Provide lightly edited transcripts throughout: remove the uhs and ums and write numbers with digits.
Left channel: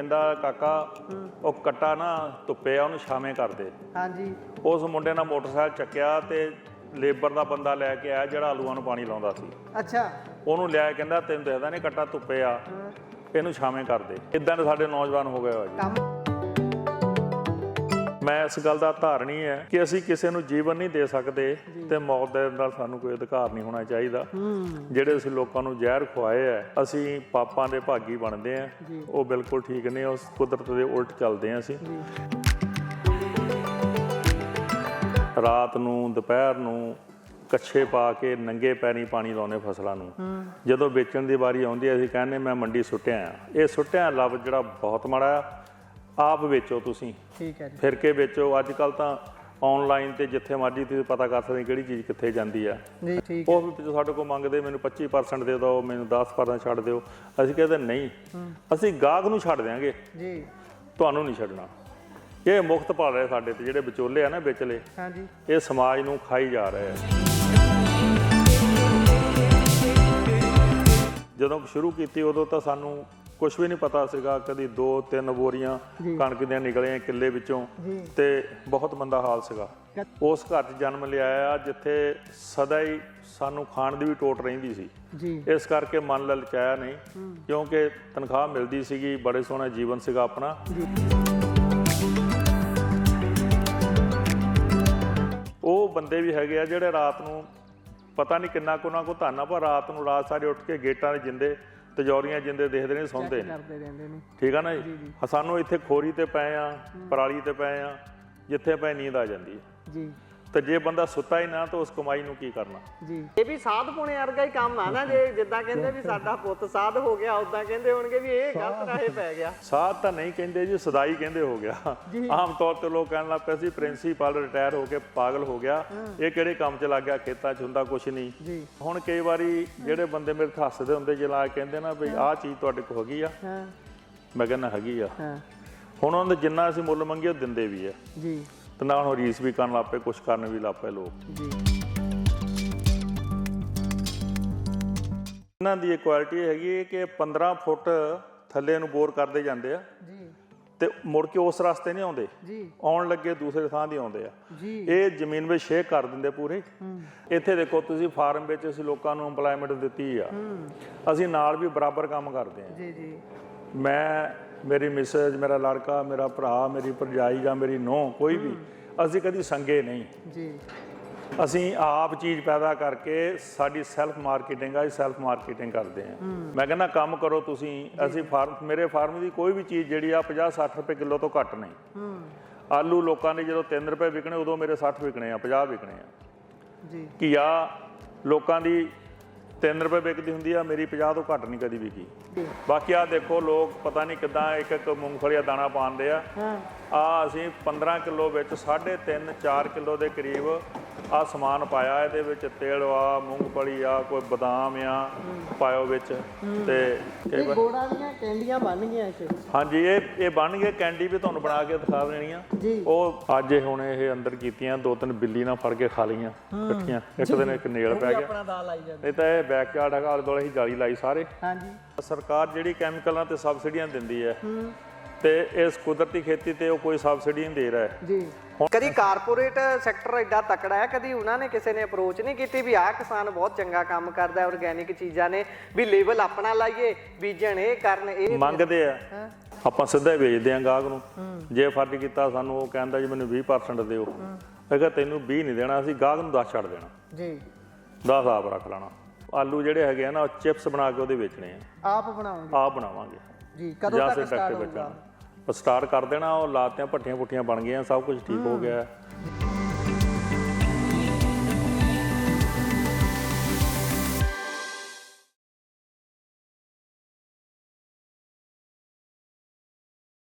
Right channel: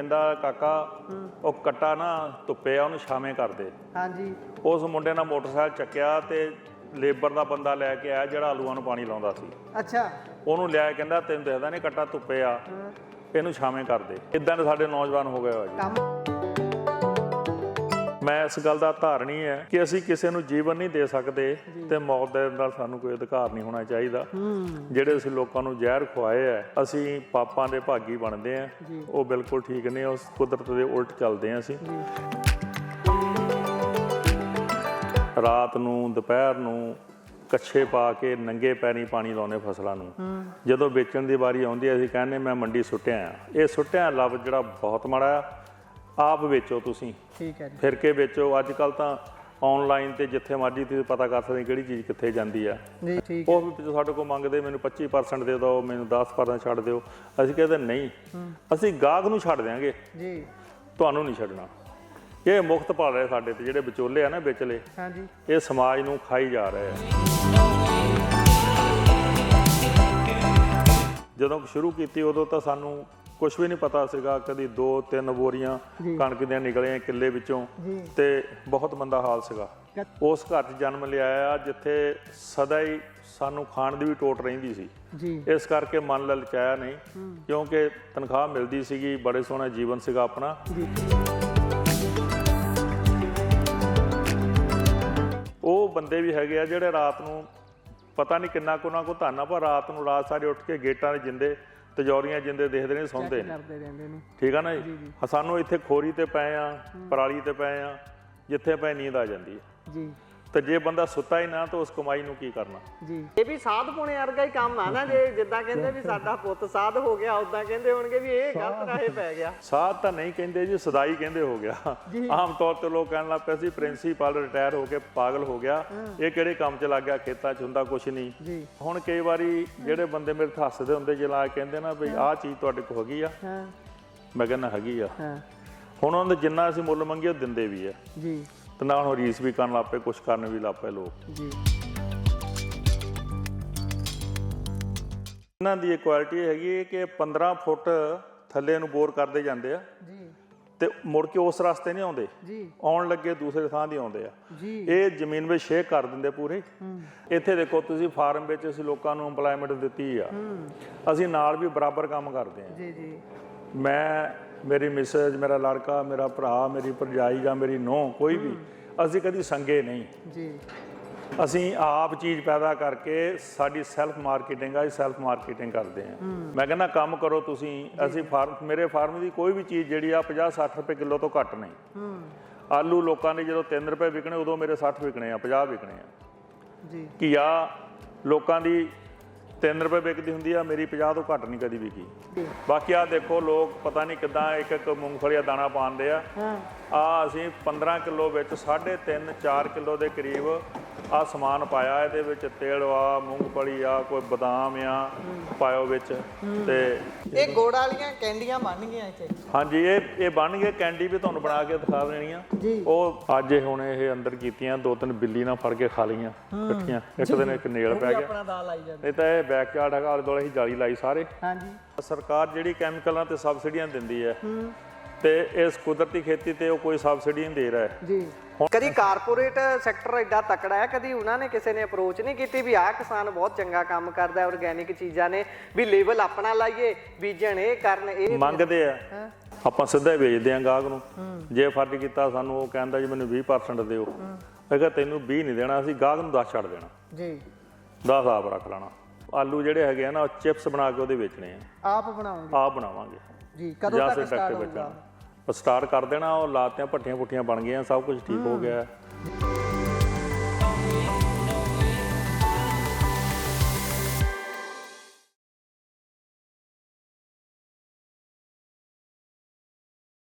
ਕਹਿੰਦਾ ਕਾਕਾ ਉਹ ਕੱਟਾ ਨਾ ਧੁੱਪੇ ਆ, ਉਹਨੂੰ ਛਾਵੇਂ ਕਰ ਦੇ। ਹਾਂਜੀ। ਉਸ ਮੁੰਡੇ ਨਾਲ ਮੋਟਰਸਾਈਕਲ ਚੱਕਿਆ ਤੇ ਲੇਬਰ ਦਾ ਬੰਦਾ ਲੈ ਕੇ ਆਇਆ ਜਿਹੜਾ ਆਲੂਆਂ ਨੂੰ ਪਾਣੀ ਲਾਉਂਦਾ ਸੀ। ਅੱਛਾ। ਉਹਨੂੰ ਲਿਆ ਕਹਿੰਦਾ ਤੈਨੂੰ ਦੱਸਦਾ ਨਹੀਂ ਕੱਟਾ ਧੁੱਪੇ ਆ, ਇਹਨੂੰ ਛਾਵੇਂ ਕਰ ਦੇ। ਇੱਦਾਂ ਦੇ ਸਾਡੇ ਨੌਜਵਾਨ ਹੋ ਗਏ ਹੋ ਜੀ। ਮੈਂ ਇਸ ਗੱਲ ਦਾ ਧਾਰਨੀ ਹੈ ਕਿ ਅਸੀਂ ਕਿਸੇ ਨੂੰ ਜੀਵਨ ਨਹੀਂ ਦੇ ਸਕਦੇ ਤੇ ਮੌਤ ਦੇ ਨਾਲ ਸਾਨੂੰ ਕੋਈ ਅਧਿਕਾਰ ਨਹੀਂ ਹੋਣਾ ਚਾਹੀਦਾ। ਜਿਹੜੇ ਅਸੀਂ ਲੋਕਾਂ ਨੂੰ ਜ਼ਹਿਰ ਖਵਾਏ ਹੈ, ਅਸੀਂ ਪਾਪਾਂ ਦੇ ਭਾਗੀ ਬਣਦੇ ਆ, ਉਹ ਬਿਲਕੁਲ ਠੀਕ ਨਹੀਂ। ਉਸ ਕੁਦਰਤ ਦੇ ਉਲਟ ਚੱਲਦੇ ਆ ਅਸੀਂ। ਰਾਤ ਨੂੰ ਦੁਪਹਿਰ ਨੂੰ ਕੱਛੇ ਪਾ ਕੇ ਨੰਗੇ ਪੈਰੀਂ ਪਾਣੀ ਲਾਉਂਦੇ ਫਸਲਾਂ ਨੂੰ। ਜਦੋਂ ਵੇਚਣ ਦੀ ਵਾਰੀ ਆਉਂਦੀ ਹੈ ਅਸੀਂ ਕਹਿੰਦੇ ਮੈਂ ਮੰਡੀ ਸੁੱਟਿਆ ਆ। ਇਹ ਸੁੱਟਿਆ ਲਫ਼ਜ਼ ਜਿਹੜਾ ਬਹੁਤ ਮਾੜਾ ਆ। ਆਪ ਵੇਚੋ ਤੁਸੀਂ, ਠੀਕ ਹੈ ਜੀ, ਫਿਰ ਕੇ ਵੇਚੋ। ਅੱਜ ਕੱਲ੍ਹ ਤਾਂ ਔਨਲਾਈਨ ਤੇ ਜਿੱਥੇ ਮਰਜ਼ੀ ਤੁਸੀਂ ਪਤਾ ਕਰ ਸਕਦੇ ਕਿਹੜੀ ਚੀਜ਼ ਕਿੱਥੇ ਜਾਂਦੀ ਆ। ਉਹ ਵੀ ਸਾਡੇ ਕੋਲ ਮੰਗਦੇ ਮੈਨੂੰ 25% ਦੇ ਦਿਓ, ਮੈਨੂੰ 10% ਛੱਡ ਦਿਓ। ਅਸੀਂ ਕਹਿੰਦੇ ਨਹੀਂ, ਅਸੀਂ ਗਾਹਕ ਨੂੰ ਛੱਡ ਦਿਆਂਗੇ ਜੀ, ਤੁਹਾਨੂੰ ਨਹੀਂ ਛੱਡਣਾ। ਇਹ ਮੁਕਤ ਪਾ ਰਹੇ ਸਾਡੇ ਤੇ ਜਿਹੜੇ ਵਿਚੋਲੇ ਆ ਨਾ ਵਿਚਲੇ, ਇਹ ਸਮਾਜ ਨੂੰ ਖਾਈ ਜਾ ਰਹੇ ਆ। ਜਦੋਂ ਸ਼ੁਰੂ ਕੀਤੀ ਉਦੋਂ ਤਾਂ ਸਾਨੂੰ ਕੁਛ ਵੀ ਨਹੀਂ ਪਤਾ ਸੀਗਾ। ਕਦੀ 2-3 ਬੋਰੀਆਂ ਕਣਕ ਦੀਆਂ ਨਿਕਲੀਆਂ ਕਿੱਲੇ ਵਿੱਚੋਂ ਤੇ ਬਹੁਤ ਮੰਦਾ ਹਾਲ ਸੀਗਾ। ਉਸ ਘਰ 'ਚ ਜਨਮ ਲਿਆ ਆ ਜਿੱਥੇ ਸਦਾ ਹੀ ਸਾਨੂੰ ਖਾਣ ਦੀ ਵੀ ਟੋਟ ਰਹਿੰਦੀ ਸੀ। ਇਸ ਕਰਕੇ ਮਨ ਲਲਚਾਇਆ ਨਹੀਂ, ਕਿਉਂਕਿ ਤਨਖਾਹ ਮਿਲਦੀ ਸੀਗੀ, ਬੜੇ ਸੋਹਣਾ ਜੀਵਨ ਸੀਗਾ ਆਪਣਾ। ਉਹ ਬੰਦੇ ਵੀ ਹੈਗੇ ਆ ਜਿਹੜੇ ਰਾਤ ਨੂੰ ਪਤਾ ਨਹੀਂ ਕਿੰਨਾ ਕੁ ਉਹਨਾਂ ਕੋਲ ਧਨ ਆ, ਪਰ ਰਾਤ ਨੂੰ ਰਾਤ ਸਾਰੇ ਉੱਠ ਕੇ ਗੇਟਾਂ ਦੇ ਜਿੰਦੇ ਤਜੌਰੀਆਂ ਜਿੰਦੇ ਦੇਖਦੇ ਨੇ, ਸੌਂਦੇ ਨੇ। ਠੀਕ ਆ ਨਾ ਜੀ। ਸਾਨੂੰ ਇੱਥੇ ਖੋਰੀ ਤੇ ਪਏ ਆ, ਪਰਾਲੀ ਤੇ ਪਏ ਆ, ਜਿੱਥੇ ਪਏ ਨੀਂਦ ਆ ਜਾਂਦੀ ਹੈ ਜੀ। ਤੇ ਜੇ ਬੰਦਾ ਸੁੱਤਾ ਹੀ ਨਾ ਤਾਂ ਉਸ ਕਮਾਈ ਨੂੰ ਕੀ ਕਰਨਾ ਜੀ। ਇਹ ਵੀ ਸਾਧ ਪੁਣੇ ਵਰਗਾ ਹੀ ਕੰਮ ਆ ਨਾ। ਜੇ ਜਿੱਦਾਂ ਕਹਿੰਦੇ ਵੀ ਸਾਡਾ ਪੁੱਤ ਸਾਧ ਹੋ ਗਿਆ, ਉਦਾਂ ਕਹਿੰਦੇ ਹੋਣਗੇ ਵੀ ਇਹ ਗਲਤ ਰਾਹੇ ਪੈ ਗਿਆ। ਸਾਧ ਤਾਂ ਨਹੀਂ ਕਹਿੰਦੇ ਜੀ, ਸਦਾਈ ਕਹਿੰਦੇ ਹੋ ਗਿਆ। ਆਮ ਤੌਰ ਤੇ ਲੋਕ ਕਹਿਣ ਲੱਗ ਪਏ ਸੀ ਪ੍ਰਿੰਸੀਪਲ ਰਿਟਾਇਰ ਹੋ ਕੇ ਪਾਗਲ ਹੋ ਗਿਆ, ਇਹ ਕਿਹੜੇ ਕੰਮ 'ਚ ਲੱਗ ਗਿਆ, ਖੇਤਾਂ 'ਚ ਹੁੰਦਾ ਕੁਛ ਨਹੀਂ। ਹੁਣ ਕਈ ਵਾਰੀ ਜਿਹੜੇ ਬੰਦੇ ਮੇਰੇ ਤੇ ਹੱਸਦੇ ਹੁੰਦੇ ਜਲਾ ਕਹਿੰਦੇ ਨਾ ਵੀ ਆਹ ਚੀਜ਼ ਤੁਹਾਡੇ ਕੋਲ ਹੈਗੀ ਆ, ਮੈਂ ਕਹਿੰਦਾ ਹੈਗੀ ਆ। ਹੁਣ ਉਹਨਾਂ ਦੇ ਜਿੰਨਾ ਅਸੀਂ ਮੁੱਲ ਮੰਗੀਏ ਉਹ ਦਿੰਦੇ ਵੀ ਆ ਜੀ, ਤੇ ਨਾਲ ਹੁਣ ਰੀਸ ਵੀ ਕਰਨ ਲੱਗ ਪਏ, ਕੁਛ ਕਰਨ ਵੀ ਲੱਗ ਪਏ ਲੋਕ ਜੀ। ਇਹਨਾਂ ਦੀ ਇਹ ਕੁਆਲਿਟੀ ਹੈਗੀ ਹੈ ਕਿ 15 ਫੁੱਟ ਥੱਲੇ ਨੂੰ ਬੋਰ ਕਰਦੇ ਜਾਂਦੇ ਆ ਜੀ, ਤੇ ਮੁੜ ਕੇ ਉਸ ਰਸਤੇ ਨਹੀਂ ਆਉਂਦੇ ਜੀ, ਆਉਣ ਲੱਗੇ ਦੂਸਰੇ ਥਾਂ ਦੀ ਆਉਂਦੇ ਆ ਜੀ। ਇਹ ਜ਼ਮੀਨ ਵਿੱਚ ਸ਼ੇਅਰ ਕਰ ਦਿੰਦੇ ਪੂਰੇ। ਇੱਥੇ ਦੇਖੋ ਤੁਸੀਂ ਫਾਰਮ ਵਿੱਚ ਅਸੀਂ ਲੋਕਾਂ ਨੂੰ ਇੰਪਲਾਇਮੈਂਟ ਦਿੱਤੀ ਆ, ਅਸੀਂ ਨਾਲ ਵੀ ਬਰਾਬਰ ਕੰਮ ਕਰਦੇ ਆ ਜੀ ਜੀ। ਮੈਂ, ਮੇਰੀ ਮਿਸਜ, ਮੇਰਾ ਲੜਕਾ, ਮੇਰਾ ਭਰਾ, ਮੇਰੀ ਭਰਜਾਈ ਜਾਂ ਮੇਰੀ ਨੂੰਹ, ਕੋਈ ਵੀ, ਅਸੀਂ ਕਦੀ ਸੰਗੇ ਨਹੀਂ ਜੀ। ਅਸੀਂ ਆਪ ਚੀਜ਼ ਪੈਦਾ ਕਰਕੇ, ਸਾਡੀ ਸੈਲਫ ਮਾਰਕੀਟਿੰਗ ਆ, ਸੈਲਫ ਮਾਰਕੀਟਿੰਗ ਕਰਦੇ ਆ। ਮੈਂ ਕਹਿੰਦਾ ਕੰਮ ਕਰੋ ਤੁਸੀਂ। ਅਸੀਂ ਮੇਰੇ ਫਾਰਮ ਦੀ ਕੋਈ ਵੀ ਚੀਜ਼ ਜਿਹੜੀ ਆ 50-60 ਰੁਪਏ ਕਿਲੋ ਤੋਂ ਘੱਟ ਨਹੀਂ। ਆਲੂ ਲੋਕਾਂ ਦੇ ਜਦੋਂ 3 ਰੁਪਏ ਵਿਕਣੇ ਉਦੋਂ ਮੇਰੇ 60 ਵਿਕਣੇ ਆ, 50 ਵਿਕਣੇ ਆ ਜੀ। ਘੀਆ ਲੋਕਾਂ ਦੀ 3 ਰੁਪਏ ਵਿਕਦੀ ਹੁੰਦੀ ਆ, ਮੇਰੀ 50 ਤੋਂ ਘੱਟ ਨਹੀਂ ਕਦੀ ਵਿਕੀ। ਬਾਕੀ ਆ ਦੇਖੋ ਲੋਕ ਪਤਾ ਨਹੀਂ ਕਿੱਦਾਂ ਇੱਕ ਮੂੰਗਫਲੀ ਦਾ ਦਾਣਾ ਪਾਉਂਦੇ ਆ। ਅਸੀਂ 15 ਕਿਲੋ ਵਿੱਚ 3.5-4 ਕਿਲੋ ਦੇ ਕਰੀਬ ਆ ਸਮਾਨ ਪਾਇਆ। ਇਹਦੇ ਵਿੱਚ ਤਿਲ ਆ, ਮੂੰਗਫਲੀ ਆ, ਕੋਈ ਬਦਾਮ ਆ ਪਾਇਓ ਵਿੱਚ। ਤੇ ਇਹ ਗੁੜ ਵਾਲੀਆਂ ਕੈਂਡੀਆਂ ਬਣ ਗਈਆਂ ਇੱਥੇ। ਹਾਂਜੀ, ਇਹ ਬਣ ਗਏ। ਕੈਂਡੀ ਵੀ ਤੁਹਾਨੂੰ ਬਣਾ ਕੇ ਦਿਖਾ ਦੇਣੀ ਆ। ਉਹ ਅੱਜ ਹੁਣ ਇਹ ਅੰਦਰ ਕੀਤੀਆਂ, 2-3 ਬਿੱਲੀ ਨਾਲ ਫੜ ਕੇ ਖਾ ਲਈਆਂ ਇਕੱਠੀਆਂ। ਇੱਕ ਦਿਨ ਇੱਕ ਨੇਲ ਪੈ ਗਿਆ, ਨਹੀਂ ਤਾਂ ਇਹ ਬੈਕ ਯਾਰਡ ਹੈਗਾ, ਆਲੇ ਦੁਆਲੇ ਹੀ ਜਾਲੀ ਲਾਈ ਸਾਰੇ। ਸਰਕਾਰ ਜਿਹੜੀ ਕੈਮੀਕਲਾਂ ਤੇ ਸਬਸਿਡੀਆਂ ਦਿੰਦੀ ਹੈ ਤੇ ਇਸ ਕੁਦਰਤੀ ਖੇਤੀ ਤੇ ਉਹ ਕੋਈ ਸਬਸਿਡੀ ਨਹੀਂ ਦੇ ਰਿਹਾ ਜੀ। ਕਦੀ ਕਾਰਪੋਰੇਟ ਸੈਕਟਰ ਐਡਾ ਤਕੜਾ ਹੈ, ਕਦੀ ਉਹਨਾਂ ਨੇ ਕਿਸੇ ਨੇ ਅਪਰੋਚ ਨਹੀਂ ਕੀਤੀ ਵੀ ਆਹ ਕਿਸਾਨ ਬਹੁਤ ਚੰਗਾ ਕੰਮ ਕਰਦਾ, ਆਰਗੈਨਿਕ ਚੀਜ਼ਾਂ ਨੇ, ਵੀ ਲੇਬਲ ਆਪਣਾ ਲਾਈਏ, ਬੀਜਣ ਇਹ ਕਰਨ। ਇਹ ਮੰਗਦੇ ਆ, ਆਪਾਂ ਸਿੱਧਾ ਹੀ ਵੇਚਦੇ ਆ ਗਾਹਕ ਨੂੰ। ਜੇ ਫਰਜ਼ ਕੀਤਾ ਸਾਨੂੰ, ਉਹ ਕਹਿੰਦਾ ਜੀ ਮੈਨੂੰ 20% ਦਿਓ। ਮੈਂ ਕਿਹਾ ਤੈਨੂੰ 20 ਨਹੀਂ ਦੇਣਾ, ਅਸੀਂ ਗਾਹਕ ਨੂੰ 10 ਛੱਡ ਦੇਣਾ ਜੀ, 10 ਆਪ ਰੱਖ ਲੈਣਾ। ਆਲੂ ਜਿਹੜੇ ਹੈਗੇ ਆ ਨਾ, ਚਿਪਸ ਬਣਾ ਕੇ ਉਹਦੇ ਵੇਚਣੇ ਆ। ਆਪ ਬਣਾਵਾਂਗੇ ਜੀ। ਕਦੋਂ ਤੱਕ ਸਟਾਰਟ ਹੋਊਗਾ? ਸਟਾਰਟ ਕਰ ਦੇਣਾ। ਉਹ ਲਾਤੀਆਂ ਭੱਠੀਆਂ ਪੁੱਠੀਆਂ ਬਣ ਗਈਆਂ, ਸਭ ਕੁਝ ਠੀਕ ਹੋ ਗਿਆ।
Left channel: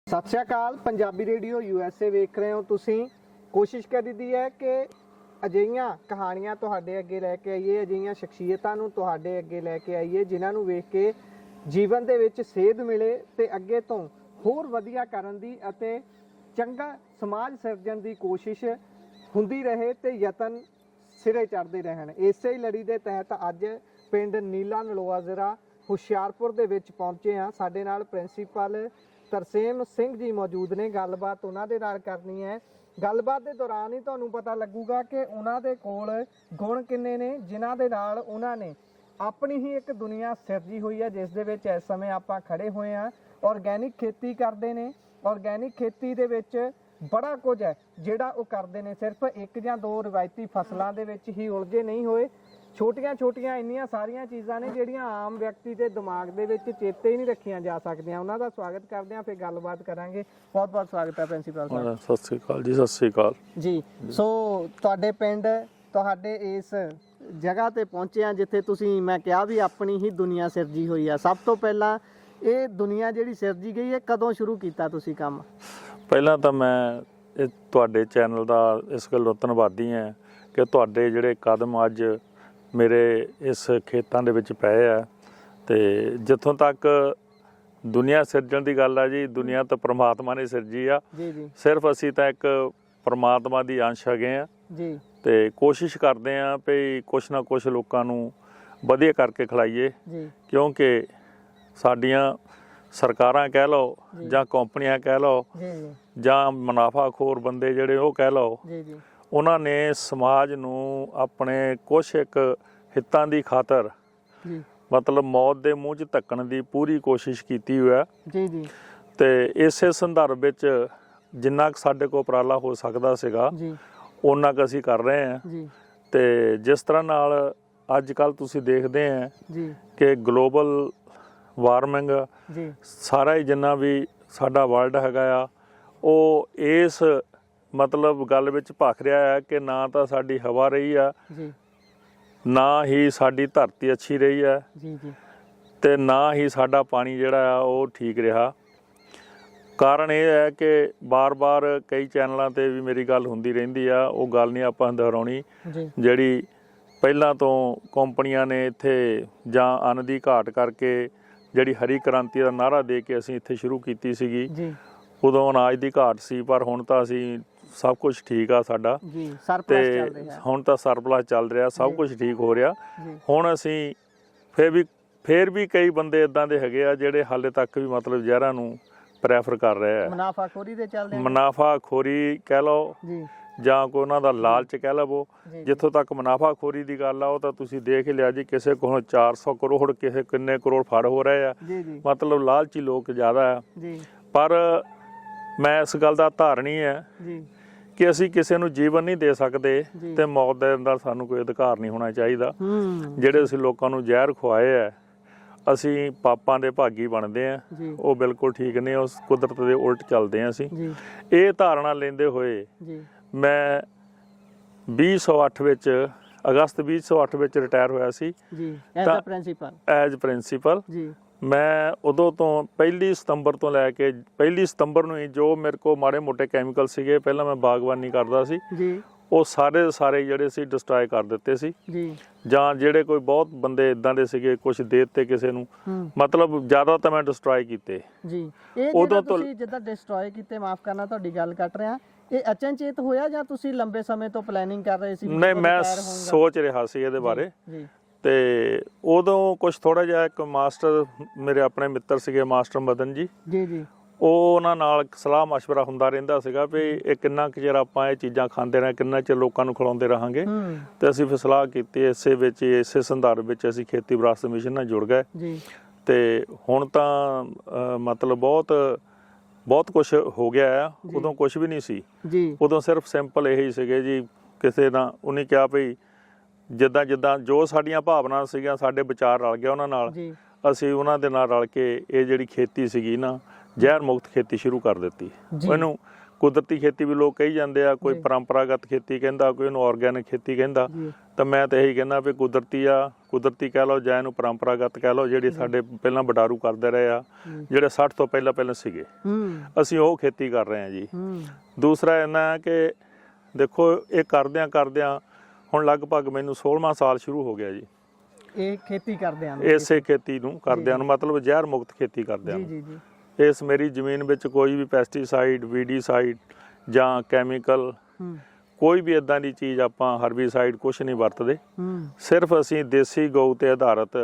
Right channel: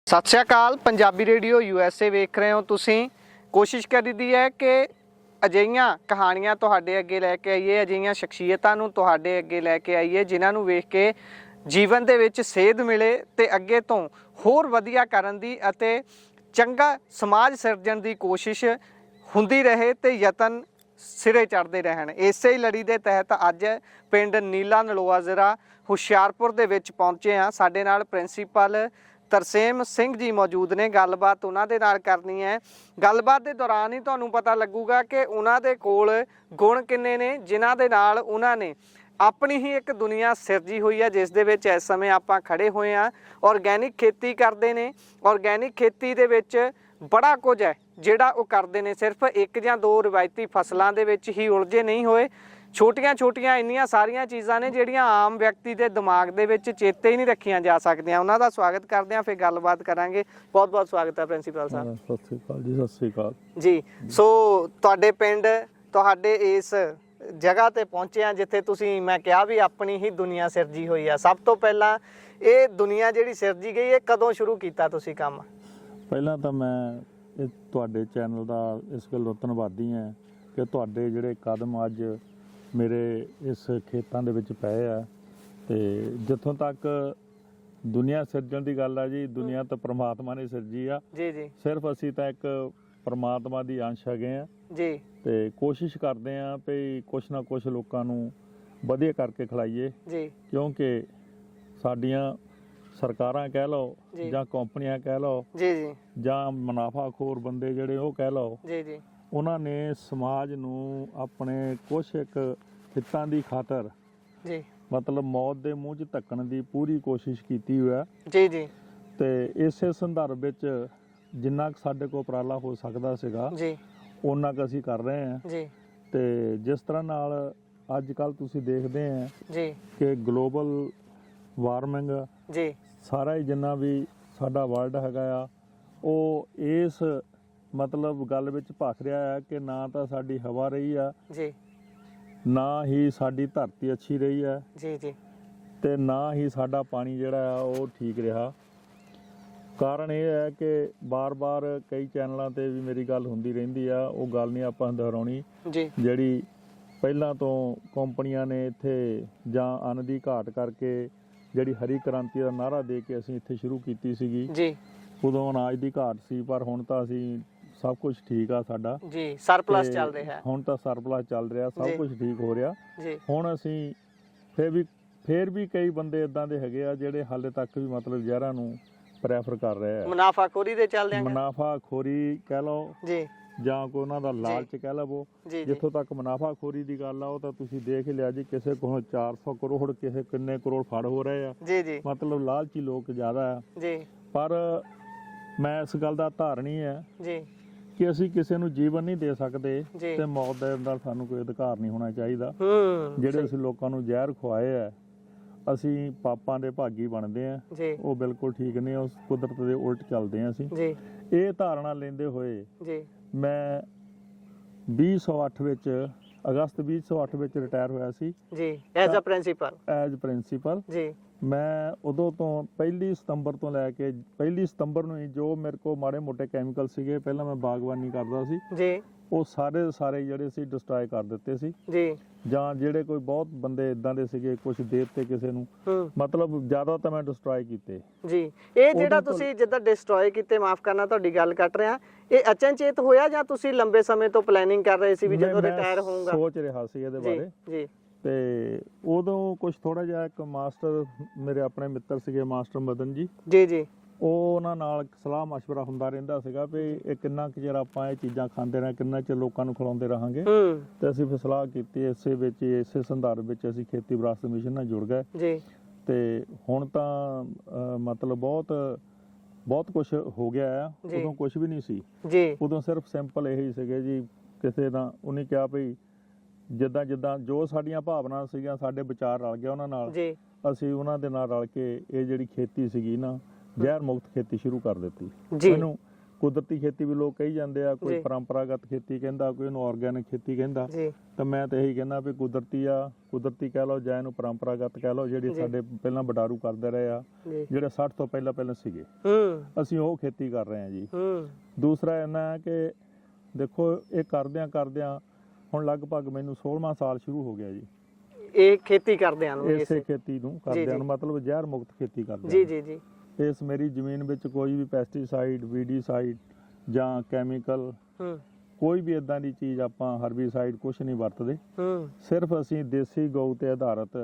ਸਤਿ ਸ਼੍ਰੀ ਅਕਾਲ। ਪੰਜਾਬੀ ਰੇਡੀਓ USA ਵੇਖ ਰਹੇ ਹੋ ਤੁਸੀਂ। ਕੋਸ਼ਿਸ਼ ਕਰੀਦੀ ਹੈ ਕਿ ਅਜਿਹੀਆਂ ਕਹਾਣੀਆਂ ਤੁਹਾਡੇ ਅੱਗੇ ਲੈ ਕੇ ਆਈਏ, ਅਜਿਹੀਆਂ ਸ਼ਖਸੀਅਤਾਂ ਨੂੰ ਤੁਹਾਡੇ ਅੱਗੇ ਲੈ ਕੇ ਆਈਏ ਜਿਨ੍ਹਾਂ ਨੂੰ ਵੇਖ ਕੇ ਜੀਵਨ ਦੇ ਵਿੱਚ ਸੇਧ ਮਿਲੇ ਤੇ ਅੱਗੇ ਤੋਂ ਹੋਰ ਵਧੀਆ ਕਰਨ ਦੀ ਅਤੇ ਚੰਗਾ ਸਮਾਜ ਸਿਰਜਣ ਦੀ ਕੋਸ਼ਿਸ਼ ਹੁੰਦੀ ਰਹੇ ਤੇ ਯਤਨ ਸਿਰੇ ਚੜ੍ਹਦੇ ਰਹਿਣ। ਇਸੇ ਹੀ ਲੜੀ ਦੇ ਤਹਿਤ ਅੱਜ ਪਿੰਡ ਨੀਲਾ ਨਲੋਆ ਜ਼ਰਾ ਹੁਸ਼ਿਆਰਪੁਰ ਦੇ ਵਿੱਚ ਪਹੁੰਚੇ ਹਾਂ। ਸਾਡੇ ਨਾਲ ਪ੍ਰਿੰਸੀਪਲ ਤਰਸੇਮ ਸਿੰਘ ਜੀ ਮੌਜੂਦ ਨੇ, ਗੱਲਬਾਤ ਉਹਨਾਂ ਦੇ ਨਾਲ ਕਰਨੀ ਹੈ। ਗੱਲਬਾਤ ਦੇ ਦੌਰਾਨ ਹੀ ਤੁਹਾਨੂੰ ਪਤਾ ਲੱਗੂਗਾ ਕਿ ਉਹਨਾਂ ਦੇ ਕੋਲ ਗੁਣ ਕਿੰਨੇ ਨੇ ਜਿਨ੍ਹਾਂ ਦੇ ਨਾਲ ਉਹਨਾਂ ਨੇ ਆਪਣੀ ਹੀ ਇੱਕ ਦੁਨੀਆ ਸਿਰਜੀ ਹੋਈ ਹੈ, ਜਿਸ ਦੇ ਵਿੱਚ ਇਸ ਸਮੇਂ ਆਪਾਂ ਖੜੇ ਹੋਏ ਹਾਂ। ਆਰਗੈਨਿਕ ਖੇਤੀ ਕਰਦੇ ਨੇ। ਆਰਗੈਨਿਕ ਖੇਤੀ ਦੇ ਵਿੱਚ ਬੜਾ ਕੁਝ ਹੈ ਜਿਹੜਾ ਉਹ ਕਰਦੇ ਨੇ, ਸਿਰਫ ਇੱਕ ਜਾਂ ਦੋ ਰਵਾਇਤੀ ਫਸਲਾਂ ਦੇ ਵਿੱਚ ਹੀ ਉਲਝੇ ਨਹੀਂ ਹੋਏ। ਛੋਟੀਆਂ ਛੋਟੀਆਂ ਇੰਨੀਆਂ ਸਾਰੀਆਂ ਚੀਜ਼ਾਂ ਨੇ ਜਿਹੜੀਆਂ ਆਮ ਵਿਅਕਤੀ ਦੇ ਦਿਮਾਗ ਦੇ ਵਿੱਚ ਚੇਤੇ ਹੀ ਨਹੀਂ ਰੱਖੀਆਂ ਜਾ ਸਕਦੀਆਂ। ਉਹਨਾਂ ਦਾ ਸਵਾਗਤ ਕਰਦੇ ਹਾਂ, ਫਿਰ ਗੱਲਬਾਤ ਕਰਾਂਗੇ। ਬਹੁਤ ਬਹੁਤ ਸਵਾਗਤ ਹੈ ਪ੍ਰਿੰਸੀਪਲ ਸਾਹਿਬ। ਸਤਿ ਸ੍ਰੀ ਅਕਾਲ ਜੀ। ਸਤਿ ਸ੍ਰੀ ਅਕਾਲ ਜੀ। ਸੋ ਤੁਹਾਡੇ ਪਿੰਡ, ਤੁਹਾਡੇ ਇਸ ਜਗ੍ਹਾ ਤੇ ਪਹੁੰਚੇ ਆ ਜਿੱਥੇ ਤੁਸੀਂ, ਮੈਂ ਕਿਹਾ ਵੀ ਆਪਣੀ ਹੀ ਦੁਨੀਆ ਸਿਰਜੀ ਹੋਈ ਆ। ਸਭ ਤੋਂ ਪਹਿਲਾਂ ਇਹ ਦੁਨੀਆ ਜਿਹੜੀ ਸਿਰਜੀ ਗਈ ਹੈ, ਕਦੋਂ ਸ਼ੁਰੂ ਕੀਤਾ ਤੁਸੀਂ ਕੰਮ? ਪਹਿਲਾਂ ਤਾਂ ਮੈਂ ਇਹ ਤੁਹਾਡੇ ਚੈਨਲ ਦਾ ਇਸ ਗੱਲੋਂ ਧੰਨਵਾਦੀ ਹਾਂ ਕਿ ਤੁਹਾਡੇ ਜਿਹੜੇ ਕਦਮ ਅੱਜ ਮੇਰੇ ਇਸ ਖੇਤਾਂ ਦੇ ਵਿੱਚ ਪਏ ਆ। ਤੇ ਜਿੱਥੋਂ ਤੱਕ ਦੁਨੀਆ ਸਿਰਜਣ ਦੀ ਗੱਲ ਆ ਜੀ, ਦੁਨੀਆ ਤਾਂ ਪ੍ਰਮਾਤਮਾ ਨੇ ਸਿਰਜੀ ਆ ਜੀ ਜੀ। ਸਿਰਫ ਅਸੀਂ ਤਾਂ ਇੱਕ ਪ੍ਰਮਾਤਮਾ ਦੀ ਅੰਸ਼ ਹੈਗੇ ਆ ਜੀ। ਤੇ ਕੋਸ਼ਿਸ਼ ਕਰਦੇ ਆ ਵੀ ਕੁਛ ਨਾ ਕੁਛ ਲੋਕਾਂ ਨੂੰ ਵਧੀਆ ਕਰਕੇ ਖਿਲਾਈਏ ਜੀ। ਕਿਉਂਕਿ ਸਾਡੀਆਂ ਸਰਕਾਰਾਂ ਕਹਿ ਲਓ ਜਾਂ ਕੰਪਨੀਆਂ ਕਹਿ ਲਓ ਜੀ ਜੀ, ਜਾਂ ਮੁਨਾਫਾਖੋਰ ਬੰਦੇ ਜਿਹੜੇ ਉਹ ਕਹਿ ਲਓ, ਜੀ ਜੀ, ਉਹਨਾਂ ਨੇ ਸਮਾਜ ਨੂੰ ਆਪਣੇ ਕੁਛ ਇੱਕ ਹਿੱਤਾਂ ਦੀ ਖਾਤਰ ਜੀ, ਮਤਲਬ ਮੌਤ ਦੇ ਮੂੰਹ 'ਚ ਧੱਕਣ ਦੀ ਪੂਰੀ ਕੋਸ਼ਿਸ਼ ਕੀਤੀ ਹੋਈ ਹੈ। ਜੀ ਜੀ। ਤੇ ਇਸੇ ਸੰਦਰਭ ਵਿੱਚ ਜਿੰਨਾ ਕੁ ਸਾਡੇ ਕੋਲ ਉਪਰਾਲਾ ਹੋ ਸਕਦਾ ਸੀਗਾ ਜੀ, ਉਹਨਾਂ ਕੁ ਅਸੀਂ ਕਰ ਰਹੇ ਹਾਂ। ਜੀ। ਤੇ ਜਿਸ ਤਰ੍ਹਾਂ ਨਾਲ ਅੱਜ ਕੱਲ੍ਹ ਤੁਸੀਂ ਦੇਖਦੇ ਆ ਜੀ ਕਿ ਗਲੋਬਲ ਵਾਰਮਿੰਗ ਜੀ, ਸਾਰਾ ਹੀ ਜਿੰਨਾ ਵੀ ਸਾਡਾ ਵਰਲਡ ਹੈਗਾ ਆ, ਉਹ ਇਸ ਮਤਲਬ ਗੱਲ ਵਿੱਚ ਭਖ ਰਿਹਾ ਹੈ ਕਿ ਨਾ ਤਾਂ ਸਾਡੀ ਹਵਾ ਰਹੀ ਆ, ਜੀ, ਨਾ ਹੀ ਸਾਡੀ ਧਰਤੀ ਅੱਛੀ ਰਹੀ ਹੈ, ਜੀ ਜੀ, ਤੇ ਨਾ ਹੀ ਸਾਡਾ ਪਾਣੀ ਜਿਹੜਾ ਆ ਉਹ ਠੀਕ ਰਿਹਾ। ਕਾਰਨ ਇਹ ਹੈ ਕਿ ਬਾਰ-ਬਾਰ ਕਈ ਚੈਨਲਾਂ ਤੇ ਵੀ ਮੇਰੀ ਗੱਲ ਹੁੰਦੀ ਰਹਿੰਦੀ ਆ, ਉਹ ਗੱਲ ਨਹੀਂ ਆਪਾਂ ਦੁਹਰਾਉਣੀ। ਜੀ। ਜਿਹੜੀ ਪਹਿਲਾਂ ਤੋਂ ਕੰਪਨੀਆਂ ਨੇ ਇੱਥੇ ਜਾਂ ਅੰਨ ਦੀ ਘਾਟ ਕਰਕੇ ਜਿਹੜੀ ਹਰੀ ਕ੍ਰਾਂਤੀ ਦਾ ਨਾਅਰਾ ਦੇ ਕੇ ਅਸੀਂ ਇੱਥੇ ਸ਼ੁਰੂ ਕੀਤੀ ਸੀਗੀ, ਜੀ। ਉਦੋਂ ਅਨਾਜ ਦੀ ਘਾਟ ਸੀ, ਪਰ ਹੁਣ ਤਾਂ ਅਸੀਂ ਸਭ ਕੁਝ ਠੀਕ ਆ ਸਾਡਾ ਜੀ, ਸਰਪਲਸ ਚੱਲ ਰਿਹਾ। ਹੁਣ ਤਾਂ ਸਰਪਲਸ ਚੱਲ ਰਿਹਾ, ਸਭ ਕੁਝ ਠੀਕ ਹੋ ਰਿਹਾ। ਜੀ। ਹੁਣ ਅਸੀਂ ਫੇਰ ਵੀ ਕਈ ਬੰਦੇ ਇਦਾਂ ਦੇ ਹੈਗੇ ਆ ਜਿਹੜੇ ਹਾਲੇ ਤੱਕ ਵੀ ਮਤਲਬ ਜ਼ਹਿਰਾਂ ਨੂੰ ਪ੍ਰੈਫਰ ਕਰ ਰਹੇ ਆ। ਮੁਨਾਫਾਖੋਰੀ ਦੇ ਚੱਲਦੇ ਆ। ਮੁਨਾਫਾਖੋਰੀ ਕਹਿ ਲਓ ਜੀ, ਜਾਂ ਕੋਈ ਉਹਨਾਂ ਦਾ ਲਾਲਚ ਕਹਿ ਲਵੋ। ਜਿੱਥੋਂ ਤੱਕ ਮੁਨਾਫਾਖੋਰੀ ਦੀ ਗੱਲ ਆ, ਉਹ ਤਾਂ ਤੁਸੀਂ ਦੇਖ ਹੀ ਲਿਆ ਜੀ, ਕਿਸੇ ਕੋਲ 400 ਕਰੋੜ ਕਿਸੇ ਕਿੰਨੇ ਕਰੋੜ ਫੜ ਹੋ ਰਹੇ ਆ। ਜੀ ਜੀ, ਮਤਲਬ ਲਾਲਚੀ ਲੋਕ ਜ਼ਿਆਦਾ ਆ। ਜੀ। ਪਰ ਮੈਂ ਇਸ ਗੱਲ ਦਾ ਧਾਰਨੀ ਹੈ ਜੀ ਕਿ ਅਸੀਂ ਕਿਸੇ ਨੂੰ ਜੀਵਨ ਨਹੀਂ ਦੇ ਸਕਦੇ ਤੇ ਮੌਤ ਦੇ ਅੰਦਰ ਸਾਨੂੰ ਕੋਈ ਅਧਿਕਾਰ ਨਹੀਂ ਹੋਣਾ ਚਾਹੀਦਾ। ਜਿਹੜੇ ਅਸੀਂ ਲੋਕਾਂ ਨੂੰ ਜ਼ਹਿਰ ਖਵਾਏ ਆ, ਅਸੀਂ ਪਾਪਾਂ ਦੇ ਭਾਗੀ ਬਣਦੇ ਆ, ਉਹ ਬਿਲਕੁਲ ਠੀਕ ਨਹੀਂ। ਉਸ ਕੁਦਰਤ ਦੇ ਉਲਟ ਚੱਲਦੇ ਆ ਅਸੀਂ। ਇਹ ਧਾਰਨਾ ਲੈਂਦੇ ਹੋਏ ਮੈਂ 2008 ਵਿੱਚ ਅਗਸਤ 2008 ਵਿੱਚ ਰਿਟਾਇਰ ਹੋਇਆ ਸੀ ਜੀ, ਐਜ਼ ਪ੍ਰਿੰਸੀਪਲ। ਜੀ। ਮੈਂ ਉਦੋਂ ਤੋਂ 1 ਸਤੰਬਰ ਤੋਂ ਲੈ ਕੇ 1 ਸਤੰਬਰ ਨੂੰ ਹੀ ਜੋ ਮੇਰੇ ਕੋਲ ਮਾੜੇ ਮੋਟੇ ਕੈਮੀਕਲ ਸੀਗੇ, ਪਹਿਲਾਂ ਮੈਂ ਬਾਗਬਾਨੀ ਕਰਦਾ ਸੀ ਜੀ, ਉਹ ਸਾਰੇ ਦੇ ਸਾਰੇ ਜਿਹੜੇ ਸੀ ਡਿਸਟਰੋਏ ਕਰ ਦਿੱਤੇ ਸੀ ਜੀ। ਜਾਂ ਜਿਹੜੇ ਕੋਈ ਬਹੁਤ ਬੰਦੇ ਇਦਾਂ ਦੇ ਸੀਗੇ, ਕੁਝ ਦੇ ਦਿੱਤੇ ਕਿਸੇ ਨੂੰ, ਮਤਲਬ ਜ਼ਿਆਦਾ ਤਾਂ ਮੈਂ ਡਿਸਟਰੋਏ ਕੀਤੇ ਜੀ। ਇਹ ਜਿਹੜਾ ਤੁਸੀਂ ਜਿੱਦਾਂ ਡਿਸਟਰੋਏ ਕੀਤੇ, ਮਾਫ ਕਰਨਾ ਤੁਹਾਡੀ ਗੱਲ ਕੱਟ ਰਿਹਾ, ਇਹ ਅਚਨਚੇਤ ਹੋਇਆ ਜਾਂ ਤੁਸੀਂ ਲੰਬੇ ਸਮੇਂ ਤੋਂ ਪਲੈਨਿੰਗ ਕਰ ਰਹੇ ਸੀ ਵੀ ਜਦੋਂ ਰਿਟਾਇਰ ਹੋਊਂਗਾ? ਸੋਚ ਰਿਹਾ ਸੀ ਇਹਦੇ ਬਾਰੇ ਜੀ। ਤੇ ਉਦੋਂ ਕੁਝ ਥੋੜਾ ਜਿਹਾ ਇੱਕ ਮਾਸਟਰ ਮੇਰੇ ਆਪਣੇ ਮਿੱਤਰ ਸੀਗੇ, ਮਾਸਟਰ ਮਦਨ ਜੀ ਜੀ ਜੀ, ਉਹ ਉਹਨਾਂ ਨਾਲ ਸਲਾਹ ਮਸ਼ਵਰਾ ਹੁੰਦਾ ਰਹਿੰਦਾ ਸੀਗਾ ਵੀ ਇਹ ਕਿੰਨਾ ਕੁ ਚਿਰ ਆਪਾਂ ਇਹ ਚੀਜ਼ਾਂ ਖਾਂਦੇ ਰਹੇ, ਕਿੰਨਾ ਚਿਰ ਲੋਕਾਂ ਨੂੰ ਖਿਲਾਉਂਦੇ ਰਹਾਂਗੇ। ਤੇ ਅਸੀਂ ਫਿਰ ਸਲਾਹ ਕੀਤੀ, ਇਸੇ ਸੰਦਰਭ ਵਿੱਚ ਅਸੀਂ ਖੇਤੀ ਵਿਰਾਸਤ ਮਿਸ਼ਨ ਨਾਲ ਜੁੜ ਗਏ ਜੀ। ਤੇ ਹੁਣ ਤਾਂ ਮਤਲਬ ਬਹੁਤ ਕੁਝ ਹੋ ਗਿਆ ਆ। ਉਦੋਂ ਕੁਝ ਵੀ ਨਹੀਂ ਸੀ ਜੀ। ਉਦੋਂ ਸਿਰਫ ਸਿੰਪਲ ਇਹੀ ਸੀਗੇ ਜੀ, ਕਿਸੇ ਦਾ ਉਹਨੇ ਕਿਹਾ ਵੀ ਜਿੱਦਾਂ ਜੋ ਸਾਡੀਆਂ ਭਾਵਨਾ ਸੀਗੀਆਂ, ਸਾਡੇ ਵਿਚਾਰ ਰਲ ਗਿਆ ਉਹਨਾਂ ਨਾਲ, ਅਸੀਂ ਉਹਨਾਂ ਦੇ ਨਾਲ ਰਲ ਕੇ ਇਹ ਜਿਹੜੀ ਖੇਤੀ ਸੀਗੀ ਨਾ, ਜ਼ਹਿਰ ਮੁਕਤ ਖੇਤੀ ਸ਼ੁਰੂ ਕਰ ਦਿੱਤੀ। ਇਹਨੂੰ ਕੁਦਰਤੀ ਖੇਤੀ ਵੀ ਲੋਕ ਕਹੀ ਜਾਂਦੇ ਆ, ਕੋਈ ਪਰੰਪਰਾਗਤ ਖੇਤੀ ਕਹਿੰਦਾ, ਕੋਈ ਇਹਨੂੰ ਆਰਗੈਨਿਕ ਖੇਤੀ ਕਹਿੰਦਾ। ਤਾਂ ਮੈਂ ਤਾਂ ਇਹੀ ਕਹਿੰਦਾ ਵੀ ਕੁਦਰਤੀ ਕਹਿ ਲਓ ਜਾਂ ਇਹਨੂੰ ਪਰੰਪਰਾਗਤ ਕਹਿ ਲਓ, ਜਿਹੜੀ ਸਾਡੇ ਪਹਿਲਾਂ ਵਡਾਰੂ ਕਰਦੇ ਰਹੇ ਆ, ਜਿਹੜੇ 60 ਤੋਂ ਪਹਿਲਾਂ ਸੀਗੇ, ਅਸੀਂ ਉਹ ਖੇਤੀ ਕਰ ਰਹੇ ਹਾਂ ਜੀ। ਦੂਸਰਾ ਇਹਨਾਂ ਕਿ ਦੇਖੋ, ਇਹ ਕਰਦਿਆਂ ਹੁਣ ਲਗਭਗ ਮੈਨੂੰ 16ਵਾਂ ਸਾਲ ਸ਼ੁਰੂ ਹੋ ਗਿਆ ਜੀ ਇਹ ਖੇਤੀ ਕਰਦਿਆਂ ਨੂੰ, ਇਸੇ ਖੇਤੀ ਨੂੰ ਕਰਦਿਆਂ ਨੂੰ, ਮਤਲਬ ਜ਼ਹਿਰ ਮੁਕਤ ਖੇਤੀ ਕਰਦਿਆਂ ਨੂੰ। ਜੀ ਜੀ ਜੀ। ਇਸ ਮੇਰੀ ਜ਼ਮੀਨ ਵਿੱਚ ਕੋਈ ਵੀ ਪੈਸਟੀਸਾਈਡ, ਵੀਡੀਸਾਈਡ ਜਾਂ ਕੈਮੀਕਲ, ਕੋਈ ਵੀ ਇਦਾਂ ਦੀ ਚੀਜ਼, ਆਪਾਂ ਹਰਬੀਸਾਈਡ ਕੁਛ ਨਹੀਂ ਵਰਤਦੇ। ਸਿਰਫ ਅਸੀਂ ਦੇਸੀ ਗਊ ਤੇ ਆਧਾਰਿਤ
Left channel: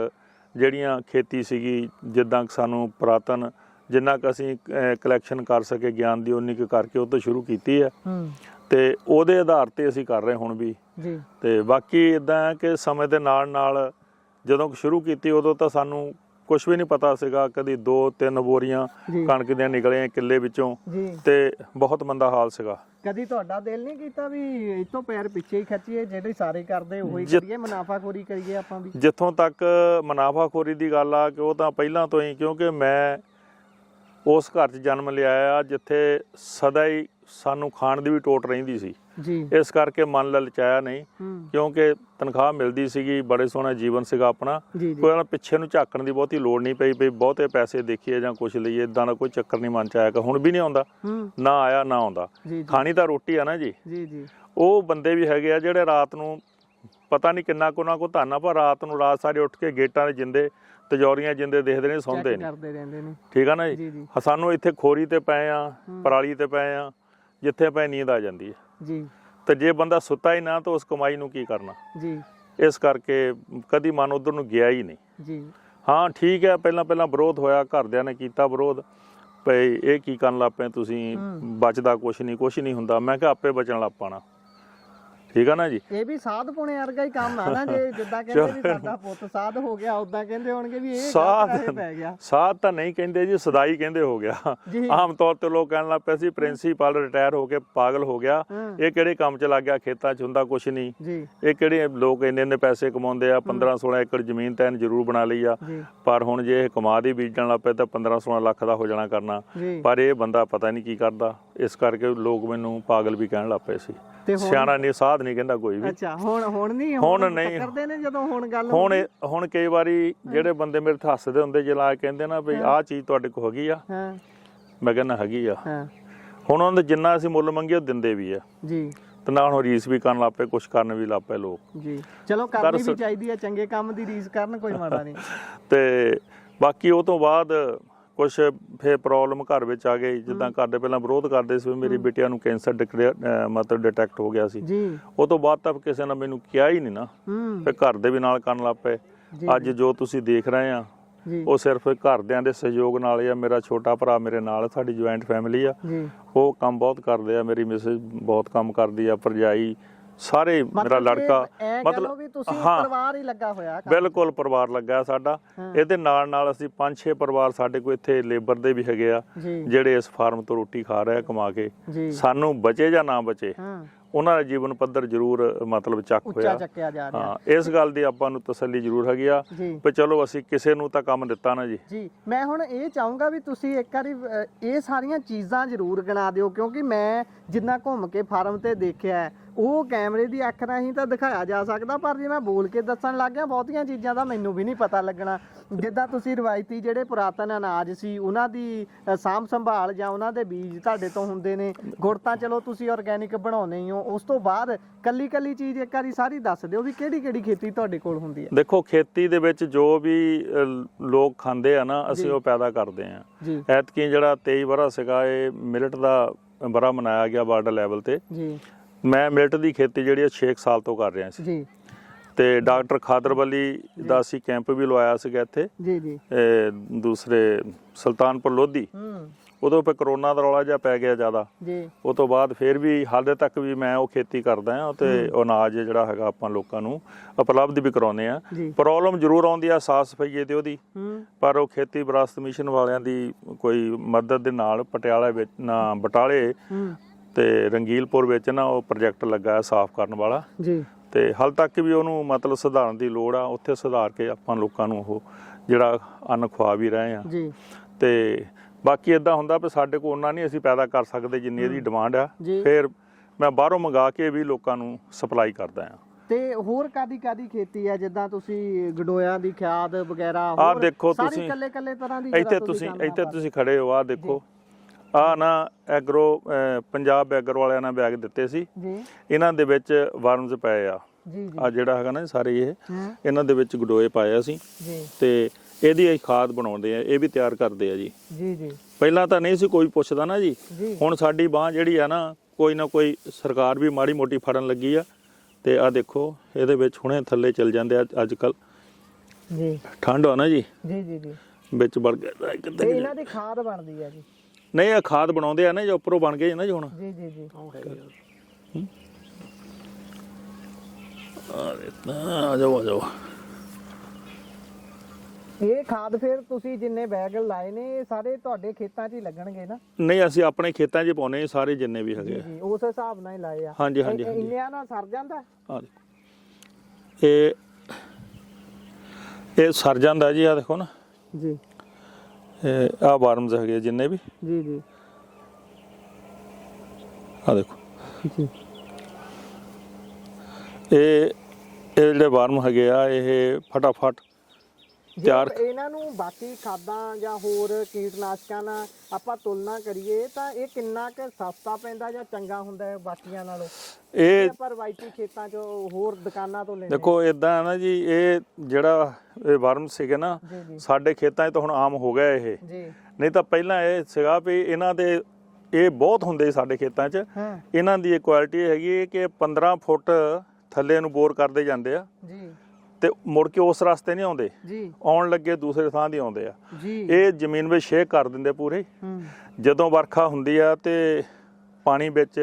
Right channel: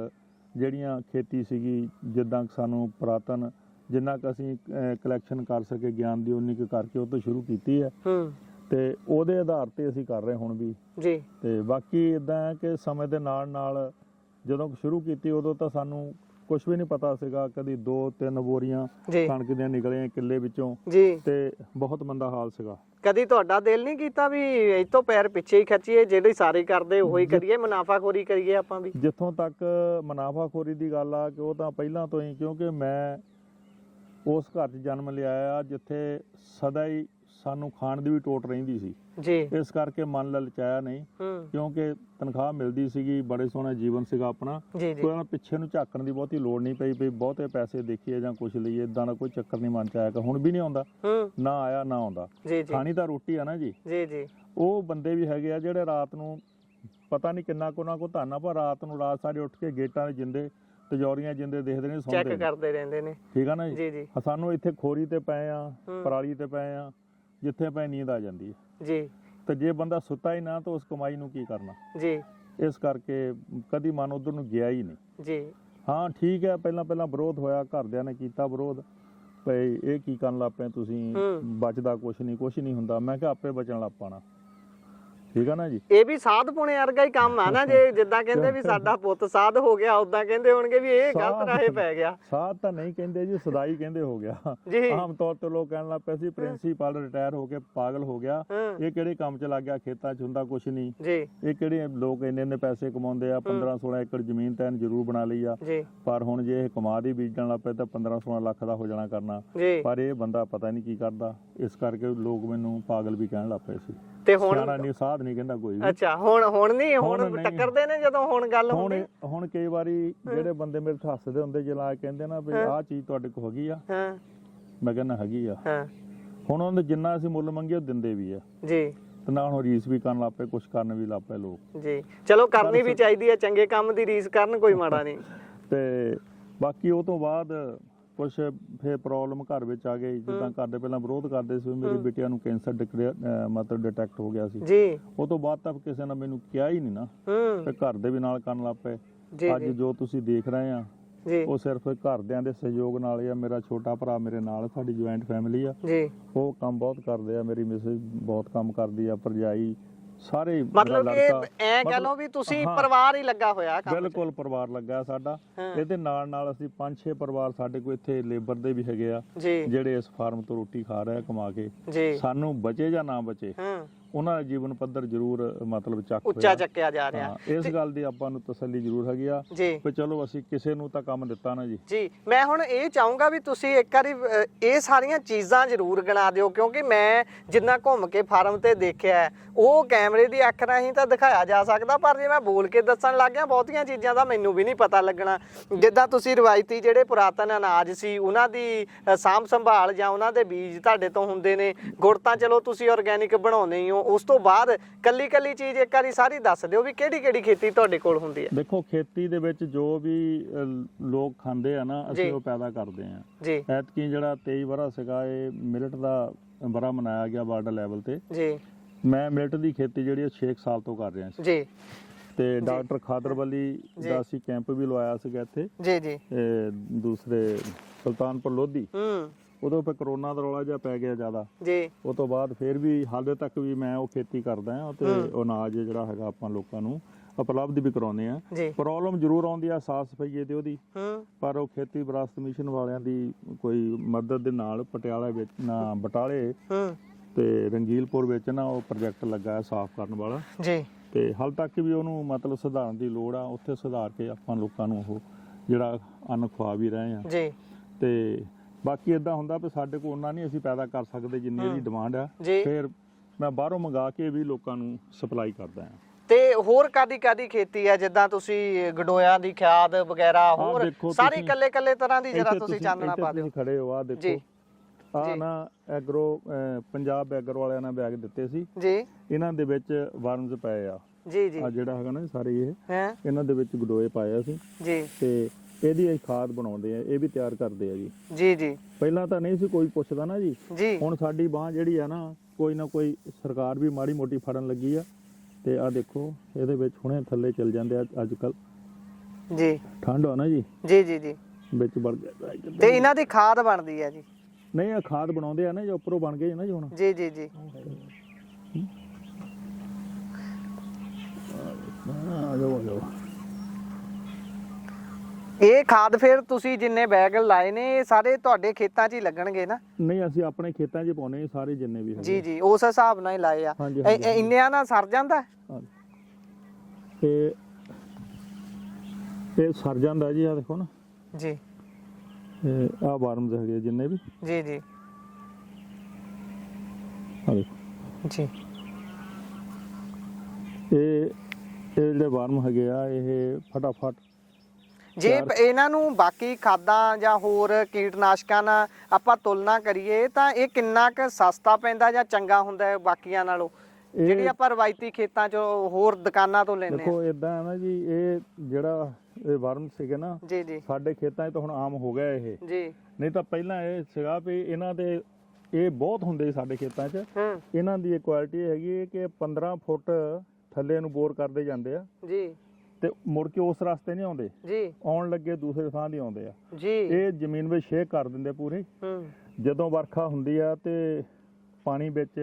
ਜਿਹੜੀਆਂ ਖੇਤੀ ਸੀਗੀ, ਜਿੱਦਾਂ ਸਾਨੂੰ ਪੁਰਾਤਨ ਜਿੰਨਾ ਕੁ ਅਸੀਂ ਕਲੈਕਸ਼ਨ ਕਰ ਸਕੇ ਗਿਆਨ ਦੀ ਉਨੀ ਕੁ ਕਰਕੇ ਉਹ ਤੋਂ ਸ਼ੁਰੂ ਕੀਤੀ ਹੈ ਤੇ ਉਹਦੇ ਆਧਾਰ ਤੇ ਅਸੀਂ ਕਰ ਰਹੇ ਹੁਣ ਵੀ ਜੀ। ਤੇ ਬਾਕੀ ਇਦਾਂ ਹੈ ਕਿ ਸਮੇਂ ਦੇ ਨਾਲ ਨਾਲ ਜਦੋਂ ਸ਼ੁਰੂ ਕੀਤੀ ਉਦੋਂ ਤਾਂ ਸਾਨੂੰ ਕੁਝ ਵੀ ਨਹੀਂ ਪਤਾ ਸੀਗਾ, ਕਦੀ 2-3 ਬੋਰੀਆਂ ਕਣਕ ਦੀਆਂ ਨਿਕਲੀਆਂ ਕਿੱਲੇ ਵਿੱਚੋਂ ਤੇ ਬਹੁਤ ਮੰਦਾ ਹਾਲ ਸੀਗਾ। ਕਦੀ ਤੁਹਾਡਾ ਦਿਲ ਨਹੀਂ ਕੀਤਾ ਵੀ ਇੱਥੋਂ ਪੈਰ ਪਿੱਛੇ ਹੀ ਖੱਚੀਏ, ਜਿਹੜੇ ਸਾਰੇ ਕਰਦੇ ਉਹੀ ਕਰੀਏ, ਮੁਨਾਫਾਖੋਰੀ ਕਰੀਏ ਆਪਾਂ ਵੀ? ਜਿੱਥੋਂ ਤੱਕ ਮੁਨਾਫਾਖੋਰੀ ਦੀ ਗੱਲ ਆ ਕਿ ਉਹ ਤਾਂ ਪਹਿਲਾਂ ਤੋਂ ਹੀ, ਕਿਉਂਕਿ ਮੈਂ ਉਸ ਘਰ 'ਚ ਜਨਮ ਲਿਆ ਆ ਜਿੱਥੇ ਸਦਾ ਹੀ ਸਾਨੂੰ ਖਾਣ ਦੀ ਵੀ ਟੋਟ ਰਹਿੰਦੀ ਸੀ ਜੀ। ਇਸ ਕਰਕੇ ਮਨ ਲਲਚਾਇਆ ਨਹੀਂ, ਕਿਉਂਕਿ ਤਨਖਾਹ ਮਿਲਦੀ ਸੀਗੀ, ਬੜੇ ਸੋਹਣਾ ਜੀਵਨ ਸੀਗਾ ਆਪਣਾ, ਕੋਈ ਪਿੱਛੇ ਨੂੰ ਝਾਕਣ ਦੀ ਬਹੁਤੀ ਲੋੜ ਨਹੀਂ ਪਈ ਵੀ ਬਹੁਤੇ ਪੈਸੇ ਦੇਖੀਏ ਜਾਂ ਕੁਛ ਲਈਏ, ਇਦਾਂ ਦਾ ਕੋਈ ਚੱਕਰ ਨਹੀਂ ਮਨ ਚ ਆਇਆ। ਹੁਣ ਵੀ ਨਹੀਂ ਆਉਂਦਾ, ਨਾ ਆਇਆ ਨਾ ਆਉਂਦਾ। ਖਾਣੀ ਤਾਂ ਰੋਟੀ ਆ ਨਾ ਜੀ। ਉਹ ਬੰਦੇ ਵੀ ਹੈਗੇ ਆ ਜਿਹੜੇ ਰਾਤ ਨੂੰ ਪਤਾ ਨਹੀਂ ਕਿੰਨਾ ਕੁ ਉਹਨਾਂ ਕੋ ਧਾਨਾ, ਪਰ ਰਾਤ ਸਾਰੀ ਉੱਠ ਕੇ ਗੇਟਾਂ ਦੇ ਜਿੰਦੇ ਤਜੌਰੀਆਂ ਜਿੰਦੇ ਦੇਖਦੇ ਨੇ, ਸੌਂਦੇ ਨੇ। ਠੀਕ ਆ ਨਾ ਜੀ। ਸਾਨੂੰ ਇੱਥੇ ਖੋਰੀ ਤੇ ਪਏ ਆ, ਪਰਾਲੀ ਤੇ ਪਏ ਆ, ਜਿੱਥੇ ਪਏ ਨੀਂਦ ਆ ਜਾਂਦੀ ਹੈ ਜੀ। ਤੇ ਜੇ ਬੰਦਾ ਸੁੱਤਾ ਹੀ ਨਾ ਤਾਂ ਉਸ ਕਮਾਈ ਨੂੰ ਕੀ ਕਰਨਾ ਜੀ। ਇਸ ਕਰਕੇ ਕਦੀ ਮਨ ਉਧਰ ਨੂੰ ਗਿਆ ਹੀ ਨਹੀਂ ਜੀ। ਹਾਂ ਠੀਕ ਹੈ, ਪਹਿਲਾਂ ਵਿਰੋਧ ਹੋਇਆ, ਘਰਦਿਆਂ ਨੇ ਕੀਤਾ ਵਿਰੋਧ, ਭਈ ਇਹ ਕੀ ਕਰਨ ਲੱਗ ਪਏ ਤੁਸੀਂ, ਬਚਦਾ ਕੁਛ ਨਹੀਂ ਹੁੰਦਾ। ਮੈਂ ਕਿਹਾ ਆਪੇ ਬਚਣ ਲੱਗ ਪਾਣਾ। ਠੀਕ ਆ ਨਾ ਜੀ। ਇਹ ਵੀ ਸਾਧ ਪੁਣੇ ਵਰਗਾ ਹੀ ਕੰਮ ਆ ਨਾ, ਜੇ ਜਿੱਦਾਂ ਕਹਿੰਦੇ ਵੀ ਸਾਡਾ ਪੁੱਤ ਸਾਧ ਹੋ ਗਿਆ, ਉਦਾਂ ਕਹਿੰਦੇ ਹੋਣਗੇ ਵੀ ਇਹ ਗਲਤ ਰਾਹੇ ਪੈ ਗਿਆ। ਸਾਧ ਤਾਂ ਨਹੀਂ ਕਹਿੰਦੇ ਜੀ, ਸਦਾਈ ਕਹਿੰਦੇ ਹੋ ਗਿਆ। ਆਮ ਤੌਰ ਤੇ ਲੋਕ ਕਹਿਣ ਲੱਗ ਪਏ ਸੀ ਪ੍ਰਿੰਸੀਪਲ ਰਿਟਾਇਰ ਹੋ ਕੇ ਪਾਗਲ ਹੋ ਗਿਆ, ਇਹ ਕਿਹੜੇ ਕੰਮ 'ਚ ਲੱਗ ਗਿਆ, ਖੇਤਾਂ 'ਚ ਹੁੰਦਾ ਕੁਛ ਨਹੀਂ, ਇਹ ਕਿਹੜੇ ਲੋਕ ਇੰਨੇ ਪੈਸੇ ਕਮਾਉਂਦੇ ਆ, 15-16 ਏਕੜ ਜ਼ਮੀਨ ਤਾਂ ਜ਼ਰੂਰ ਬਣਾ ਲਈ ਆ, ਪਰ ਹੁਣ ਜੇ ਇਹ ਕਮਾ ਦੀ ਬੀਜਣ ਲੱਗ ਪਏ ਤਾਂ 15-16 ਲੱਖ ਦਾ ਹੋ ਜਾਣਾ ਕਰਨਾ। ਪਰ ਇਹ ਬੰਦਾ ਪਤਾ ਨਹੀਂ ਕੀ ਕਰਦਾ, ਇਸ ਕਰਕੇ ਲੋਕ ਮੈਨੂੰ ਪਾਗਲ ਵੀ ਕਹਿਣ ਲੱਗ ਪਏ ਸੀ। ਸਿਆਣਾ ਨਹੀਂ, ਸਾਧ ਨਹੀਂ ਕਹਿੰਦਾ ਕੋਈ ਵੀ। ਅੱਛਾ, ਹੁਣ ਨਹੀਂ ਟੱਕਰਦੇ ਨੇ ਜਦੋਂ ਹੁਣ ਗੱਲ ਹੁਣ ਕਈ ਵਾਰੀ ਜਿਹੜੇ ਬੰਦੇ ਮੇਰੇ ਤੇ ਹੱਸਦੇ ਹੁੰਦੇ ਜਲਾ ਕਹਿੰਦੇ ਨਾ ਵੀ ਆਹ ਚੀਜ਼ ਤੁਹਾਡੇ ਕੋਲ ਹੈਗੀ ਆ, ਮੈਂ ਕਹਿੰਦਾ ਹੈਗੀ ਆ। ਹੁਣ ਉਹਨਾਂ ਦੇ ਜਿੰਨਾ ਅਸੀਂ ਮੁੱਲ ਮੰਗਿਆ ਉਹ ਦਿੰਦੇ ਵੀ ਆ ਜੀ, ਤੇ ਨਾਲ ਹੁਣ ਰੀਸ ਵੀ ਕਰਨ ਲੱਗ ਪਏ, ਕੁਛ ਕਰਨ ਵੀ ਲੱਗ ਪਏ ਲੋਕ ਜੀ। ਚਲੋ ਕਰਨੀ ਵੀ ਚਾਹੀਦੀ ਹੈ, ਚੰਗੇ ਕੰਮ ਦੀ ਰੀਸ ਕਰਨ, ਕੋਈ ਮਾੜਾ ਨਹੀਂ। ਤੇ ਬਾਕੀ ਉਹ ਤੋਂ ਬਾਅਦ ਕੁਛ ਫਿਰ ਪ੍ਰੋਬਲਮ ਘਰ ਵਿੱਚ ਆ ਗਈ, ਜਿੱਦਾਂ ਘਰ ਦੇ ਪਹਿਲਾਂ ਵਿਰੋਧ ਕਰਦੇ ਸੀ, ਮੇਰੀ ਬੇਟੀਆਂ ਨੂੰ ਕੈਂਸਰ ਮਤਲਬ ਡਿਟੈਕਟ ਹੋ ਗਿਆ ਸੀ ਜੀ। ਉਹ ਤੋਂ ਬਾਅਦ ਤਾਂ ਕਿਸੇ ਨੇ ਮੈਨੂੰ ਕਿਹਾ ਹੀ ਨਹੀਂ ਨਾ, ਫਿਰ ਘਰ ਦੇ ਵੀ ਨਾਲ ਕਰਨ ਲੱਗ ਪਏ। ਅੱਜ ਜੋ ਤੁਸੀਂ ਦੇਖ ਰਹੇ ਆ ਉਹ ਸਿਰਫ ਘਰਦਿਆਂ ਦੇ ਸਹਿਯੋਗ ਨਾਲ ਆ। ਮੇਰਾ ਛੋਟਾ ਭਰਾ ਮੇਰੇ ਨਾਲ, ਸਾਡੀ ਜੁਆਇੰਟ ਫੈਮਿਲੀ ਆ, ਉਹ ਕੰਮ ਬਹੁਤ ਕਰਦੇ ਆ, ਮੇਰੀ ਮਿਸਿਸ ਬਹੁਤ ਕੰਮ ਕਰਦੀ ਆ, ਭਰਜਾਈ, ਸਾਰੇ, ਮੇਰਾ ਲੜਕਾ, ਮਤਲਬ ਵੀ ਤੁਸੀਂ ਪਰਿਵਾਰ ਹੀ ਲੱਗਾ ਹੋਇਆ। ਬਿਲਕੁਲ ਪਰਿਵਾਰ ਲੱਗਾ ਸਾਡਾ। ਇਹਦੇ ਨਾਲ ਅਸੀਂ 5-6 ਪਰਿਵਾਰ ਸਾਡੇ ਕੋਲ ਇੱਥੇ ਲੇਬਰ ਦੇ ਵੀ ਹੈਗੇ ਆ, ਜਿਹੜੇ ਇਸ ਫਾਰਮ ਤੋਂ ਰੋਟੀ ਖਾ ਰਹੇ ਕਮਾ ਕੇ। ਸਾਨੂੰ ਬਚੇ ਜਾਂ ਨਾ ਬਚੇ, ਉਹਨਾਂ ਦਾ ਜੀਵਨ ਪੱਧਰ ਜ਼ਰੂਰ ਮਤਲਬ ਉੱਚਾ ਚੱਕਿਆ ਜਾ ਰਿਹਾ। ਇਸ ਗੱਲ ਦੀ ਆਪਾਂ ਨੂੰ ਤਸੱਲੀ ਜ਼ਰੂਰ ਹੈਗੀ ਆ ਵੀ ਚਲੋ ਅਸੀਂ ਕਿਸੇ ਨੂੰ ਤਾਂ ਕੰਮ ਦਿੱਤਾ ਨਾ ਜੀ। ਮੈਂ ਹੁਣ ਇਹ ਚਾਹੂੰਗਾ ਵੀ ਤੁਸੀਂ ਇੱਕ ਵਾਰੀ ਇਹ ਸਾਰੀਆਂ ਚੀਜ਼ਾਂ ਜ਼ਰੂਰ ਗਿਣਾ ਦਿਓ, ਕਿਉਂਕਿ ਮੈਂ ਜਿੰਨਾ ਘੁੰਮ ਕੇ ਫਾਰਮ ਤੇ ਦੇਖਿਆ ਉਹ ਕੈਮਰੇ ਦੀ ਅੱਖ ਰਾਹੀਂ ਤਾਂ ਦਿਖਾਇਆ ਜਾ ਸਕਦਾ, ਪਰ ਜੇ ਮੈਂ ਬੋਲ ਕੇ ਦੱਸਣ ਲੱਗ ਗਿਆ ਬਹੁਤੀਆਂ ਚੀਜ਼ਾਂ ਦਾ ਮੈਨੂੰ ਵੀ ਨਹੀਂ ਪਤਾ ਲੱਗਣਾ। ਜਿੱਦਾਂ ਤੁਸੀਂ ਰਵਾਇਤੀ ਜਿਹੜੇ ਪੁਰਾਤਨ ਅਨਾਜ ਸੀ ਉਹਨਾਂ ਦੀ ਸਾਂਭ ਸੰਭਾਲ ਜਾਂ ਉਹਨਾਂ ਦੇ ਬੀਜ ਤੁਹਾਡੇ ਤੋਂ ਹੁੰਦੇ ਨੇ, ਗੁੜ ਤਾਂ ਚਲੋ ਤੁਸੀਂ ਆਰਗੈਨਿਕ ਬਣਾਉਂਦੇ ਹੀ ਹੋ, ਉਸ ਤੋਂ ਬਾਅਦ ਕੱਲੀ ਚੀਜ਼ ਇੱਕ ਵਾਰੀ ਸਾਰੀ ਦੱਸ ਦਿਓ ਵੀ ਕਿਹੜੀ ਖੇਤੀ ਤੁਹਾਡੇ ਕੋਲ ਹੁੰਦੀ ਹੈ। ਦੇਖੋ, ਖੇਤੀ ਦੇ ਵਿੱਚ ਜੋ ਵੀ ਲੋਕ ਖਾਂਦੇ ਆ ਨਾ, ਅਸੀਂ ਉਹ ਪੈਦਾ ਕਰਦੇ ਆ। ਐਤਕੀ ਜਿਹੜਾ 23 ਵਰ੍ਹਾ ਸੀਗਾ, ਇਹ ਮਿਲਟ ਦਾ ਵਰ੍ਹਾ ਮਨਾਇਆ ਗਿਆ ਵਰਲਡ ਲੈਵਲ ਤੇ। ਮੈਂ ਮਿਲਟ ਦੀ ਖੇਤੀ ਜਿਹੜੀ 6 ਸਾਲ ਤੋਂ ਕਰ ਰਿਹਾ ਸੀ ਤੇ ਡਾਕਟਰ ਖਾਦਰ ਵਲੀ ਦਾ ਅਸੀਂ ਕੈਂਪ ਵੀ ਲਵਾਇਆ ਸੀਗਾ ਇੱਥੇ ਦੂਸਰੇ ਸੁਲਤਾਨਪੁਰ ਲੋਧੀ। ਉਦੋਂ ਫਿਰ ਕਰੋਨਾ ਦਾ ਰੌਲਾ ਜਿਹਾ ਪੈ ਗਿਆ ਜ਼ਿਆਦਾ, ਉਹ ਤੋਂ ਬਾਅਦ ਫਿਰ ਵੀ ਹਾਲੇ ਤੱਕ ਵੀ ਮੈਂ ਉਹ ਖੇਤੀ ਕਰਦਾ ਹਾਂ ਤੇ ਅਨਾਜ ਜਿਹੜਾ ਹੈਗਾ ਆਪਾਂ ਲੋਕਾਂ ਨੂੰ ਉਪਲਬਧ ਵੀ ਕਰਾਉਂਦੇ ਆ। ਪ੍ਰੋਬਲਮ ਜ਼ਰੂਰ ਆਉਂਦੀ ਆ ਸਾਫ਼ ਸਫਾਈ ਦੀ ਉਹਦੀ, ਪਰ ਉਹ ਖੇਤੀ ਵਿਰਾਸਤ ਮਿਸ਼ਨ ਵਾਲਿਆਂ ਦੀ ਕੋਈ ਮਦਦ ਦੇ ਨਾਲ ਪਟਿਆਲਾ ਵਿੱਚ ਨਾ ਬਟਾਲੇ ਤੇ ਰੰਗੀਲਪੁਰ ਵਿੱਚ ਨਾ ਉਹ ਪ੍ਰੋਜੈਕਟ ਲੱਗਾ ਸਾਫ਼ ਕਰਨ ਵਾਲਾ ਤੇ ਹਾਲ ਤੱਕ ਵੀ ਉਹਨੂੰ ਮਤਲਬ ਸੁਧਾਰਨ ਦੀ ਲੋੜ ਆ। ਉੱਥੇ ਸੁਧਾਰ ਕੇ ਆਪਾਂ ਲੋਕਾਂ ਨੂੰ ਉਹ ਜਿਹੜਾ ਅੰਨ ਖਵਾ ਵੀ ਰਹੇ ਆ। ਤੇ ਬਾਕੀ ਇਦਾਂ ਹੁੰਦਾ ਵੀ ਸਾਡੇ ਕੋਲ ਉਹਨਾਂ ਨਹੀਂ ਅਸੀਂ ਪੈਦਾ ਕਰ ਸਕਦੇ ਜਿੰਨੀ ਇਹਦੀ ਡਿਮਾਂਡ ਆ, ਫਿਰ ਮੈਂ ਬਾਹਰੋਂ ਮੰਗਾ ਕੇ ਵੀ ਲੋਕਾਂ ਨੂੰ ਸਪਲਾਈ ਕਰਦਾ ਆ। ਤੇ ਹੋਰ ਕਾਦੀ ਖੇਤੀ ਹੈ, ਜਿੱਦਾਂ ਤੁਸੀਂ ਗਡੋਇਆਂ ਦੀ ਖਾਦ ਵਗੈਰਾ, ਆਹ ਦੇਖੋ ਸਾਰੀ ਕੱਲੇ ਤਰ੍ਹਾਂ ਦੀ ਇੱਥੇ ਤੁਸੀਂ ਖੜੇ ਹੋ, ਆਹ ਦੇਖੋ, ਆਹ ਨਾ ਐਗਰੋ ਪੰਜਾਬ ਐਗਰੋ ਵਾਲਿਆਂ ਨੇ ਬੈਗ ਦਿੱਤੇ ਸੀ ਜੀ, ਇਹਨਾਂ ਦੇ ਵਿੱਚ ਵਰਮਸ ਪਏ ਆ ਜੀ। ਆ ਜਿਹੜਾ ਹੈਗਾ ਨਾ ਸਾਰੇ ਇਹ ਇਹਨਾਂ ਦੇ ਵਿੱਚ ਗਡੋਏ ਪਾਏ ਸੀ ਤੇ ਇਹਦੀ ਖਾਦ ਬਣਾਉਂਦੇ ਆ, ਇਹ ਵੀ ਤਿਆਰ ਕਰਦੇ ਆ ਜੀ। ਪਹਿਲਾਂ ਤਾਂ ਨਹੀਂ ਸੀ ਕੋਈ ਪੁੱਛਦਾ ਨਾ ਜੀ, ਹੁਣ ਸਾਡੀ ਬਾਂਹ ਜਿਹੜੀ ਆ ਨਾ ਕੋਈ ਨਾ ਕੋਈ ਸਰਕਾਰ ਵੀ ਮਾੜੀ ਮੋਟੀ ਫੜਨ ਲੱਗੀ ਆ। ਤੇ ਆ ਦੇਖੋ ਇਹਦੇ ਵਿੱਚ ਹੁਣੇ ਥੱਲੇ ਚਲ ਜਾਂਦੇ ਆ ਅੱਜ ਕੱਲ ਜੀ, ਠੰਡ ਆ ਨਾ ਜੀ। ਵਿੱਚ ਵੜ ਗਿਆ ਤੇ ਇਹਨਾਂ ਦੀ ਖਾਦ ਬਣਦੀ ਹੈ ਜੀ? ਨਹੀਂ, ਇਹ ਖਾਦ ਬਣਾਉਂਦੇ ਆ ਨਾ, ਜੋ ਉੱਪਰੋਂ ਬਣ ਗਏ ਨਾ ਜੀ ਹੁਣ। ਜੀ ਜੀ ਜੀ। ਆ ਜਾਓ ਆ ਜਾਓ। ਇਹ ਖਾਦ ਫਿਰ ਤੁਸੀਂ ਜਿੰਨੇ ਬੈਗ ਲਾਏ ਨੇ ਇਹ ਸਾਰੇ ਤੁਹਾਡੇ ਖੇਤਾਂ 'ਚ ਹੀ ਲੱਗਣਗੇ ਨਾ? ਨਹੀਂ, ਅਸੀਂ ਆਪਣੇ ਖੇਤਾਂ 'ਚ ਪਾਉਨੇ ਸਾਰੇ ਜਿੰਨੇ ਵੀ ਹੈਗੇ। ਜੀ ਜੀ, ਉਸ ਹਿਸਾਬ ਨਾਲ ਹੀ ਲਾਏ ਆ। ਹਾਂਜੀ ਹਾਂਜੀ। ਇੰਨਿਆਂ ਨਾਲ ਸਰ ਜਾਂਦਾ? ਇਹ ਸਰ ਜਾਂਦਾ ਜੀ। ਆ ਦੇਖੋ ਨਾ ਜੀ, ਆ ਵਾਰਮਸ ਹੈਗੇ ਜਿੰਨੇ ਵੀ। ਜੀ ਜੀ। ਆ ਦੇਖੋ ਜੀ, ਇਹ ਜਿਹੜੇ ਵਾਰਮ ਹੈਗੇ ਆ ਇਹ ਫਟਾਫਟ ਜੇ ਇਹਨਾਂ ਨੂੰ ਬਾਕੀ ਖਾਦਾਂ ਜਾਂ ਹੋਰ ਕੀਟਨਾਸ਼ਕਾਂ ਨਾਲ ਆਪਾਂ ਤੁਲਨਾ ਕਰੀਏ ਤਾਂ ਇਹ ਕਿੰਨਾ ਕੁ ਸਸਤਾ ਪੈਂਦਾ ਜਾਂ ਚੰਗਾ ਹੁੰਦਾ ਹੈ ਬਾਕੀਆਂ ਨਾਲੋਂ? ਇਹ ਆਪਾਂ ਰਵਾਇਤੀ ਖੇਤਾਂ 'ਚ ਹੋਰ ਦੁਕਾਨਾਂ ਤੋਂ ਲੈਂਦੇ? ਦੇਖੋ ਇਦਾਂ ਹੈ ਨਾ ਜੀ, ਇਹ ਜਿਹੜਾ ਇਹ ਵਾਰਮ ਸੀਗੇ ਨਾ ਸਾਡੇ ਖੇਤਾਂ 'ਚ ਤਾਂ ਹੁਣ ਆਮ ਹੋ ਗਿਆ ਇਹ ਜੀ। ਨਹੀਂ ਤਾਂ ਪਹਿਲਾਂ ਇਹ ਸੀਗਾ ਵੀ ਇਹਨਾਂ ਦੇ ਇਹ ਬਹੁਤ ਹੁੰਦੇ ਸਾਡੇ ਖੇਤਾਂ 'ਚ। ਇਹਨਾਂ ਦੀ ਇਹ ਕੁਆਲਿਟੀ ਹੈਗੀ ਹੈ ਕਿ 15 ਫੁੱਟ ਥੱਲੇ ਨੂੰ ਬੋਰ ਕਰਦੇ ਜਾਂਦੇ ਆ ਜੀ, ਤੇ ਮੁੜ ਕੇ ਉਸ ਰਸਤੇ ਨਹੀਂ ਆਉਂਦੇ ਜੀ, ਆਉਣ ਲੱਗੇ ਦੂਸਰੇ ਥਾਂ ਦੀ ਆਉਂਦੇ ਆ ਜੀ। ਇਹ ਜ਼ਮੀਨ ਵਿੱਚ ਛੇਕ ਕਰ ਦਿੰਦੇ ਪੂਰੇ। ਜਦੋਂ ਵਰਖਾ ਹੁੰਦੀ ਆ ਤੇ ਪਾਣੀ ਵਿੱਚ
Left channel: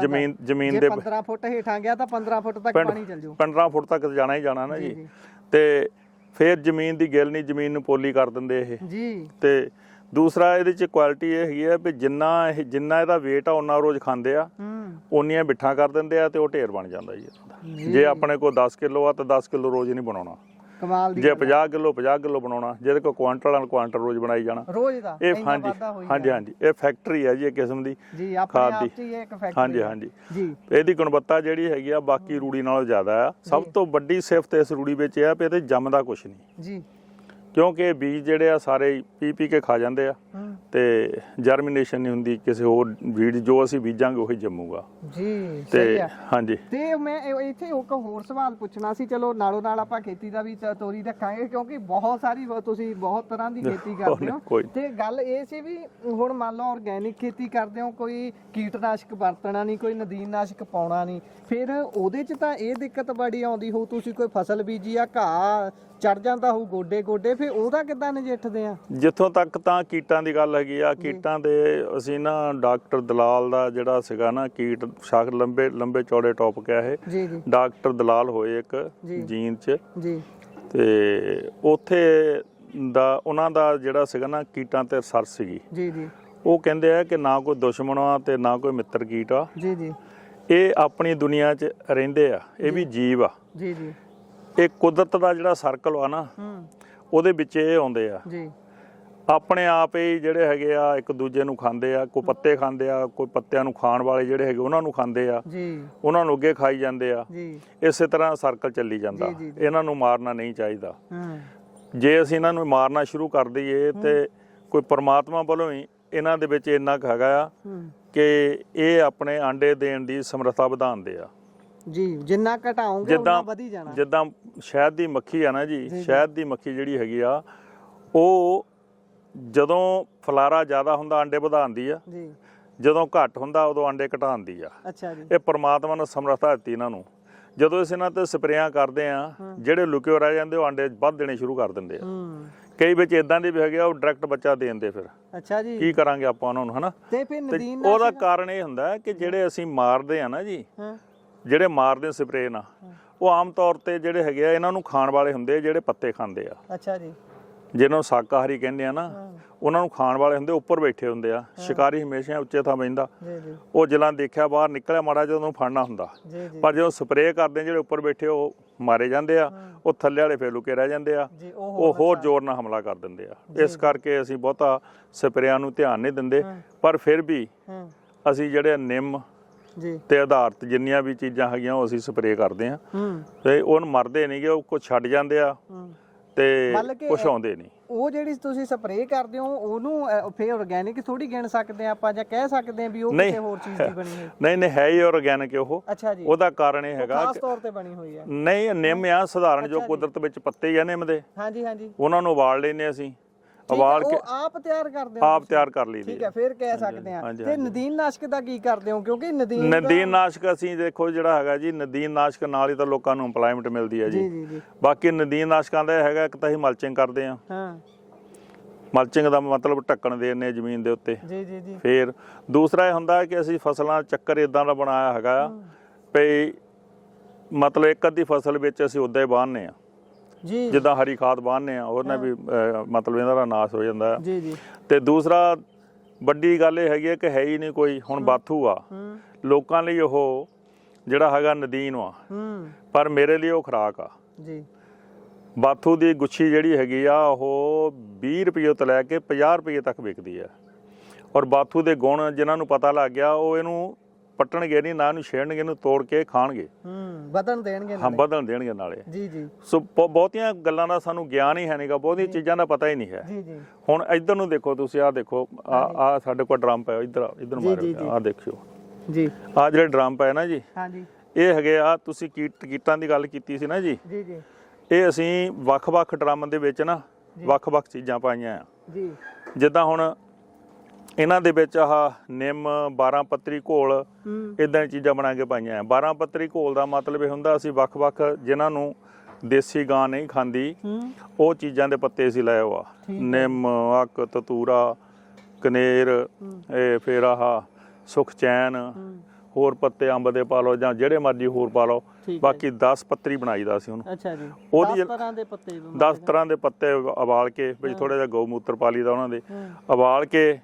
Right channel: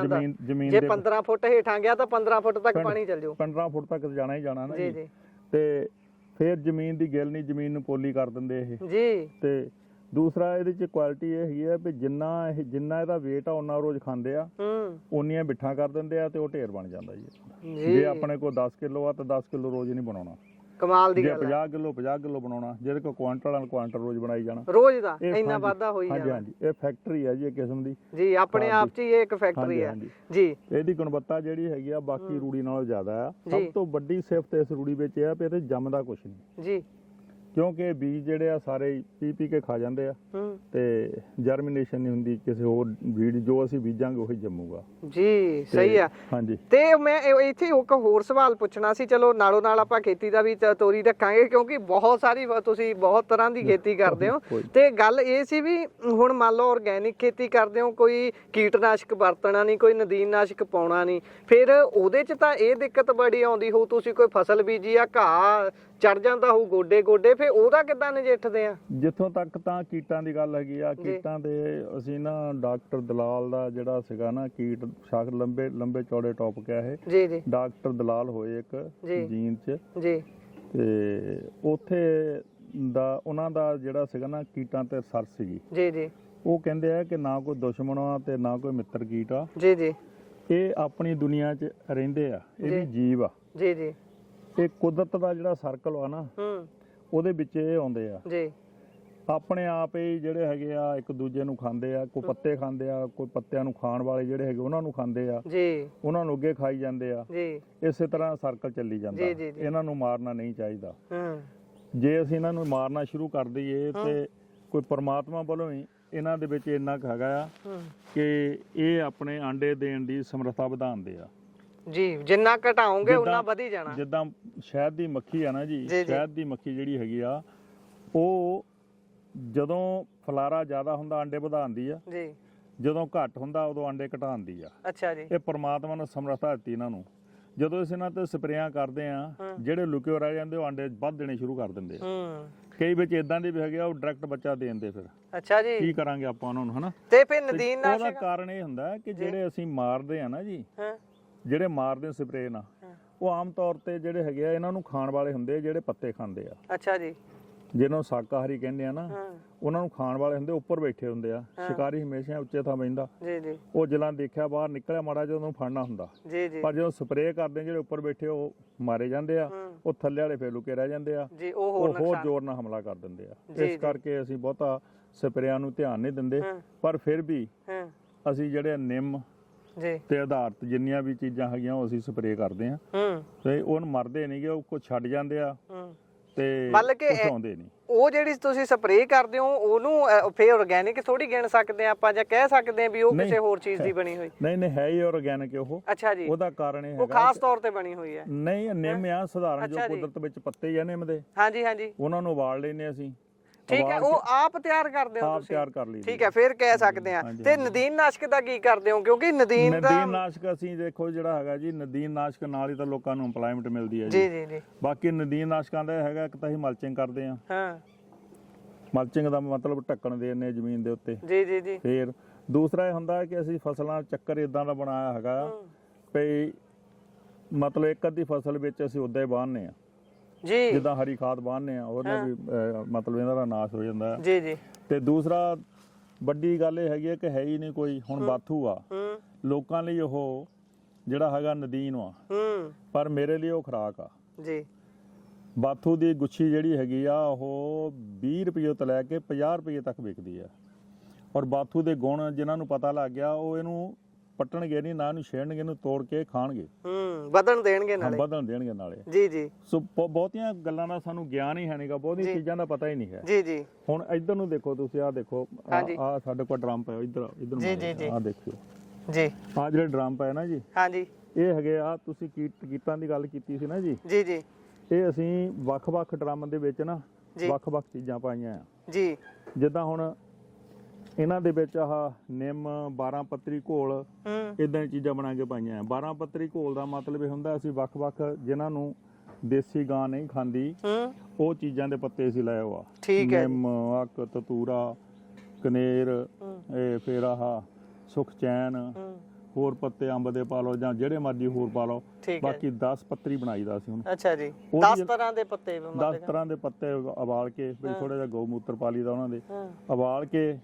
ਜ਼ਮੀਨ ਦੇ 15 ਫੁੱਟ ਹੇਠਾਂ ਗਿਆ ਤਾਂ 15 ਫੁੱਟ ਤੱਕ ਪਾਣੀ ਚੱਲ ਜਾਊ। 15 ਫੁੱਟ ਤੱਕ ਜਾਣਾ ਹੀ ਜਾਣਾ ਨਾ ਜੀ। ਤੇ ਫਿਰ ਜ਼ਮੀਨ ਦੀ ਗਿੱਲ ਨਹੀਂ, ਜ਼ਮੀਨ ਨੂੰ ਪੋਲੀ ਕਰ ਦਿੰਦੇ ਇਹ ਜੀ। ਤੇ ਦੂਸਰਾ ਇਹਦੇ ਚ ਕੁਆਲਿਟੀ ਇਹ ਹੈਗੀ ਆ ਵੀ ਜਿੰਨਾ ਇਹਦਾ weight ਆ ਉਹਨਾਂ ਰੋਜ਼ ਖਾਂਦੇ ਆ, ਓਨੀਆਂ ਬਿੱਠਾਂ ਕਰ ਦਿੰਦੇ ਆ ਤੇ ਉਹ ਢੇਰ ਬਣ ਜਾਂਦਾ ਜੀ। ਜੇ ਆਪਣੇ ਕੋਲ 10 ਕਿਲੋ ਆ ਤਾਂ 10 ਕਿਲੋ ਰੋਜ਼ ਨਹੀਂ ਬਣਾਉਣਾ। ਕਮਾਲ ਦੀ ਜੇ 50 ਕਿਲੋ ਬਣਾਉਣਾ, ਜਿਹਦੇ ਕੋਲ ਕੁਆਂਟਲ ਰੋਜ਼ ਬਣਾਈ ਜਾਣਾ ਰੋਜ਼ ਦਾ। ਇੰਨਾ ਵਾਧਾ ਹੋਈ ਹਾਂਜੀ ਹਾਂਜੀ। ਇਹ ਫੈਕਟਰੀ ਹੈ ਜੀ, ਇੱਕ ਕਿਸਮ ਦੀ ਜੀ, ਆਪਣੇ ਆਪ 'ਚ ਹੀ ਇਹ ਇੱਕ ਫੈਕਟਰੀ ਹਾਂਜੀ ਹਾਂਜੀ ਜੀ। ਇਹਦੀ ਗੁਣਵੱਤਾ ਜਿਹੜੀ ਹੈਗੀ ਆ ਬਾਕੀ ਰੂੜੀ ਨਾਲੋਂ ਜ਼ਿਆਦਾ ਆ। ਸਭ ਤੋਂ ਵੱਡੀ ਸਿਫਤ ਇਸ ਰੂੜੀ ਵਿੱਚ ਇਹ ਆ ਵੀ ਇਹਦੇ ਜੰਮਦਾ ਕੁਛ ਨਹੀਂ ਜੀ, ਕਿਉਂਕਿ ਬੀਜ ਜਿਹੜੇ ਆ ਸਾਰੇ ਪੀ ਕੇ ਖਾ ਜਾਂਦੇ ਆ ਤੇ ਜਰਮੀਨੇਸ਼ਨ ਨਹੀਂ ਹੁੰਦੀ ਕਿਸੇ ਹੋਰ ਬੀਜ। ਜੋ ਅਸੀਂ ਬੀਜਾਂਗੇ ਉਹੀ ਜੰਮੂਗਾ ਜੀ। ਸਹੀ ਆ ਹਾਂਜੀ। ਤੇ ਮੈਂ ਇੱਥੇ ਇੱਕ ਹੋਰ ਸਵਾਲ ਪੁੱਛਣਾ ਸੀ, ਚਲੋ ਨਾਲੋਂ ਨਾਲ ਆਪਾਂ ਖੇਤੀ ਦਾ ਵੀ ਤੋਰੀ ਰੱਖਾਂਗੇ ਕਿਉਂਕਿ ਬਹੁਤ ਸਾਰੀ ਤੁਸੀਂ ਬਹੁਤ ਤਰ੍ਹਾਂ ਦੀ ਖੇਤੀ ਕਰਦੇ ਹੋ। ਤੇ ਗੱਲ ਇਹ ਸੀ ਵੀ ਹੁਣ ਮੰਨ ਲਓ ਆਰਗੈਨਿਕ ਖੇਤੀ ਕਰਦੇ ਹੋ, ਕੋਈ ਕੀਟਨਾਸ਼ਕ ਵਰਤਣਾ ਨਹੀਂ, ਕੋਈ ਨਦੀਨਨਾਸ਼ਕ ਪਾਉਣਾ ਨਹੀਂ, ਫਿਰ ਉਹਦੇ 'ਚ ਤਾਂ ਇਹ ਦਿੱਕਤ ਬੜੀ ਆਉਂਦੀ ਹੋਊ। ਤੁਸੀਂ ਕੋਈ ਫਸਲ ਬੀਜੀ ਆ, ਘਾਹ ਚੜ ਜਾਂਦਾ ਹੋਊ ਗੋਡੇ, ਫਿਰ ਉਹਦਾ ਕਿੱਦਾਂ ਨਜਿੱਠਦੇ ਆ? ਜਿੱਥੋਂ ਤੱਕ ਤਾਂ ਕੀਟਾਂ ਦੀ ਗੱਲ ਹੈਗੀ ਆ, ਕੀਟਾਂ ਦੇ ਅਸੀਂ ਨਾ ਡਾਕਟਰ ਦਲਾਲ ਦਾ ਜਿਹੜਾ ਸੀਗਾ ਨਾ ਕੀਟ ਸ਼ਾਖ ਲੰਬੇ ਚੌੜੇ ਟੌਪਿਕ ਆ ਇਹ ਜੀ ਜੀ। ਡਾਕਟਰ ਦਲਾਲ ਹੋਏ ਇੱਕ ਜੀਨ 'ਚ ਜੀ, ਤੇ ਉੱਥੇ ਦਾ ਉਹਨਾਂ ਦਾ ਜਿਹੜਾ ਸੀਗਾ ਨਾ ਕੀਟਾਂ ਤੇ ਰਿਸਰਚ ਸੀਗੀ ਜੀ ਜੀ। ਉਹ ਕਹਿੰਦੇ ਆ ਕਿ ਨਾ ਕੋਈ ਦੁਸ਼ਮਣ ਆ ਤੇ ਨਾ ਕੋਈ ਮਿੱਤਰ ਕੀਟ ਆ ਜੀ ਜੀ। ਇਹ ਆਪਣੀ ਦੁਨੀਆ 'ਚ ਰਹਿੰਦੇ ਆ, ਇਹ ਵੀ ਜੀਵ ਆ ਜੀ ਜੀ। ਇਹ ਕੁਦਰਤ ਦਾ ਜਿਹੜਾ ਸਰਕਲ ਆ ਨਾ ਉਹਦੇ ਵਿੱਚ ਇਹ ਆਉਂਦੇ ਆ ਜੀ। ਆਪਣੇ ਆਪ ਹੀ ਜਿਹੜੇ ਹੈਗੇ ਆ ਇੱਕ ਦੂਜੇ ਨੂੰ ਖਾਂਦੇ ਆ, ਕੋਈ ਪੱਤੇ ਖਾਂਦੇ ਆ, ਕੋਈ ਪੱਤਿਆਂ ਨੂੰ ਖਾਣ ਵਾਲੇ ਜਿਹੜੇ ਹੈਗੇ ਉਹਨਾਂ ਨੂੰ ਖਾਂਦੇ ਆ ਜੀ, ਉਹਨਾਂ ਨੂੰ ਅੱਗੇ ਖਾਈ ਜਾਂਦੇ ਆ ਜੀ। ਇਸੇ ਤਰ੍ਹਾਂ ਸਰਕਲ ਚੱਲੀ ਜਾਂਦਾ। ਇਹਨਾਂ ਨੂੰ ਮਾਰਨਾ ਨਹੀਂ ਚਾਹੀਦਾ। ਜੇ ਅਸੀਂ ਇਹਨਾਂ ਨੂੰ ਮਾਰਨਾ ਸ਼ੁਰੂ ਕਰ ਦਈਏ ਤੇ ਕੋਈ ਪਰਮਾਤਮਾ ਵੱਲੋਂ ਹੀ ਇਹਨਾਂ ਦੇ ਵਿੱਚ ਇੰਨਾ ਕੁ ਹੈਗਾ ਆ ਕਿ ਇਹ ਆਪਣੇ ਆਂਡੇ ਦੇਣ ਦੀ ਸਮਰੱਥਾ ਵਧਾਉਂਦੇ ਆ ਜੀ। ਜਿੰਨਾ ਘਟਾਓਗੇ ਉਹਨਾਂ ਵਧੀ ਜਾਣਾ। ਜਿੱਦਾਂ ਸ਼ਹਿਦ ਦੀ ਮੱਖੀ ਆ ਨਾ ਜੀ, ਸ਼ਹਿਦ ਦੀ ਮੱਖੀ ਜਿਹੜੀ ਹੈਗੀ ਆ ਉਹ ਜਦੋਂ ਫਲਾਰਾ ਜ਼ਿਆਦਾ ਹੁੰਦਾ ਆਂਡੇ ਵਧਾਉਂਦੀ ਆ ਜੀ, ਜਦੋਂ ਘੱਟ ਹੁੰਦਾ ਉਦੋਂ ਆਂਡੇ ਘਟਾਉਂਦੀ ਆ। ਅੱਛਾ ਜੀ। ਇਹ ਪਰਮਾਤਮਾ ਨੇ ਸਮਰੱਥਾ ਦਿੱਤੀ ਇਹਨਾਂ ਨੂੰ। ਜਦੋਂ ਅਸੀਂ ਇਹਨਾਂ ਤੇ ਸਪਰੇਆਂ ਕਰਦੇ ਆ, ਜਿਹੜੇ ਲੁਕੇ ਰਹਿ ਜਾਂਦੇ ਉਹ ਆਂਡੇ ਵੱਧ ਦੇਣੇ ਸ਼ੁਰੂ ਕਰ ਦਿੰਦੇ ਆ। ਕਈ ਵਿੱਚ ਇਦਾਂ ਦੇ ਵੀ ਹੈਗੇ ਆ ਉਹ ਡਾਇਰੈਕਟ ਬੱਚਾ ਦੇ ਦਿੰਦੇ। ਫਿਰ ਅੱਛਾ ਜੀ, ਕੀ ਕਰਾਂਗੇ ਆਪਾਂ ਉਹਨਾਂ ਨੂੰ, ਹਨਾ? ਤੇ ਫਿਰ ਨਦੀਨ ਉਹਦਾ ਕਾਰਨ ਇਹ ਹੁੰਦਾ ਕਿ ਜਿਹੜੇ ਅਸੀਂ ਮਾਰਦੇ ਆ ਨਾ ਜੀ, ਜਿਹੜੇ ਮਾਰਦੇ ਸਪਰੇਅ ਨਾਲ, ਉਹ ਆਮ ਤੌਰ ਤੇ ਜਿਹੜੇ ਹੈਗੇ ਆ ਇਹਨਾਂ ਨੂੰ ਖਾਣ ਵਾਲੇ ਹੁੰਦੇ ਆ, ਜਿਹੜੇ ਪੱਤੇ ਖਾਂਦੇ ਆ। ਅੱਛਾ ਜੀ। ਜਿਹਨਾਂ ਨੂੰ ਸ਼ਾਕਾਹਾਰੀ ਕਹਿੰਦੇ ਆ ਨਾ, ਉਹਨਾਂ ਨੂੰ ਖਾਣ ਵਾਲੇ ਹੁੰਦੇ, ਉੱਪਰ ਬੈਠੇ ਹੁੰਦੇ ਆ। ਸ਼ਿਕਾਰੀ ਹਮੇਸ਼ਾ ਉੱਚੇ ਥਾਂ ਬੈਠਦਾ। ਉਹ ਜਿਲਾਂ ਦੇਖਿਆ ਬਾਹਰ ਨਿਕਲਿਆ ਮਾੜਾ ਜਦੋਂ ਉਹਨੂੰ ਫੜਨਾ ਹੁੰਦਾ, ਪਰ ਜਦੋਂ ਸਪਰੇਅ ਕਰਦੇ ਜਿਹੜੇ ਉੱਪਰ ਬੈਠੇ ਉਹ ਮਾਰੇ ਜਾਂਦੇ ਆ, ਉਹ ਥੱਲੇ ਵਾਲੇ ਫੇਰ ਲੁਕੇ ਰਹਿ ਜਾਂਦੇ ਆ, ਉਹ ਹੋਰ ਜ਼ੋਰ ਨਾਲ ਹਮਲਾ ਕਰ ਦਿੰਦੇ ਆ। ਇਸ ਕਰਕੇ ਅਸੀਂ ਬਹੁਤਾ ਸਪਰੇਆਂ ਨੂੰ ਧਿਆਨ ਨਹੀਂ ਦਿੰਦੇ, ਪਰ ਫਿਰ ਵੀ ਅਸੀਂ ਜਿਹੜੇ ਨਿੰਮ ਤੇ ਆਧਾਰਿਤ ਜਿੰਨੀਆਂ ਵੀ ਚੀਜ਼ਾਂ ਹੈਗੀਆਂ ਉਹ ਅਸੀਂ ਸਪਰੇਅ ਕਰਦੇ ਆ ਤੇ ਉਹਨ ਮਰਦੇ ਨਹੀਂਗੇ, ਉਹ ਕੁਛ ਛੱਡ ਜਾਂਦੇ ਆ ਤੇ ਕੁਛ ਆਉਂਦੇ ਨਹੀਂ। ਉਹ ਜਿਹੜੀ ਤੁਸੀਂ ਸਪਰੇਅ ਕਰਦੇ ਹੋ ਉਹਨੂੰ ਫੇਰ ਆਰਗੈਨਿਕ ਥੋੜੀ ਗਿਣ ਸਕਦੇ ਆ ਆਪਾਂ, ਜਾਂ ਕਹਿ ਸਕਦੇ ਆ ਵੀ ਉਹ ਕਿਸੇ ਹੋਰ ਚੀਜ਼ ਦੀ ਬਣੀ ਹੋਈ? ਨਹੀਂ ਨਹੀਂ, ਹੈ ਹੀ ਆਰਗੈਨਿਕ ਉਹ। ਅੱਛਾ ਜੀ। ਉਹਦਾ ਕਾਰਨ ਇਹ ਹੈਗਾ ਖਾਸ ਤੌਰ ਤੇ ਬਣੀ ਹੋਈ ਹੈ। ਨਹੀਂ, ਨਿੰਮ ਆ ਸਧਾਰਨ ਜੋ ਕੁਦਰਤ ਵਿੱਚ ਪੱਤੇ ਹੀ ਆ ਨਿੰਮ ਦੇ। ਹਾਂਜੀ ਹਾਂਜੀ। ਉਹਨਾਂ ਨੂੰ ਉਬਾਲ ਲੈਨੇ ਅਸੀਂ, ਉਬਾਲ ਕੇ ਆਪ ਤਿਆਰ ਕਰਦੇ ਹੋ? ਆਪ ਤਿਆਰ ਕਰ ਲਈ। ਠੀਕ ਹੈ, ਫਿਰ ਕਹਿ ਸਕਦੇ ਆ। ਤੇ ਨਦੀਨਨਾਸ਼ਕ ਦਾ ਕੀ ਕਰਦੇ ਹੋ? ਕਿਉਂਕਿ ਨਦੀਨਨਾਸ਼ਕ ਅਸੀਂ ਦੇਖੋ ਜਿਹੜਾ ਹੈਗਾ ਜੀ, ਨਦੀਨਨਾਸ਼ਕ ਨਾਲ ਹੀ ਤਾਂ ਲੋਕਾਂ ਨੂੰ ਇੰਪਲੋਇਮੈਂਟ ਮਿਲਦੀ ਹੈ ਜੀ। ਬਾਕੀ ਨਦੀਨਨਾਸ਼ਕਾਂ ਦਾ ਹੈਗਾ ਇੱਕ ਤਾਂ ਅਸੀਂ ਮਲਚਿੰਗ ਕਰਦੇ ਆ। ਮਲਚਿੰਗ ਦਾ ਮਤਲਬ ਢੱਕਣ ਦੇਣੇ ਜ਼ਮੀਨ ਦੇ ਉੱਤੇ। ਜੀ ਜੀ ਜੀ। ਫਿਰ ਦੂਸਰਾ ਇਹ ਹੁੰਦਾ ਕਿ ਅਸੀਂ ਫਸਲਾਂ ਚੱਕਰ ਇਦਾਂ ਦਾ ਬਣਾਇਆ ਹੈਗਾ ਵੀ ਮਤਲਬ ਇੱਕ ਅੱਧੀ ਫਸਲ ਵਿੱਚ ਅਸੀਂ ਉੱਦਾਂ ਹੀ ਬਾਂਹਨੇ ਆ ਜੀ, ਜਿੱਦਾਂ ਹਰੀ ਖਾਦ ਬਾਂਹਨੇ ਆ, ਉਹਨੇ ਵੀ ਮਤਲਬ ਇਹਨਾਂ ਦਾ ਨਾਸ਼ ਹੋ ਜਾਂਦਾ ਜੀ ਜੀ। ਤੇ ਦੂਸਰਾ ਵੱਡੀ ਗੱਲ ਇਹ ਹੈਗੀ ਹੈ ਕਿ ਹੈ ਹੀ ਨਹੀਂ ਕੋਈ ਹੁਣ ਬਾਥੂ ਆ ਲੋਕਾਂ ਲਈ, ਉਹ ਜਿਹੜਾ ਹੈਗਾ ਨਦੀਨ ਆ, ਪਰ ਮੇਰੇ ਲਈ ਉਹ ਖੁਰਾਕ ਆ ਜੀ। ਬਾਥੂ ਦੀ ਗੁੱਛੀ ਜਿਹੜੀ ਹੈਗੀ ਆ ਉਹ 20 ਰੁਪਏ ਤੋਂ ਲੈ ਕੇ 50 ਰੁਪਏ ਤੱਕ ਵਿਕਦੀ ਆ। ਔਰ ਬਾਥੂ ਦੇ ਗੁਣ ਜਿਨ੍ਹਾਂ ਨੂੰ ਪਤਾ ਲੱਗ ਗਿਆ ਉਹ ਇਹਨੂੰ ਪੱਟਣਗੇ ਨਹੀਂ, ਨਾ ਇਹਨੂੰ ਛੇੜਨਗੇ, ਇਹਨੂੰ ਤੋੜ ਕੇ ਖਾਣਗੇ, ਵਧਣ ਦੇਣਗੇ ਹਾਂ ਵਧਣ ਦੇਣਗੇ ਨਾਲੇ। ਜੀ ਜੀ। ਸੋ ਬਹੁਤੀਆਂ ਗੱਲਾਂ ਦਾ ਸਾਨੂੰ ਗਿਆਨ ਹੀ ਹੈ ਨਹੀਂਗਾ, ਬਹੁਤੀਆਂ ਚੀਜ਼ਾਂ ਦਾ ਪਤਾ ਹੀ ਨਹੀਂ ਹੈ। ਜੀ ਜੀ। ਹੁਣ ਇੱਧਰ ਨੂੰ ਦੇਖੋ ਤੁਸੀਂ, ਆਹ ਦੇਖੋ ਆ ਸਾਡੇ ਕੋਲ ਡਰਮ ਪਿਆ, ਇੱਧਰ ਮਾਰੋ, ਆਹ ਦੇਖਿਓ ਜੀ, ਆਹ ਜਿਹੜੇ ਡਰਮ ਪਏ ਨਾ ਜੀ, ਹਾਂਜੀ, ਇਹ ਹੈਗੇ ਆ, ਤੁਸੀਂ ਕੀਟਾਂ ਦੀ ਗੱਲ ਕੀਤੀ ਸੀ ਨਾ ਜੀ, ਜੀ ਜੀ। ਇਹ ਅਸੀਂ ਵੱਖ-ਵੱਖ ਡਰਮ ਦੇ ਵਿੱਚ ਨਾ ਵੱਖ-ਵੱਖ ਚੀਜ਼ਾਂ ਪਾਈਆਂ ਆ ਜੀ। ਜਿੱਦਾਂ ਹੁਣ ਇਹਨਾਂ ਦੇ ਵਿੱਚ ਆਹ ਨਿੰਮ 12 ਪੱਤਰੀ ਘੋਲ ਇਦਾਂ ਦੀ ਚੀਜ਼ਾਂ ਬਣਾ ਕੇ ਪਾਈਆਂ ਆ। 12 ਪੱਤਰੀ ਘੋਲ ਦਾ ਮਤਲਬ ਇਹ ਹੁੰਦਾ ਅਸੀਂ ਵੱਖ-ਵੱਖ ਜਿਨ੍ਹਾਂ ਨੂੰ ਦੇਸੀ ਗਾਂ ਨਹੀਂ ਖਾਂਦੀ ਉਹ ਚੀਜ਼ਾਂ ਦੇ ਪੱਤੇ ਅਸੀਂ ਲਾਏ ਹੋਆ, ਨਿੰਮ, ਅੱਕ, ਤਤੂਰਾ, ਕਨੇਰ, ਇਹ ਫਿਰ ਆਹ ਸੁਖਚੈਨ, ਹੋਰ ਪੱਤੇ ਅੰਬ ਦੇ ਪਾ ਲਓ ਜਾਂ ਜਿਹੜੇ ਮਰਜ਼ੀ ਹੋਰ ਪਾ ਲਓ, ਬਾਕੀ 10 ਪੱਤਰੀ ਬਣਾਈਦਾ ਸੀ ਉਹਨੂੰ। ਅੱਛਾ ਜੀ। 10 ਤਰ੍ਹਾਂ ਦੇ ਪੱਤੇ, 10 ਤਰ੍ਹਾਂ ਦੇ ਪੱਤੇ ਉਬਾਲ ਕੇ ਵਿੱਚ ਥੋੜਾ ਜਿਹਾ ਗਊ ਮੂਤਰ ਪਾ ਲਈਦਾ ਉਹਨਾਂ ਦੇ, ਉਬਾਲ ਕੇ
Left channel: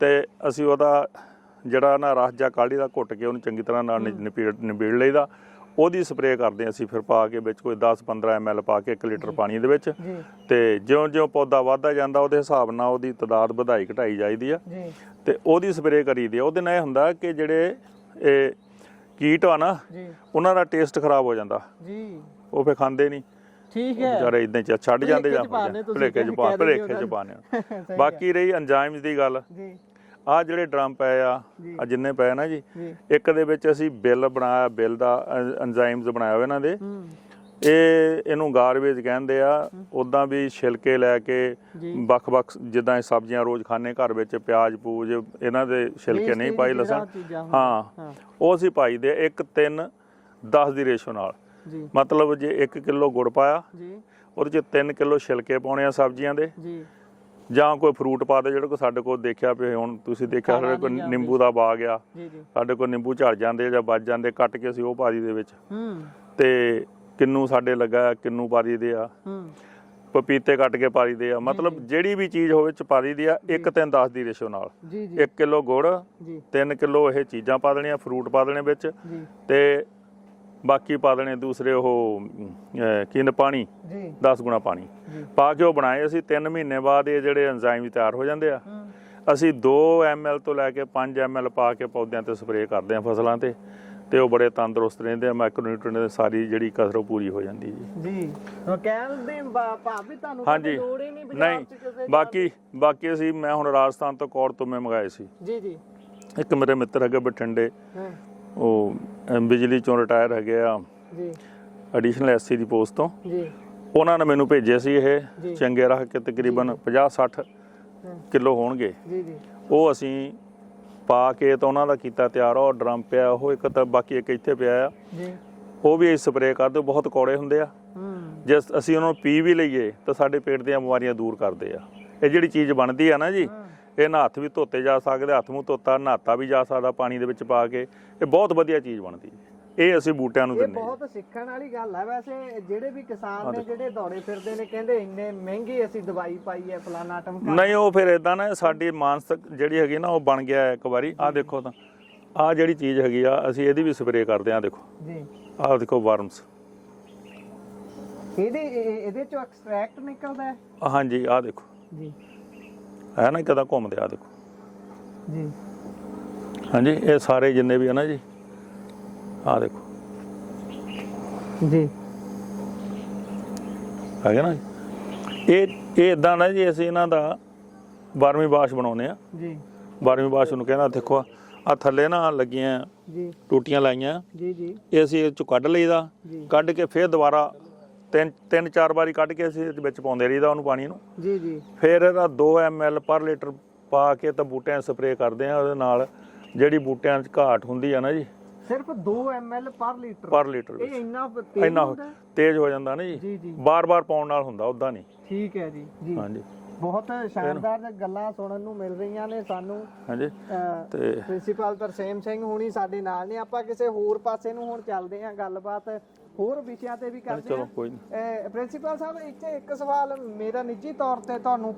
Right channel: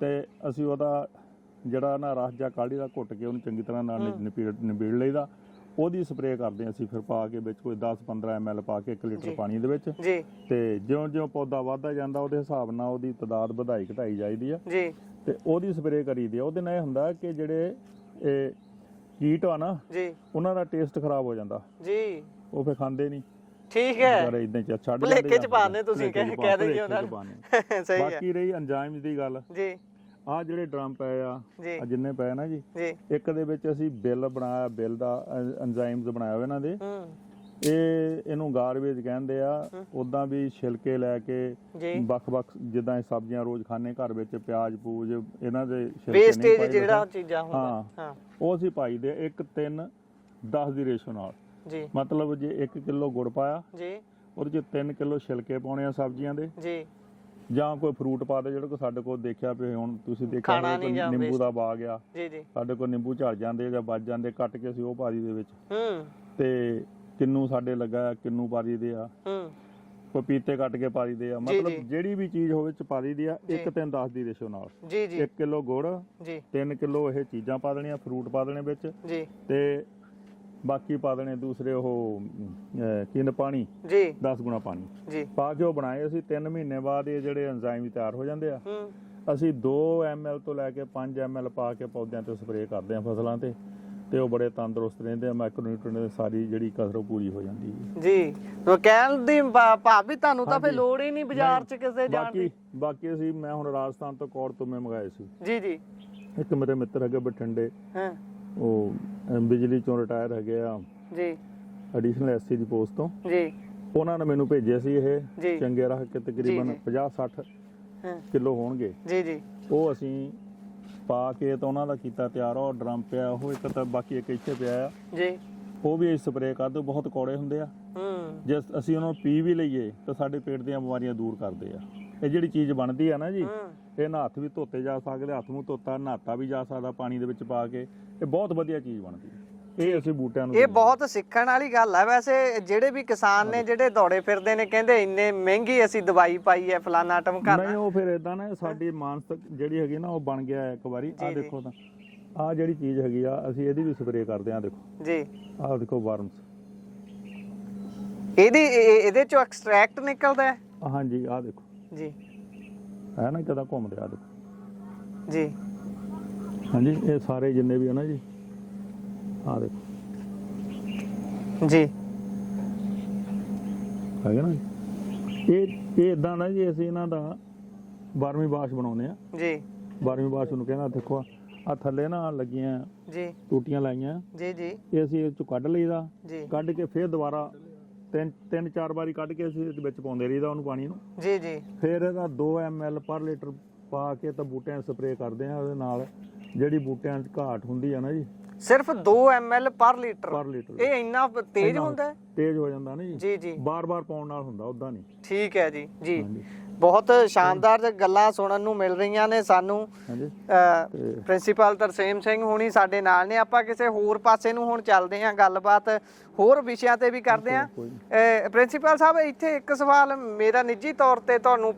ਤੇ ਅਸੀਂ ਉਹਦਾ ਜਿਹੜਾ ਨਾ ਰਸ ਜਾਂ ਕਾੜੀ ਦਾ ਘੁੱਟ ਕੇ ਉਹਨੂੰ ਚੰਗੀ ਤਰ੍ਹਾਂ ਨਾਲ ਨਿਬੇੜ ਲਈਦਾ। ਉਹਦੀ ਸਪਰੇਅ ਕਰਦੇ ਹਾਂ ਅਸੀਂ, ਫਿਰ ਪਾ ਕੇ ਵਿੱਚ ਕੋਈ 10-15 ml ਪਾ ਕੇ 1 ਲੀਟਰ ਪਾਣੀ ਦੇ ਵਿੱਚ, ਤੇ ਜਿਉਂ-ਜਿਉਂ ਪੌਦਾ ਵੱਧਦਾ ਜਾਂਦਾ ਉਹਦੇ ਹਿਸਾਬ ਨਾਲ ਉਹਦੀ ਤਾਦਾਦ ਵਧਾਈ ਘਟਾਈ ਜਾਈਦੀ ਆ ਤੇ ਉਹਦੀ ਸਪਰੇਅ ਕਰੀਦੀ ਆ। ਉਹਦੇ ਨਾਲ ਇਹ ਹੁੰਦਾ ਕਿ ਜਿਹੜੇ ਇਹ ਕੀਟ ਆ ਨਾ ਉਹਨਾਂ ਦਾ ਟੇਸਟ ਖਰਾਬ ਹੋ ਜਾਂਦਾ ਜੀ, ਉਹ ਫਿਰ ਖਾਂਦੇ ਨਹੀਂ। ਠੀਕ ਹੈ, ਵਿਚਾਰੇ ਇਦਾਂ ਛੱਡ ਜਾਂਦੇ ਆ, ਭਲੇਖੇ ਚ ਪਾਣੇ। ਬਾਕੀ ਰਹੀ ਐਂਜ਼ਾਈਮਸ ਦੀ ਗੱਲ ਜੀ, ਆਹ ਜਿਹੜੇ ਡਰਮ ਪਏ ਆ ਜਿੰਨੇ ਪਏ ਨਾ ਜੀ, ਇੱਕ ਦੇ ਵਿੱਚ ਅਸੀਂ ਬਿੱਲ ਬਣਾਇਆ, ਬਿੱਲ ਦਾ ਐਂਜ਼ਾਈਮਸ ਬਣਾਇਆ ਹੋਇਆ ਇਹਨਾਂ ਦੇ, ਇਹਨੂੰ ਗਾਰਬੇਜ ਕਹਿੰਦੇ ਆ। ਉਦਾਂ ਵੀ ਛਿਲਕੇ ਲੈ ਕੇ ਵੱਖ-ਵੱਖ ਜਿੱਦਾਂ ਸਬਜ਼ੀਆਂ ਰੋਜ਼ ਖਾਣੇ ਘਰ ਵਿੱਚ, ਪਿਆਜ਼ ਪੂਜ ਇਹਨਾਂ ਦੇ ਛਿਲਕੇ ਨਹੀਂ ਪਾਈ, ਲਸਣ ਹਾਂ ਉਹ ਅਸੀਂ ਪਾਈਦੇ 1:3:10 ਦੀ ਰੇਸ਼ੋ ਨਾਲ। ਮਤਲਬ ਜੇ 1 ਕਿਲੋ ਗੁੜ ਪਾਇਆ ਉਹਦੇ ਚ 3 ਕਿਲੋ ਛਿਲਕੇ ਪਾਉਣੇ ਆ ਸਬਜ਼ੀਆਂ ਦੇ, ਜਾਂ ਕੋਈ ਫਰੂਟ ਪਾ ਦੇ। ਜਿਹੜਾ ਕੋਈ ਸਾਡੇ ਕੋਲ ਦੇਖਿਆ ਪਿਆ, ਹੁਣ ਤੁਸੀਂ ਦੇਖਿਆ ਹੋਵੇ ਕੋਈ ਨਿੰਬੂ ਦਾ ਬਾਗ ਆ, ਸਾਡੇ ਕੋਲ ਨਿੰਬੂ ਝੜ ਜਾਂਦੇ ਜਾਂ ਵੱਜ ਜਾਂਦੇ, ਕੱਟ ਕੇ ਅਸੀਂ ਉਹ ਪਾ ਦੀ ਦੇ ਵਿੱਚ। ਤੇ ਕਿੰਨੂ ਸਾਡੇ ਲੱਗਾ, ਕਿੰਨੂ ਪਾ ਦੀ ਆ, ਪਪੀਤੇ ਕੱਟ ਕੇ ਪਾ ਦੀ ਆ, ਮਤਲਬ ਜਿਹੜੀ ਵੀ ਚੀਜ਼ ਹੋਵੇ ਚ ਪਾ ਦੀ ਆ 1:3:10 ਦੀ ਰੇਸ਼ੋ ਨਾਲ। 1 ਕਿਲੋ ਗੁੜ, 3 ਕਿਲੋ ਇਹ ਚੀਜ਼ਾਂ ਪਾ ਦੇਣੀਆਂ, ਫਰੂਟ ਪਾ ਦੇਣੇ ਵਿੱਚ, ਤੇ ਬਾਕੀ ਪਾ ਦੇਣੇ ਦੂਸਰੇ ਉਹ ਪਾਣੀ 10 ਗੁਣਾ ਪਾਣੀ ਪਾ ਕੇ ਉਹ ਬਣਾਏ ਅਸੀਂ। 3 ਮਹੀਨੇ ਬਾਅਦ ਇਹ ਜਿਹੜੇ ਐਂਜ਼ਾਈਮ ਤਿਆਰ ਹੋ ਜਾਂਦੇ ਆ। ਅਸੀਂ 2 ml ਤੋਂ ਲੈ ਕੇ 5 ml ਪਾ ਕੇ ਪੌਦਿਆਂ ਤੇ ਸਪਰੇਅ ਕਰਦੇ ਆ ਫਸਲਾਂ ਤੇ ਉਹ ਬੜੇ ਤੰਦਰੁਸਤ ਰਹਿੰਦੇ ਆ, ਮਾਈਕਰੋਨਿਊਟ੍ਰੀਐਂਟ ਦੀ ਸਾਰੀ ਜਿਹੜੀ ਕਸਰ ਪੂਰੀ ਹੋ ਜਾਂਦੀ ਜੀ। ਉਹ ਕਹਿਣ ਦੀ ਭਾਵ ਵੀ ਤੁਹਾਨੂੰ ਤਾਂ ਫਿਰ ਲੋੜ ਹੀ ਨਹੀਂ ਬਾਜ਼ਾਰ ਚ ਕਿਸੇ। ਬਾਕੀ ਅਸੀਂ ਮੈਂ ਹੁਣ ਰਾਜਸਥਾਨ ਤੋਂ ਕੌੜ ਤੁਮੇ ਮੰਗਾਏ ਸੀ ਜੀ। ਇੱਕ ਮੇਰੇ ਮਿੱਤਰ ਹੈਗੇ ਬਠਿੰਡੇ, ਉਹ ਬਿਜਲੀ ਚੋਂ ਰਿਟਾਇਰ ਹੈਗੇ ਆ ਜੀ, ਐਡੀਸ਼ਨਲ ਐਸਸੀ ਦੀ ਪੋਸਟ ਤੋਂ ਜੀ। ਉਹਨਾਂ ਨੇ ਮੈਨੂੰ ਭੇਜੇ ਸੀ ਇਹ ਚੰਗੇ ਰੱਖ ਕੇ, ਤਕਰੀਬਨ 50-60 ਕਿਲੋ ਹੋਣਗੇ ਜੀ। ਉਹ ਅਸੀਂ ਪਾ ਕੇ ਤਾਂ ਉਹਨਾਂ ਦਾ ਕੀਤਾ ਤਿਆਰ, ਉਹ ਡਰਮ ਪਿਆ, ਉਹ ਇੱਕ ਤਾਂ ਬਾਕੀ ਇੱਕ ਇੱਥੇ ਪਿਆ ਆ ਜੀ, ਉਹ ਵੀ ਅਸੀਂ ਸਪਰੇਅ ਕਰਦੇ। ਬਹੁਤ ਕੌੜੇ ਹੁੰਦੇ ਆ, ਜੇ ਅਸੀਂ ਉਹਨਾਂ ਨੂੰ ਪੀ ਵੀ ਲਈਏ ਤਾਂ ਸਾਡੇ ਪੇਟ ਦੀਆਂ ਬਿਮਾਰੀਆਂ ਦੂਰ ਕਰਦੇ ਆ। ਇਹ ਜਿਹੜੀ ਚੀਜ਼ ਬਣਦੀ ਆ ਨਾ ਜੀ, ਇਹ ਨਾ ਹੱਥ ਵੀ ਧੋਤੇ ਜਾ ਸਕਦੇ, ਹੱਥ ਮੂੰਹ ਧੋਤਾ ਨਹਾਤਾ ਵੀ ਜਾ ਸਕਦਾ ਪਾਣੀ ਦੇ ਵਿੱਚ ਪਾ ਕੇ। ਇਹ ਬਹੁਤ ਵਧੀਆ ਚੀਜ਼ ਬਣਦੀ ਹੈ। ਇਹ ਅਸੀਂ ਬੂਟਿਆਂ ਨੂੰ, ਇਹ ਬਹੁਤ ਸਿੱਖਣ ਵਾਲੀ ਗੱਲ ਹੈ। ਵੈਸੇ ਜਿਹੜੇ ਵੀ ਕਿਸਾਨ ਨੇ ਜਿਹੜੇ ਦੌੜੇ ਫਿਰਦੇ ਨੇ, ਕਹਿੰਦੇ ਇੰਨੇ ਮਹਿੰਗੀ ਅਸੀਂ ਦਵਾਈ ਪਾਈ ਹੈ ਫਲਾਨਾ ਟਮਕਾ, ਨਹੀਂ ਉਹ ਫਿਰ ਇਦਾਂ ਨਾ ਸਾਡੀ ਮਾਨਸਿਕ ਜਿਹੜੀ ਹੈਗੀ ਨਾ ਉਹ ਬਣ ਗਿਆ ਇੱਕ ਵਾਰੀ। ਆਹ ਦੇਖੋ ਤਾਂ ਆਹ ਜਿਹੜੀ ਚੀਜ਼ ਹੈਗੀ ਆ, ਅਸੀਂ ਇਹਦੀ ਵੀ ਸਪਰੇਅ ਕਰਦੇ ਆ। ਦੇਖੋ ਜੀ, ਆਹ ਦੇਖੋ ਵਰਮਸ, ਇਹਦੇ ਚੋਂ ਐਕਸਟ੍ਰੈਕਟ ਨਿਕਲਦਾ ਹੈ। ਹਾਂਜੀ ਆਹ ਦੇਖੋ ਜੀ, ਹੈ ਨਾ ਕਿਦਾਂ ਘੁੰਮਦੇ, ਆ ਦੇਖੋ ਜੀ। ਹਾਂਜੀ ਇਹ ਸਾਰੇ ਜਿੰਨੇ ਵੀ ਹੈ ਨਾ ਜੀ, ਆਹ ਦੇਖੋ ਜੀ, ਹੈਗਾ ਨਾ। ਇਹ ਇਦਾਂ ਨਾ ਜੀ, ਅਸੀਂ ਇਹਨਾਂ ਦਾ 12ਵੀਂ ਬਾਸ਼ ਬਣਾਉਂਦੇ ਆ ਜੀ। 12ਵੀਂ ਬਾਸ਼ ਨੂੰ ਕਹਿੰਦਾ, ਦੇਖੋ ਆ ਥੱਲੇ ਨਾ ਲੱਗੀਆਂ ਜੀ ਟੂਟੀਆਂ ਲਾਈਆਂ ਜੀ ਜੀ, ਇਹ ਅਸੀਂ ਇਹ ਚੋਂ ਕੱਢ ਲਈਦਾ, ਕੱਢ ਕੇ ਫਿਰ ਦੁਬਾਰਾ 3-4 ਵਾਰੀ ਕੱਢ ਕੇ ਅਸੀਂ ਇਹਦੇ ਵਿੱਚ ਪਾਉਂਦੇ ਰਹੀਦਾ ਉਹਨੂੰ ਪਾਣੀ ਨੂੰ ਜੀ ਜੀ। ਫਿਰ ਇਹਦਾ 2 ml ਪਰ ਲੀਟਰ ਪਾ ਕੇ ਤਾਂ ਬੂਟਿਆਂ ਸਪਰੇਅ ਕਰਦੇ ਆ। ਉਹਦੇ ਨਾਲ ਜਿਹੜੀ ਬੂਟਿਆਂ 'ਚ ਘਾਟ ਹੁੰਦੀ ਆ ਨਾ ਜੀ, ਸਿਰਫ 2 ml ਪਰ ਲੀਟਰ। ਇਹ ਇੰਨਾ ਤੇਜ਼ ਹੁੰਦਾ, ਤੇਜ਼ ਹੋ ਜਾਂਦਾ ਨਾ ਜੀ। ਬਾਰ-ਬਾਰ ਪਾਉਣ ਨਾਲ ਹੁੰਦਾ, ਉਦਾਂ ਨਹੀਂ। ਠੀਕ ਹੈ ਜੀ ਜੀ। ਹਾਂਜੀ ਬਹੁਤ ਸ਼ਾਨਦਾਰ ਗੱਲਾਂ ਸੁਣਨ ਨੂੰ ਮਿਲ ਰਹੀਆਂ ਨੇ ਸਾਨੂੰ। ਹਾਂਜੀ ਤੇ ਪ੍ਰਿੰਸੀਪਲ ਤਰਸੇਮ ਸਿੰਘ ਹੁਣੀ ਸਾਡੇ ਨਾਲ ਨੇ। ਆਪਾਂ ਕਿਸੇ ਹੋਰ ਪਾਸੇ ਨੂੰ ਹੁਣ ਚੱਲਦੇ ਹਾਂ, ਗੱਲਬਾਤ ਹੋਰ ਵਿਸ਼ਿਆਂ ਤੇ ਵੀ ਕਰਦੇ ਹਾਂ। ਪ੍ਰਿੰਸੀਪਲ ਸਾਹਿਬ, ਇੱਥੇ ਇੱਕ ਸਵਾਲ ਮੇਰਾ ਨਿੱਜੀ ਤੌਰ ਤੇ ਤੁਹਾਨੂੰ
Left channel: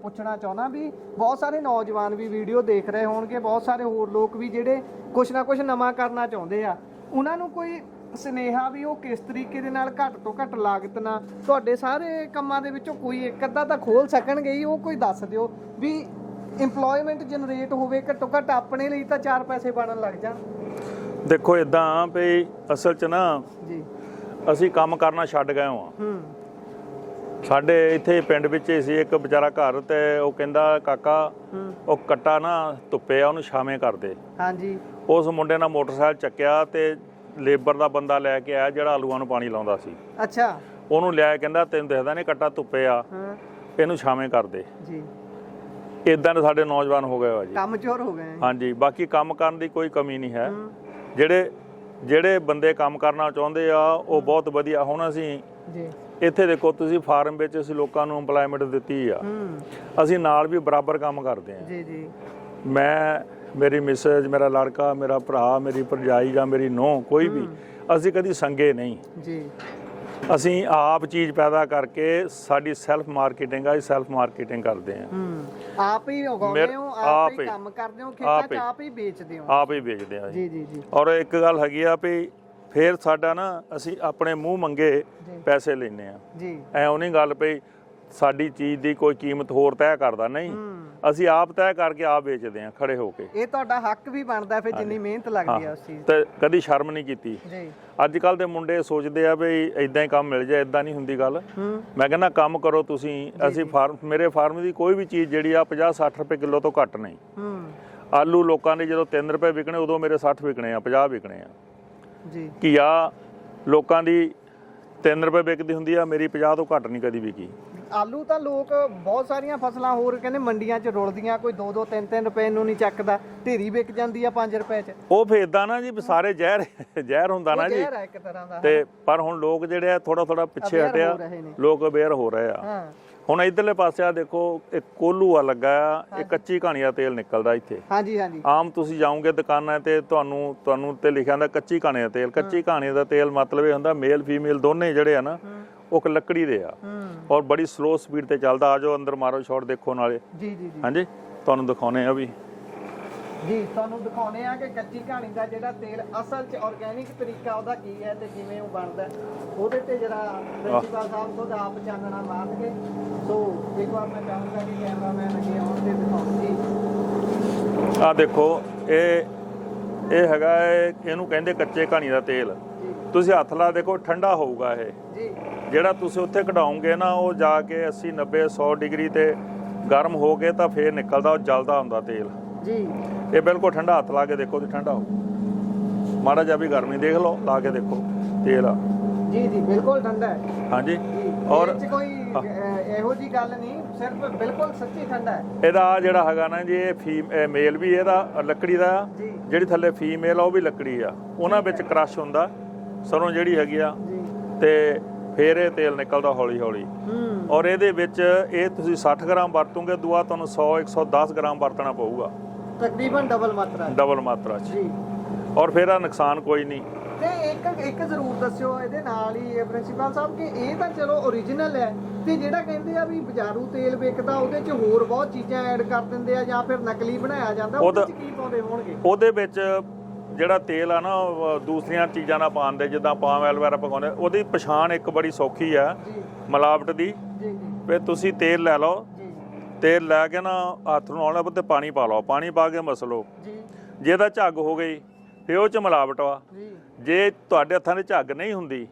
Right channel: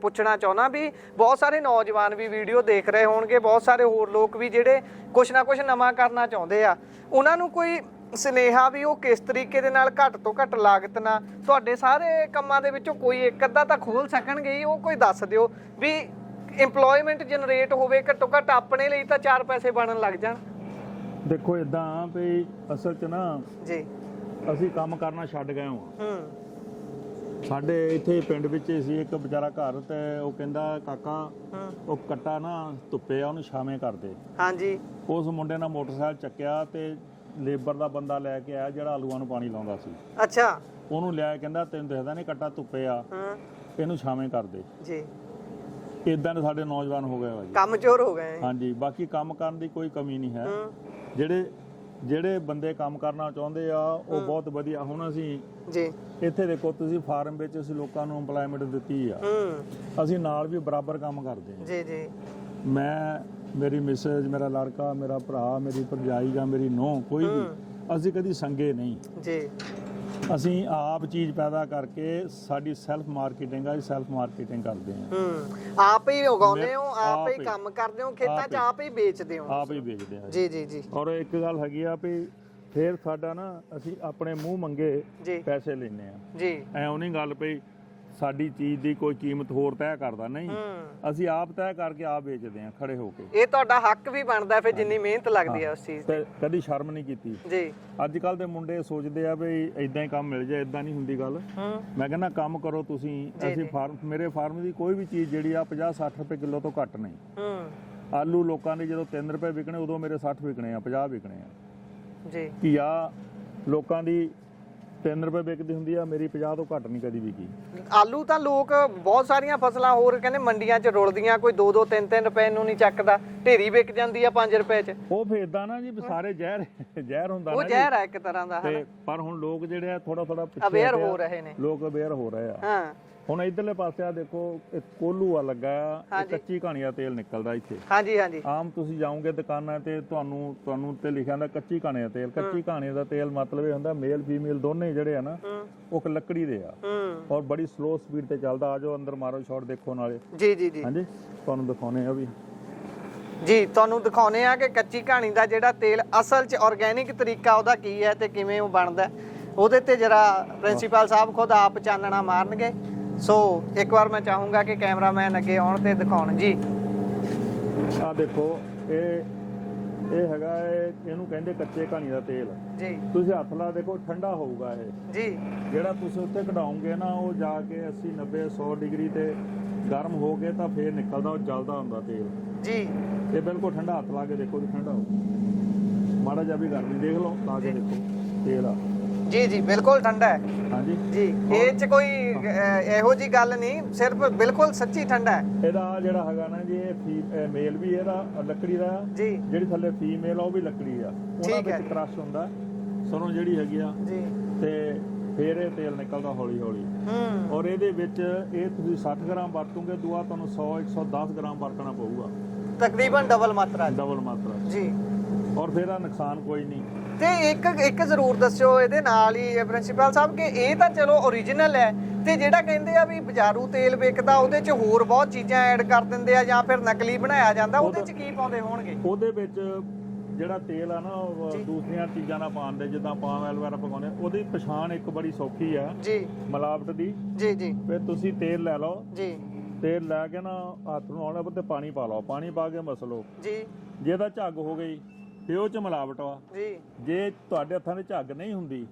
ਪੁੱਛਣਾ ਚਾਹੁੰਦਾ ਵੀ ਬਹੁਤ ਸਾਰੇ ਨੌਜਵਾਨ ਵੀ ਵੀਡੀਓ ਦੇਖ ਰਹੇ ਹੋਣਗੇ, ਬਹੁਤ ਸਾਰੇ ਹੋਰ ਲੋਕ ਵੀ ਜਿਹੜੇ ਕੁਛ ਨਾ ਕੁਛ ਨਵਾਂ ਕਰਨਾ ਚਾਹੁੰਦੇ ਆ, ਉਹਨਾਂ ਨੂੰ ਕੋਈ ਸੁਨੇਹਾ ਵੀ ਉਹ ਕਿਸ ਤਰੀਕੇ ਦੇ ਨਾਲ ਘੱਟ ਤੋਂ ਘੱਟ ਲਾਗਤ ਨਾਲ ਤੁਹਾਡੇ ਸਾਰੇ ਕੰਮਾਂ ਦੇ ਵਿੱਚੋਂ ਕੋਈ ਇੱਕ ਅੱਧਾ ਤਾਂ ਖੋਲ ਸਕਣਗੇ ਹੀ, ਉਹ ਕੋਈ ਦੱਸ ਦਿਓ ਵੀ ਇੰਪਲੋਇਮੈਂਟ ਜਨਰੇਟ ਹੋਵੇ, ਘੱਟੋ ਘੱਟ ਆਪਣੇ ਲਈ ਤਾਂ 4 ਪੈਸੇ ਬਣਨ ਲੱਗ ਜਾਣ। ਦੇਖੋ ਇਦਾਂ ਵੀ ਅਸਲ 'ਚ ਨਾ ਜੀ ਅਸੀਂ ਕੰਮ ਕਰਨਾ ਛੱਡ ਗਏ ਹਾਂ। ਸਾਡੇ ਇੱਥੇ ਪਿੰਡ ਵਿੱਚ ਹੀ ਸੀ ਇੱਕ ਵਿਚਾਰਾ ਘਰ, ਤੇ ਉਹ ਕਹਿੰਦਾ ਕਾਕਾ ਉਹ ਕੱਟਾ ਨਾ ਧੁੱਪੇ ਆ, ਉਹਨੂੰ ਛਾਵੇਂ ਕਰਦੇ। ਹਾਂਜੀ। ਉਸ ਮੁੰਡੇ ਨਾਲ ਮੋਟਰਸਾਈਕਲ ਚੱਕਿਆ ਤੇ ਲੇਬਰ ਦਾ ਬੰਦਾ ਲੈ ਕੇ ਆਇਆ ਜਿਹੜਾ ਆਲੂਆਂ ਨੂੰ ਪਾਣੀ ਲਾਉਂਦਾ ਸੀ। ਅੱਛਾ। ਉਹਨੂੰ ਲਿਆ, ਕਹਿੰਦਾ ਤੈਨੂੰ ਦਿਖਦਾ ਨਹੀਂ ਕੱਟਾ ਧੁੱਪੇ ਆ, ਇਹਨੂੰ ਛਾਵੇਂ ਕਰਦੇ ਜੀ। ਇਦਾਂ ਦੇ ਸਾਡੇ ਨੌਜਵਾਨ ਹੋ ਗਏ ਵਾ ਜੀ, ਕੰਮ ਚੋਰ ਹੋ ਗਏ। ਹਾਂਜੀ। ਬਾਕੀ ਕੰਮ ਕਰਨ ਦੀ ਕੋਈ ਕਮੀ ਨਹੀਂ ਹੈ। ਜਿਹੜੇ ਬੰਦੇ ਕੰਮ ਕਰਨਾ ਚਾਹੁੰਦੇ ਆ ਉਹ ਬਹੁਤ ਵਧੀਆ। ਹੁਣ ਅਸੀਂ ਜੀ ਇੱਥੇ ਦੇਖੋ, ਤੁਸੀਂ ਫਾਰਮ ਵਿੱਚ ਅਸੀਂ ਲੋਕਾਂ ਨੂੰ ਇੰਪਲੋਇਮੈਂਟ ਦਿੱਤੀ ਆ, ਅਸੀਂ ਨਾਲ ਵੀ ਬਰਾਬਰ ਕੰਮ ਕਰਦੇ ਆ। ਜੀ ਜੀ। ਮੈਂ, ਮੇਰੀ ਮਿਸੇਜ, ਮੇਰਾ ਲੜਕਾ, ਮੇਰਾ ਭਰਾ, ਮੇਰੀ ਭਰਜਾਈ ਜਾਂ ਮੇਰੀ ਨੂੰਹ, ਕੋਈ ਵੀ, ਅਸੀਂ ਕਦੀ ਸੰਗੇ ਨਹੀਂ ਜੀ। ਅਸੀਂ ਆਪ ਚੀਜ਼ ਪੈਦਾ ਕਰਕੇ, ਸਾਡੀ ਸੈਲਫ ਮਾਰਕੀਟਿੰਗ ਆ, ਸੈਲਫ ਮਾਰਕੀਟਿੰਗ ਕਰਦੇ ਆ। ਆਪ ਹੀ ਉਗਾਉਂਦੇ ਹੋ, ਆਪ ਹੀ ਕੰਮ ਕਰਦੇ ਹੋ, ਖੇਤਾਂ 'ਚ ਆਪ ਹੀ ਵੇਚਦੇ ਹੋ। ਆਪ ਹੀ ਵੇਚਦੇ ਆ ਜੀ ਜੀ ਜੀ। ਔਰ ਇੱਕ ਗੱਲ ਹੈਗੀ ਆ ਵੀ ਫੇਰ ਸਾਡਾ ਨਾ, ਅਸੀਂ ਆਪਣੇ ਮੂੰਹ ਮੰਗੇ ਪੈਸੇ ਲੈਨੇ ਆ ਜੀ। ਐਉਂ ਨਹੀਂ ਗੱਲ ਪਈ ਸਾਡੀ ਚੀਜ਼ ਦੀ ਕੋਈ ਕੀਮਤ ਹੋਰ ਤੈਅ ਕਰਦਾ, ਨਹੀਂ, ਅਸੀਂ ਆਪ ਤੈਅ ਕਰਕੇ ਆਪ ਵੇਚਦੇ ਆ ਖੜੇ ਹੋ ਕੇ। ਇਹ ਤੁਹਾਡਾ ਹੱਕ ਵੀ ਬਣਦਾ ਫਿਰ, ਜਿੰਨੀ ਮਿਹਨਤ ਲੱਗਦੀ ਆ ਉਸ ਚੀਜ਼ ਤੇ ਕਦੀ ਸ਼ਰਮ ਨਹੀਂ ਕੀਤੀ ਜੀ। ਅੱਜ ਕੱਲ ਦੇ ਮੁੰਡੇ ਸੋਚਦੇ ਆ ਵੀ ਇਦਾਂ ਹੀ ਕੰਮ ਮਿਲ ਜਾਏ, ਇਦਾਂ ਨਹੀਂ ਹੁੰਦੀ ਗੱਲ। ਮੈਂ ਕਹਿੰਦਾ ਕੰਮ ਕਰੋ ਤੁਸੀਂ। ਅਸੀਂ ਮੇਰੇ ਫਾਰਮ ਦੀ ਕੋਈ ਵੀ ਚੀਜ਼ ਜਿਹੜੀ ਆ 50-60 ਰੁਪਏ ਕਿਲੋ ਤੋਂ ਘੱਟ ਨਹੀਂ। ਆਲੂ ਲੋਕਾਂ ਦੇ ਜਦੋਂ 3 ਰੁਪਏ ਵਿਕਣੇ, ਉਦੋਂ ਮੇਰੇ 60 ਵਿਕਣੇ ਆ, 50 ਵਿਕਣੇ ਆ ਜੀ। ਘੀਆ ਲੋਕਾਂ ਦੀ 3 ਰੁਪਏ ਵਿਕਦੀ ਹੁੰਦੀ ਆ, ਮੇਰੀ 50 ਤੋਂ ਘੱਟ ਨਹੀਂ ਕਦੀ ਵਿਕੀ। ਆਲੂ ਤਾਂ ਲੋਕ ਬਹੁਤ ਸਾਰੀਆਂ ਫਸਲਾਂ ਹੋਰ ਕਹਿੰਦੇ ਮੰਡੀਆਂ 'ਚ ਰੁਲਦੀਆਂ, ਕੋਈ 2-2 3-3 ਰੁਪਏ ਨੂੰ ਨਹੀਂ ਚੱਕਦਾ, ਢੇਰੀ ਵਿਕ ਜਾਂਦੀ ਆ 5 ਰੁਪਏ 'ਚ। ਉਹ ਫੇਰ ਇਦਾਂ ਨਾ ਜੀ, ਸਾਰੇ ਜ਼ਹਿਰ ਹੁੰਦਾ ਨਾ ਜੀ, ਜ਼ਹਿਰ ਹੈ ਇੱਕ ਤਰ੍ਹਾਂ ਦਾ। ਤੇ ਪਰ ਹੁਣ ਲੋਕ ਜਿਹੜੇ ਆ ਥੋੜਾ ਪਿੱਛੇ ਹਟਿਆ, ਲੋਕ ਅਵੇਅਰ ਹੋ ਰਹੇ ਆ। ਹੁਣ ਇਧਰਲੇ ਪਾਸੇ ਆ ਦੇਖੋ, ਇੱਕ ਕੋਲੂ ਆ ਲੱਗਾ ਆ, ਇਹ ਕੱਚੀ ਘਾਣੀ ਦਾ ਤੇਲ ਨਿਕਲਦਾ ਇੱਥੇ। ਹਾਂਜੀ ਹਾਂਜੀ। ਆਮ ਤੁਸੀਂ ਜਾਓਗੇ ਦੁਕਾਨਾਂ ਤੇ ਤੁਹਾਨੂੰ ਤੇ ਲਿਖਿਆ ਹੁੰਦਾ ਕੱਚੀ ਘਾਣੀ ਦਾ ਤੇਲ। ਕੱਚੀ ਘਾਣੀ ਦਾ ਤੇਲ ਮਤਲਬ ਇਹ ਹੁੰਦਾ ਮੇਲ ਫੀਮੇਲ ਦੋਨੇ ਜਿਹੜੇ ਆ ਨਾ, ਉਹ ਲੱਕੜੀ ਦੇ ਆ ਔਰ ਬੜੀ ਸਲੋ ਸਪੀਡ ਤੇ ਚੱਲਦਾ। ਆ ਜਾਓ ਅੰਦਰ ਮਾਰੋ ਸ਼ਾਟ ਦੇਖੋ ਨਾਲੇ। ਜੀ ਜੀ ਜੀ। ਹਾਂਜੀ, ਤੁਹਾਨੂੰ ਦਿਖਾਉਣੇ ਆ ਵੀ ਜੀ, ਤੁਹਾਨੂੰ ਦਿਖਾਉਣੇ ਆ ਕਿ ਕੱਚੀ ਘਾਣੀ ਦਾ ਜਿਹੜਾ ਤੇਲ ਅਸਲ 'ਚ ਆਰਗੈਨਿਕ ਤਰੀਕਾ ਉਹਦਾ ਕੀ ਹੈ ਤੇ ਕਿਵੇਂ ਉਹ ਬਣਦਾ, ਉਹਦੇ ਤੇ ਜਰਾ ਪ੍ਰਿੰਸੀਪਲ ਸਾਹਿਬ ਖੁਦ ਆਪ ਚਾਨਣਾ ਮਾਰਨਗੇ। ਸੋ ਇੱਕ ਵਾਰ ਮੈਂ ਚਾਹੂੰਗਾ ਕਿ ਕੈਮਰਾਮੈਨ ਅੱਗੇ ਆਉਣ ਤੇ ਦਿਖਾਉਣ ਜੀ। ਆ ਦੇਖੋ, ਇਹ ਹੈਗਾ, ਇਹਨੂੰ ਕਹਿੰਦੇ ਕੱਚੇ ਘਾਣੀ ਦਾ ਤੇਲ ਜੀ। ਤੁਸੀਂ ਹੱਥ ਲਾ ਦੇਖੋ, ਠੰਡਾ ਹੋਊਗਾ ਇਹ ਜੀ। ਜਿਹੜਾ ਤੁਸੀਂ ਉੱਥੇ ਕਢਾਉਂਗੇ ਨਾ, ਉਹ ਜਾ ਕੇ 80 90 100 ਡਿਗਰੀ ਤੇ ਗਰਮ ਹੋ ਕੇ ਤਾਂ ਫੇਰ ਨਿਕਲਦਾ, ਉਹ ਜਲਦਾ ਹੁੰਦਾ ਤੇਲ ਜੀ। ਇਹ ਬਿਲਕੁਲ ਠੰਡਾ, ਹੱਥ ਲਾ ਕੇ ਦੇਖੋ ਤੇ ਠੰਡਾ ਹੋ, ਮਾੜਾ ਜਿਹਾ ਵੀ ਗਰਮੀ ਦੇਖ ਲਓ, ਲਾ ਕੇ ਦੇਖੋ ਤੇਲ ਆ ਜੀ। ਜੀ ਬਿਲਕੁਲ ਠੰਡਾ ਹੈ। ਹਾਂਜੀ ਜੀ, ਇਹ 'ਚ ਕੋਈ ਇਹੋ ਜੀ ਗੱਲ ਨਹੀਂ, ਸਿਰਫ ਬਿਲਕੁਲ ਸੱਚੀ ਠੰਡਾ ਹੈ। ਇਹਦਾ ਜਿਹੜਾ ਹੈਗਾ ਨਾ ਜੀ, ਇਹ ਮੇਲ ਵੀ ਇਹਦਾ ਲੱਕੜੀ ਦਾ ਆ, ਜਿਹੜੀ ਥੱਲੇ ਫੀਮੇਲ ਆ ਉਹ ਵੀ ਲੱਕੜੀ ਆ। ਉਹਨਾਂ ਵਿੱਚ ਕ੍ਰਸ਼ ਹੁੰਦਾ ਸਰੋਂ ਜਿਹੜੀ ਹੈਗੀ ਆ, ਤੇ ਫੇਰ ਇਹ ਤੇਲ ਨਿਕਲਦਾ ਹੌਲੀ ਹੌਲੀ। ਔਰ ਇਹਦੇ ਵਿੱਚ ਇਹ ਤੁਸੀਂ 60 ਗ੍ਰਾਮ ਵਰਤੋਗੇ, ਦੂਆ ਤੁਹਾਨੂੰ 100-110 ਗ੍ਰਾਮ ਵਰਤਣਾ ਪਊਗਾ, ਤਕਰੀਬਨ ਡਬਲ ਮਾਤਰਾ ਜੀ। ਔਰ ਫੇਰ ਆ ਨੁਕਸਾਨ ਕੋਈ ਨਹੀਂ। ਤੇ ਇੱਕ ਜ਼ਰੂਰ ਦੱਸਿਓ ਇਹਦੇ ਨਾਲ ਹੀ ਪ੍ਰਿੰਸੀਪਲ ਸਾਹਿਬ ਕਿ ਇਹ ਤਾਂ ਚਲੋ ਓਰੀਜਨਲ ਹੈ, ਤੇ ਜਿਹੜਾ ਕਹਿੰਦੇ ਆ ਵੀ ਬਾਜ਼ਾਰੂ ਤੇਲ ਵਿਕਦਾ ਉਹਦੇ 'ਚ ਹੋਰ ਬਹੁਤ ਚੀਜ਼ਾਂ ਐਡ ਕਰ ਦਿੰਦੇ ਆ ਜਾਂ ਫਿਰ ਨਕਲੀ ਬਣਾਇਆ ਜਾਂਦਾ, ਉਹਦੇ 'ਚ ਕੀ ਪਾਉਂਦੇ ਹੋਣਗੇ? ਉਹਦੇ ਵਿੱਚ ਜਿਹੜਾ ਤੇਲ ਆ ਨਾ, ਦੂਸਰੀਆਂ ਚੀਜ਼ਾਂ ਨਾਲ ਪਾਉਂਦੇ, ਜਿੱਦਾਂ ਪਾਮ ਆਇਲ ਵਗੈਰਾ ਪਕਾਉਂਦੇ, ਉਹਦੀ ਪਛਾਣ ਇੱਕ ਬੜੀ ਸੌਖੀ ਆ ਜੀ, ਮਿਲਾਵਟ ਦੀ ਜੀ ਜੀ। ਫਿਰ ਤੁਸੀਂ ਤੇਲ ਲੈ ਲਓ ਜੀ, ਤੇਲ ਲੈ ਕੇ ਨਾ ਹੱਥ ਨੂੰ ਆਉਣਾ ਤੇ ਪਾਣੀ ਪਾ ਲਓ, ਪਾਣੀ ਪਾ ਕੇ ਮਸਲੋ ਜੀ। ਜੇ ਇਹਦਾ ਝੱਗ ਹੋ ਗਈ ਫਿਰ ਉਹ 'ਚ ਮਿਲਾਵਟ ਵਾ ਜੀ। ਜੇ ਤੁਹਾਡੇ ਹੱਥਾਂ ਦੇ ਝੱਗ ਨਹੀਂ ਹੁੰਦੀ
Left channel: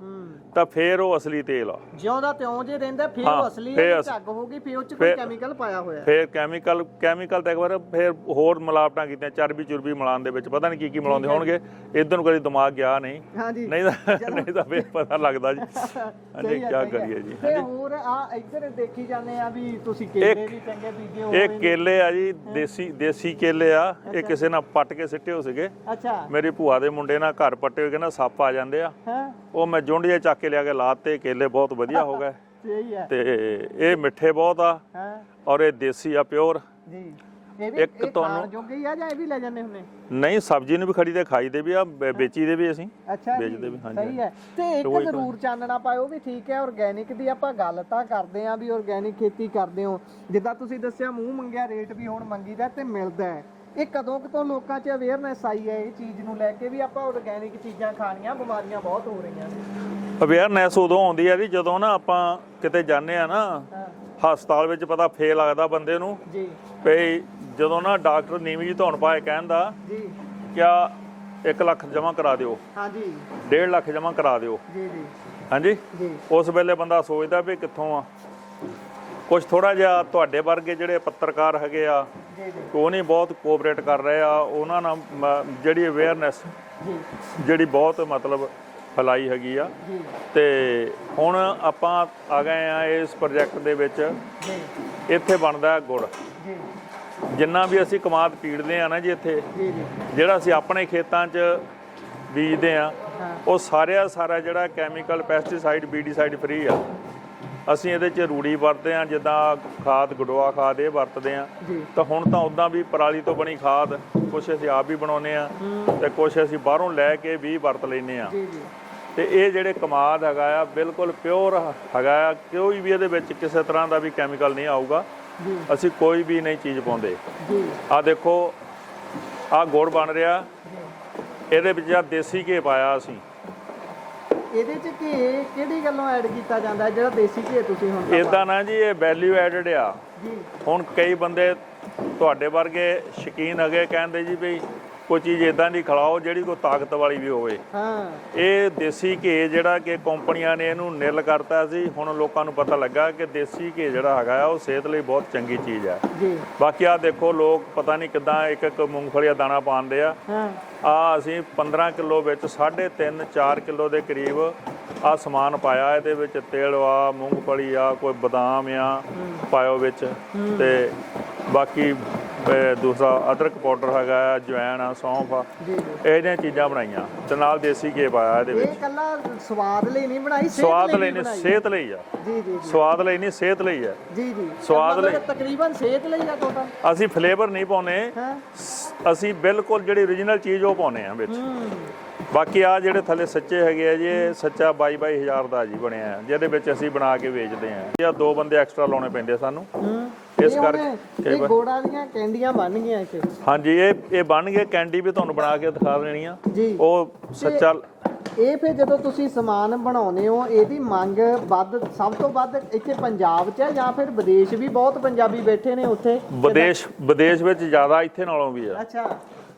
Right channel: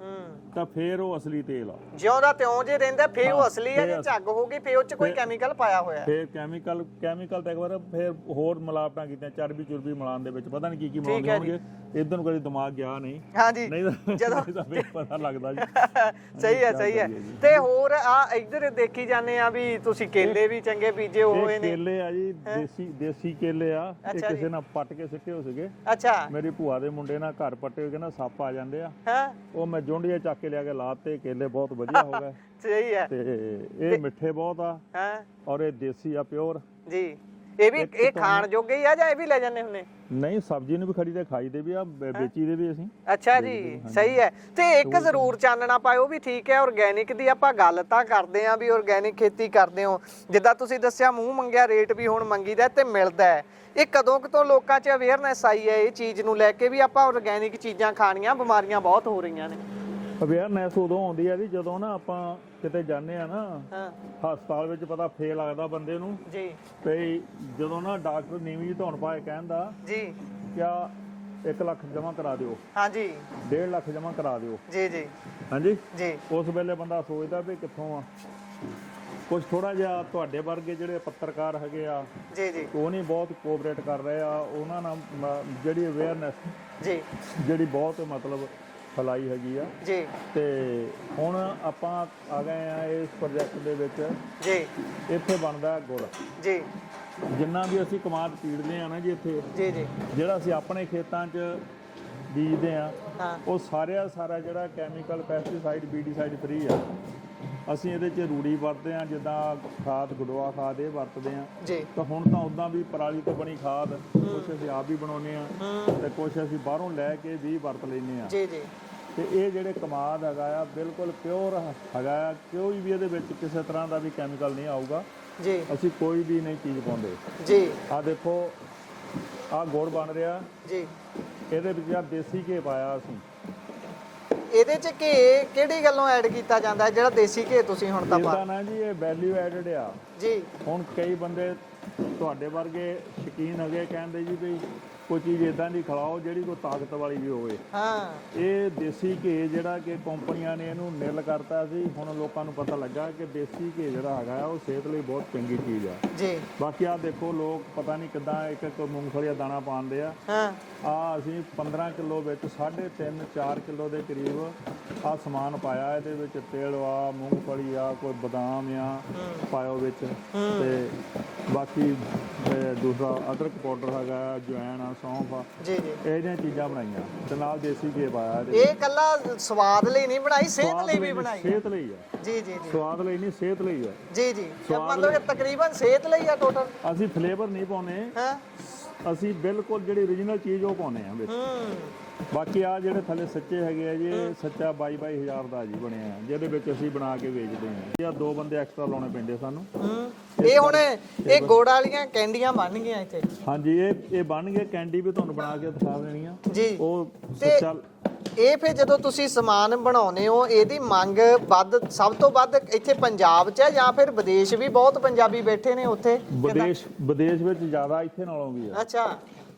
ਤਾਂ ਫੇਰ ਉਹ ਅਸਲੀ ਤੇਲ ਆ। ਜਿਉਂ ਦਾ ਤਿਉਂ ਜੇ ਰਹਿੰਦਾ ਫੇਰ ਉਹ ਅਸਲੀ ਹੈ, ਝੱਗ ਹੋ ਗਈ ਫੇਰ ਉਹ 'ਚ ਕੋਈ ਕੈਮੀਕਲ ਪਾਇਆ ਹੋਇਆ। ਫੇਰ ਕੈਮੀਕਲ ਤਾਂ ਇੱਕ ਵਾਰ ਫੇਰ ਹੋਰ ਮਿਲਾਵਟਾਂ ਕੀਤੀਆਂ, ਚਰਬੀ ਚੁਰਬੀ ਮਿਲਾਉਣ ਦੇ ਵਿੱਚ ਪਤਾ ਨਹੀਂ ਕੀ ਮਿਲਾਉਂਦੇ ਹੋਣਗੇ। ਇਧਰ ਨੂੰ ਕਦੀ ਦਿਮਾਗ ਗਿਆ ਨਹੀਂ, ਨਹੀਂ ਤਾਂ ਫੇਰ ਪਤਾ ਲੱਗਦਾ ਜੀ। ਸਹੀ ਹੈ। ਤੇ ਹੋਰ ਆ ਇੱਧਰ ਦੇਖੀ ਜਾਂਦੇ ਆ ਵੀ ਤੁਸੀਂ ਕੇਲੇ ਵੀ ਚੰਗੇ ਬੀਜੇ ਹੋਏ ਨੇ। ਇਹ ਕੇਲੇ ਆ ਜੀ, ਦੇਸੀ ਕੇਲੇ ਆ। ਇਹ ਕਿਸੇ ਨਾਲ ਪੱਟ ਕੇ ਸਿੱਟੇ ਹੋ ਸੀਗੇ। ਅੱਛਾ। ਮੇਰੀ ਭੂਆ ਦੇ ਮੁੰਡੇ ਨਾਲ ਘਰ ਪੱਟੇ ਹੋਏ, ਕਹਿੰਦਾ ਸੱਪ ਆ ਜਾਂਦੇ ਆ। ਉਹ ਮੈਂ ਜੁੰਡੀਏ ਚੱਕ ਕੇ ਲਿਆ ਕੇ ਲਾਤੇ, ਕੇਲੇ ਬਹੁਤ ਵਧੀਆ ਹੋ ਗਏ। ਸਹੀ ਹੈ। ਤੇ ਇਹ ਮਿੱਠੇ ਬਹੁਤ ਆ ਹਾਂ ਔਰ ਇਹ ਦੇਸੀ ਆ ਪਿਓਰ ਜੀ। ਇਹ ਵੀ ਇਹ ਖਾਣ ਜੋਗੇ ਹੀ ਆ ਜਾਂ ਇਹ ਵੀ ਲੈ ਜਾਂਦੇ ਹੁੰਦੇ? ਨਹੀਂ, ਸਬਜ਼ੀ ਨੂੰ ਵੀ ਖਰੀਦੇ, ਖਾਈ ਦੇ ਵੀ ਆ, ਵੇਚੀ ਦੇ ਵੀ ਅਸੀਂ। ਅੱਛਾ ਜੀ, ਸਹੀ ਹੈ। ਤੇ ਇੱਕ ਜ਼ਰੂਰ ਚਾਨਣਾ ਪਾਇਓ ਵੀ ਠੀਕ ਹੈ, ਆਰਗੈਨਿਕ ਦੀ ਆਪਾਂ ਗੱਲ ਤਾਂ ਕਰਦੇ ਆਂ ਵੀ ਆਰਗੈਨਿਕ ਖੇਤੀ ਕਰਦੇ ਹੋ, ਜਿੱਦਾਂ ਤੁਸੀਂ ਦੱਸਿਆ ਮੂੰਹ ਮੰਗਿਆ ਰੇਟ ਵੀ ਹੁਣ ਮੰਗੀਦਾ ਤੇ ਮਿਲਦਾ ਹੈ। ਇਹ ਕਦੋਂ ਤੋਂ ਲੋਕਾਂ 'ਚ ਅਵੇਅਰਨੈਸ ਆਈ ਹੈ ਇਹ ਚੀਜ਼ ਨੂੰ ਲੈ ਕੇ ਵੀ ਆਪਾਂ ਆਰਗੈਨਿਕ ਚੀਜ਼ਾਂ ਖਾਣੀਆਂ, ਬਿਮਾਰੀਆਂ ਬਹੁਤ ਹੋ ਰਹੀਆਂ ਨੇ? ਅਵੇਅਰਨੈਸ ਉਦੋਂ ਆਉਂਦੀ ਆ ਜੀ ਜਦੋਂ ਨਾ ਆਪਾਂ ਕਿਤੇ ਜਾਂਦੇ ਆ ਨਾ ਹਸਪਤਾਲ ਵਿੱਚ, ਪਤਾ ਫੇਰ ਲੱਗਦਾ ਬੰਦੇ ਨੂੰ ਜੀ ਵੀ ਜਦੋਂ ਨਾ ਡਾਕਟਰ ਨੀਵੀਂ ਜੀ ਧੌਣ ਪਾਏ ਕਹਿੰਦਾ ਜੀ ਕਿਆ 1 ਲੱਖ ਜਮ੍ਹਾਂ ਕਰਾ ਦਿਓ, ਹਾਂਜੀ 1.5 ਲੱਖ ਜਮ੍ਹਾਂ ਕਰਾ ਦਿਓ, ਜੀ ਜੀ ਹਾਂਜੀ ਜੀ। ਉਸ ਵੇਲੇ ਬੰਦਾ ਸੋਚਦਾ ਵੀ ਕਿੱਥੋਂ ਆ। ਕੁਝ ਥੋੜਾ ਜਿਹਾ ਤੁਹਾਡੇ ਵਰਗੇ ਜਿਹੜੇ ਪੱਤਰਕਾਰ ਹੈਗੇ ਆ ਜੀ ਜੀ ਉਹ ਨਹੀਂ ਬਹੁਤ ਕੋਆਪਰੇਟ ਕਰ ਰਹੇ ਆ, ਉਹਨਾਂ ਨਾਲ ਜਿਹੜੀ ਅਵੇਅਰਨੈਸ ਜੀ ਜਿਹੜੀ ਬਹੁਤ ਮਤਲਬ ਫੈਲਾਈ ਹੈਗੀ ਆ। ਜੀ ਤੇ ਹੁਣ ਆਪਾਂ ਆ ਗਏ ਆ ਇਸ ਪ੍ਰੋਜੈਕਟ ਦੇ ਵਿੱਚ। ਜੀ ਇੱਥੇ ਬਣਦਾ ਗੁੜ, ਜੀ ਜਿੰਨਾ ਵੀ ਅਸੀਂ ਕਮਾਦ ਪੀੜਦੇ ਆ ਨਾ ਜੀ ਇੱਥੇ, ਜੀ ਜੀ ਜਿਹੜਾ ਅਸੀਂ ਆਪਣੇ ਖੇਤਾਂ 'ਚ ਬੀਜਦੇ ਆ, ਉਹ ਸਾਰਾ ਜਿਹੜਾ ਕੈਮੀਕਲ ਪੈਸਟੀਸਾਈਡ ਬੀਡੀਸਾਈਡ ਫ੍ਰੀ ਆ। ਅਸੀਂ ਇਹਦੇ 'ਚ ਰੂੜੀ ਵਰਤਦੇ ਆ, ਜਿੱਦਾਂ ਖਾਦ ਗਡੋਆ ਖਾਦ ਇਹ ਵਰਤਦੇ ਆ। ਤਾਂ ਹੁਣ ਤਾਂ ਉੱਦਾਂ ਵੀ ਪਰਾਲੀ ਤੋਂ ਬਣੀ ਖਾਦ ਕੁਛ ਅਸੀਂ ਆਪ ਵੀ ਬਣਾਉਂਦੇ ਆ ਤੇ ਕੁਛ ਅਸੀਂ ਬਾਹਰੋਂ ਲੈ ਕੇ ਵੀ ਵਰਤ ਲੈਂਦੇ ਆ। ਤੇ ਇਹ ਜਿਹੜੇ ਕਮਾਦ ਹੈਗਾ ਆ ਬਿਲਕੁਲ ਪਿਓਰ ਹੈਗਾ ਆ, ਕੋਈ ਵੀ ਇਹਦੇ ਵਿੱਚ ਕਿਸੇ ਤਰ੍ਹਾਂ ਦਾ ਵੀ ਕੈਮੀਕਲ ਨਹੀਂ ਆਊਗਾ। ਅਸੀਂ ਕੋਈ ਵੀ ਨਹੀਂ ਚੀਜ਼ ਪਾਉਂਦੇ ਜੀ। ਆ ਦੇਖੋ ਆ ਗੁੜ ਬਣ ਰਿਹਾ ਜੀ, ਇਹਦੇ ਵਿੱਚ ਆ ਦੇਸੀ ਘੀ ਪਾਇਆ ਅਸੀਂ। ਇਹਦੇ ਚ ਘੀ ਕਿਹੜੀ ਗੱਲੋਂ ਐਡ ਕੀਤਾ ਜਾਂਦਾ ਜਿਹੜਾ ਦੇਸੀ ਘੀ ਤੁਸੀਂ ਹੁਣ ਇਦਾਂ ਨਾ ਜੀ, ਇਹ ਵੈਲਿਊ ਐਡਡ ਆ ਜੀ। ਹੁਣ ਕਈ ਬੰਦੇ ਤੁਹਾਡੇ ਵਰਗੇ ਸ਼ੌਕੀਨ ਹੈਗੇ, ਕਹਿੰਦੇ ਜੀ ਵੀ ਕੋਈ ਚੀਜ਼ ਇਦਾਂ ਦੀ ਖਿਲਾਓ ਜਿਹੜੀ ਕੋਈ ਤਾਕਤ ਵਾਲੀ ਵੀ ਹੋਵੇ। ਇਹ ਦੇਸੀ ਘੀ ਜਿਹੜਾ ਕਿ ਕੰਪਨੀਆਂ ਨੇ ਇਹਨੂੰ ਨਿਰਲ ਕਰਤਾ ਸੀ, ਹੁਣ ਲੋਕਾਂ ਨੂੰ ਪਤਾ ਲੱਗਾ ਕਿ ਦੇਸੀ ਘੀ ਜਿਹੜਾ ਹੈਗਾ ਉਹ ਸਿਹਤ ਲਈ ਬਹੁਤ ਚੰਗੀ ਚੀਜ਼ ਹੈ ਜੀ। ਬਾਕੀ ਆ ਦੇਖੋ ਲੋਕ ਪਤਾ ਨਹੀਂ ਕਿੱਦਾਂ ਇੱਕ ਮੂੰਗਫਲੀ ਦਾ ਦਾਣਾ ਪਾਉਂਦੇ ਆ। ਆ ਅਸੀਂ 15 ਕਿਲੋ ਵਿੱਚ 3.5 4 ਕਿਲੋ ਦੇ ਕਰੀਬ ਆ ਸਮਾਨ ਪਾਇਆ। ਇਹਦੇ ਵਿੱਚ ਤਿਲ ਆ, ਮੂੰਗਫਲੀ ਆ, ਕੋਈ ਬਦਾਮ ਆ ਪਾਇਓ ਵਿੱਚ, ਤੇ ਬਾਕੀ ਦੂਸਰਾ ਅਦਰਕ ਪਾਊਡਰ ਹੈਗਾ, ਜਵੈਣ ਆ, ਸੌਂਫ ਆ, ਇਹ ਜਿਹੀਆਂ ਚੀਜ਼ਾਂ ਬਣਾਈਆਂ ਤੇ ਨਾਲ ਦੇਸੀ ਘੀ ਪਾਇਆ ਇਹਦੇ ਵਿੱਚ। ਇਹ ਕੱਲਾ ਸਵਾਦ ਲਈ ਨਹੀਂ ਬਣਾਈ, ਸਵਾਦ ਲਈ ਨਹੀਂ, ਸਿਹਤ ਲਈ ਆ ਜੀ। ਜੀ ਸਵਾਦ ਲਈ ਨਹੀਂ, ਸਿਹਤ ਲਈ ਆ ਜੀ। ਜੀ ਸਵਾਦ ਲਈ ਤਕਰੀਬਨ ਸਿਹਤ ਲਈ ਆ ਟੋਟਲ। ਅਸੀਂ ਫਲੇਵਰ ਨਹੀਂ ਪਾਉਨੇ, ਅਸੀਂ ਬਿਲਕੁਲ ਜਿਹੜੀ ਓਰੀਜਨਲ ਚੀਜ਼ ਉਹ ਪਾਉਨੇ ਆ ਵਿੱਚ। ਬਾਕੀ ਆ ਜਿਹੜੇ ਥੱਲੇ ਸੱਚੇ ਹੈਗੇ ਆ ਜੀ, ਇਹ ਸੱਚਾ 22,000 ਦਾ ਜੀ ਬਣਿਆ, ਜਿਹਦੇ ਵਿੱਚ ਅਸੀਂ ਬਣਾ ਕੇ ਵੇਚਦੇ ਆ। ਇਹ 2 ਬੰਦੇ ਐਕਸਟਰਾ ਲਾਉਣੇ ਪੈਂਦੇ ਸਾਨੂੰ। ਇਹ ਹੁਣ ਇਹ ਗੁੜ ਵਾਲੀਆਂ ਕੈਂਡੀਆਂ ਬਣ ਗਈਆਂ ਇੱਥੇ? ਹਾਂਜੀ, ਇਹ ਬਣ ਗਏ। ਕੈਂਡੀ ਵੀ ਤੁਹਾਨੂੰ ਬਣਾ ਕੇ ਦਿਖਾ ਦੇਣੀ ਆ ਜੀ। ਉਹ ਸੱਚਾ ਇਹ ਫਿਰ ਜਦੋਂ ਤੁਸੀਂ ਸਮਾਨ ਬਣਾਉਨੇ ਹੋ, ਇਹਦੀ ਮੰਗ ਵੱਧ ਸਭ ਤੋਂ ਵੱਧ ਇੱਥੇ ਪੰਜਾਬ 'ਚ ਹੈ ਜਾਂ ਫਿਰ ਵਿਦੇਸ਼ ਵੀ ਬਹੁਤ ਪੰਜਾਬੀ ਬੈਠੇ ਨੇ ਉੱਥੇ? ਵਿਦੇਸ਼ ਵਿੱਚ ਜ਼ਿਆਦਾ ਇੱਥੇ ਨਾਲੋਂ ਵੀ ਆ। ਅੱਛਾ।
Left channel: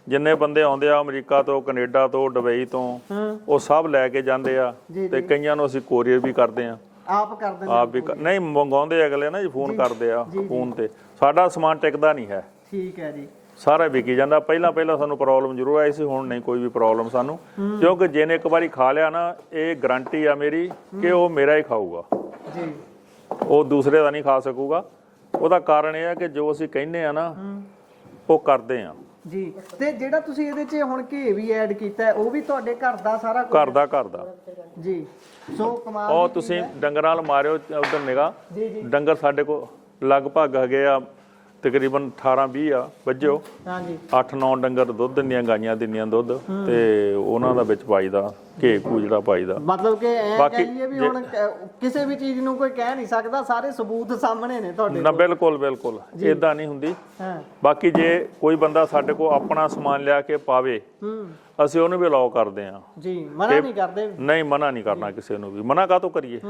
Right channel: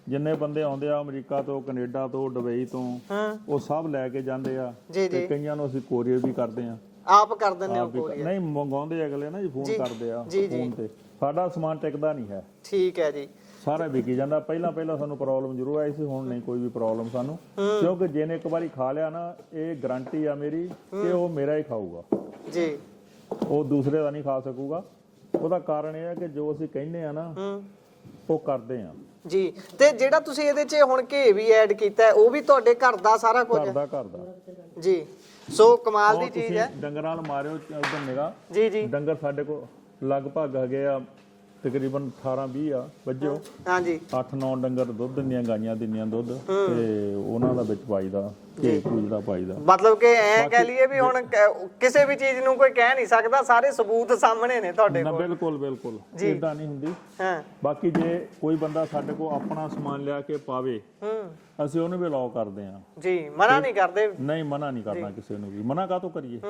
ਜਿੰਨੇ ਬੰਦੇ ਆਉਂਦੇ ਆ ਅਮਰੀਕਾ ਤੋਂ, ਕੈਨੇਡਾ ਤੋਂ, ਦੁਬਈ ਤੋਂ, ਉਹ ਸਭ ਲੈ ਕੇ ਜਾਂਦੇ ਆ। ਤੇ ਕਈਆਂ ਨੂੰ ਅਸੀਂ ਕੋਰੀਅਰ ਵੀ ਕਰਦੇ ਆ। ਆਪ ਕਰ ਦਿੰਦੇ? ਆਪ ਵੀ ਨਹੀਂ, ਮੰਗਾਉਂਦੇ ਅਗਲੇ ਨਾ ਜੀ, ਫੋਨ ਕਰਦੇ ਆ ਫੋਨ ਤੇ। ਸਾਡਾ ਸਮਾਨ ਟਿਕਦਾ ਨਹੀਂ ਹੈ। ਠੀਕ ਹੈ ਜੀ। ਸਾਰਾ ਵਿਕੀ ਜਾਂਦਾ। ਪਹਿਲਾਂ ਸਾਨੂੰ ਪ੍ਰੋਬਲਮ ਜ਼ਰੂਰ ਆਈ ਸੀ, ਹੁਣ ਨਹੀਂ ਕੋਈ ਵੀ ਪ੍ਰੋਬਲਮ ਸਾਨੂੰ, ਕਿਉਂਕਿ ਜਿਹਨੇ ਇੱਕ ਵਾਰੀ ਖਾ ਲਿਆ ਨਾ, ਇਹ ਗਾਰੰਟੀ ਆ ਮੇਰੀ ਕਿ ਉਹ ਮੇਰਾ ਹੀ ਖਾਊਗਾ ਜੀ, ਉਹ ਦੂਸਰੇ ਦਾ ਨਹੀਂ ਖਾ ਸਕੂਗਾ। ਉਹਦਾ ਕਾਰਨ ਇਹ ਆ ਕਿ ਜੋ ਅਸੀਂ ਕਹਿੰਦੇ ਆ ਨਾ ਉਹ ਕਰਦੇ ਆ ਜੀ। ਤੇ ਜਿਹੜਾ ਤੁਸੀਂ ਇਹਦੇ 'ਚ ਹੁਣ ਘੀ ਵੀ ਐਡ ਕੀਤਾ, ਉਹ ਵੀ ਤੁਹਾਡੇ ਘਰ ਦਾ ਸਾਰਾ ਕੁਝ? ਘਰ ਦਾ ਜੀ। ਸੋ ਕਮਾਲ ਦੀ ਚੀਜ਼ ਹੈ। ਤੁਸੀਂ ਡੰਗਰਾਂ ਨਾਲ ਮਾਰਿਓ ਉਧਰ ਨਿਗਾਹ ਜੀ ਜੀ। ਡੰਗਰ ਸਾਡੇ ਕੋਲ ਲਗਭਗ ਹੈਗੇ ਆ ਤਕਰੀਬਨ 18-20 ਆ ਵੱਜੋ। ਹਾਂਜੀ। 8-9 ਡੰਗਰ ਦੁੱਧ ਦਿੰਦੀਆਂ, ਗਾਈਆਂ ਦਿੰਦੀਆਂ ਦੁੱਧ, ਤੇ ਉਹਨਾਂ ਦਾ ਵਿੱਚ ਪਾਈਦਾ ਘੀ ਜਿਹੜਾ ਪਾਈਦਾ। ਮਤਲਬ ਕਿ ਐ ਕਹਿ ਲਈਏ ਵੀ ਹੁਣ ਕਿਸੇ ਵੀ ਚੀਜ਼ ਨੂੰ ਕੋਈ ਕਹਿ ਨਹੀਂ ਸਕਦਾ, ਸਾਰੇ ਸਬੂਤ ਸਾਹਮਣੇ ਨੇ ਤੁਹਾਡੇ ਨਾ। ਬਿਲਕੁਲ ਇਦਾਂ ਨਹੀਂ ਹੁੰਦੀ। ਬਾਕੀ ਜੇ ਕੋਈ ਬੰਦਾ ਸਾਡੇ ਕੋਲ ਆਪਣਾ ਸਮਾਨ ਲਿਆ ਕੇ ਪਾਵੇ, ਅਸੀਂ ਉਹਨੂੰ ਵੀ ਅਲਾਉ ਕਰਦੇ ਆ ਜੀ। ਮਨਾ ਨਹੀਂ ਕਰਦੇ? ਨਹੀਂ, ਮਨਾ ਨਹੀਂ ਕਰਨਾ ਕਿਸੇ ਨੂੰ ਵੀ। ਮਨਾ ਕਾਹਤੋਂ ਕਰੀਏ?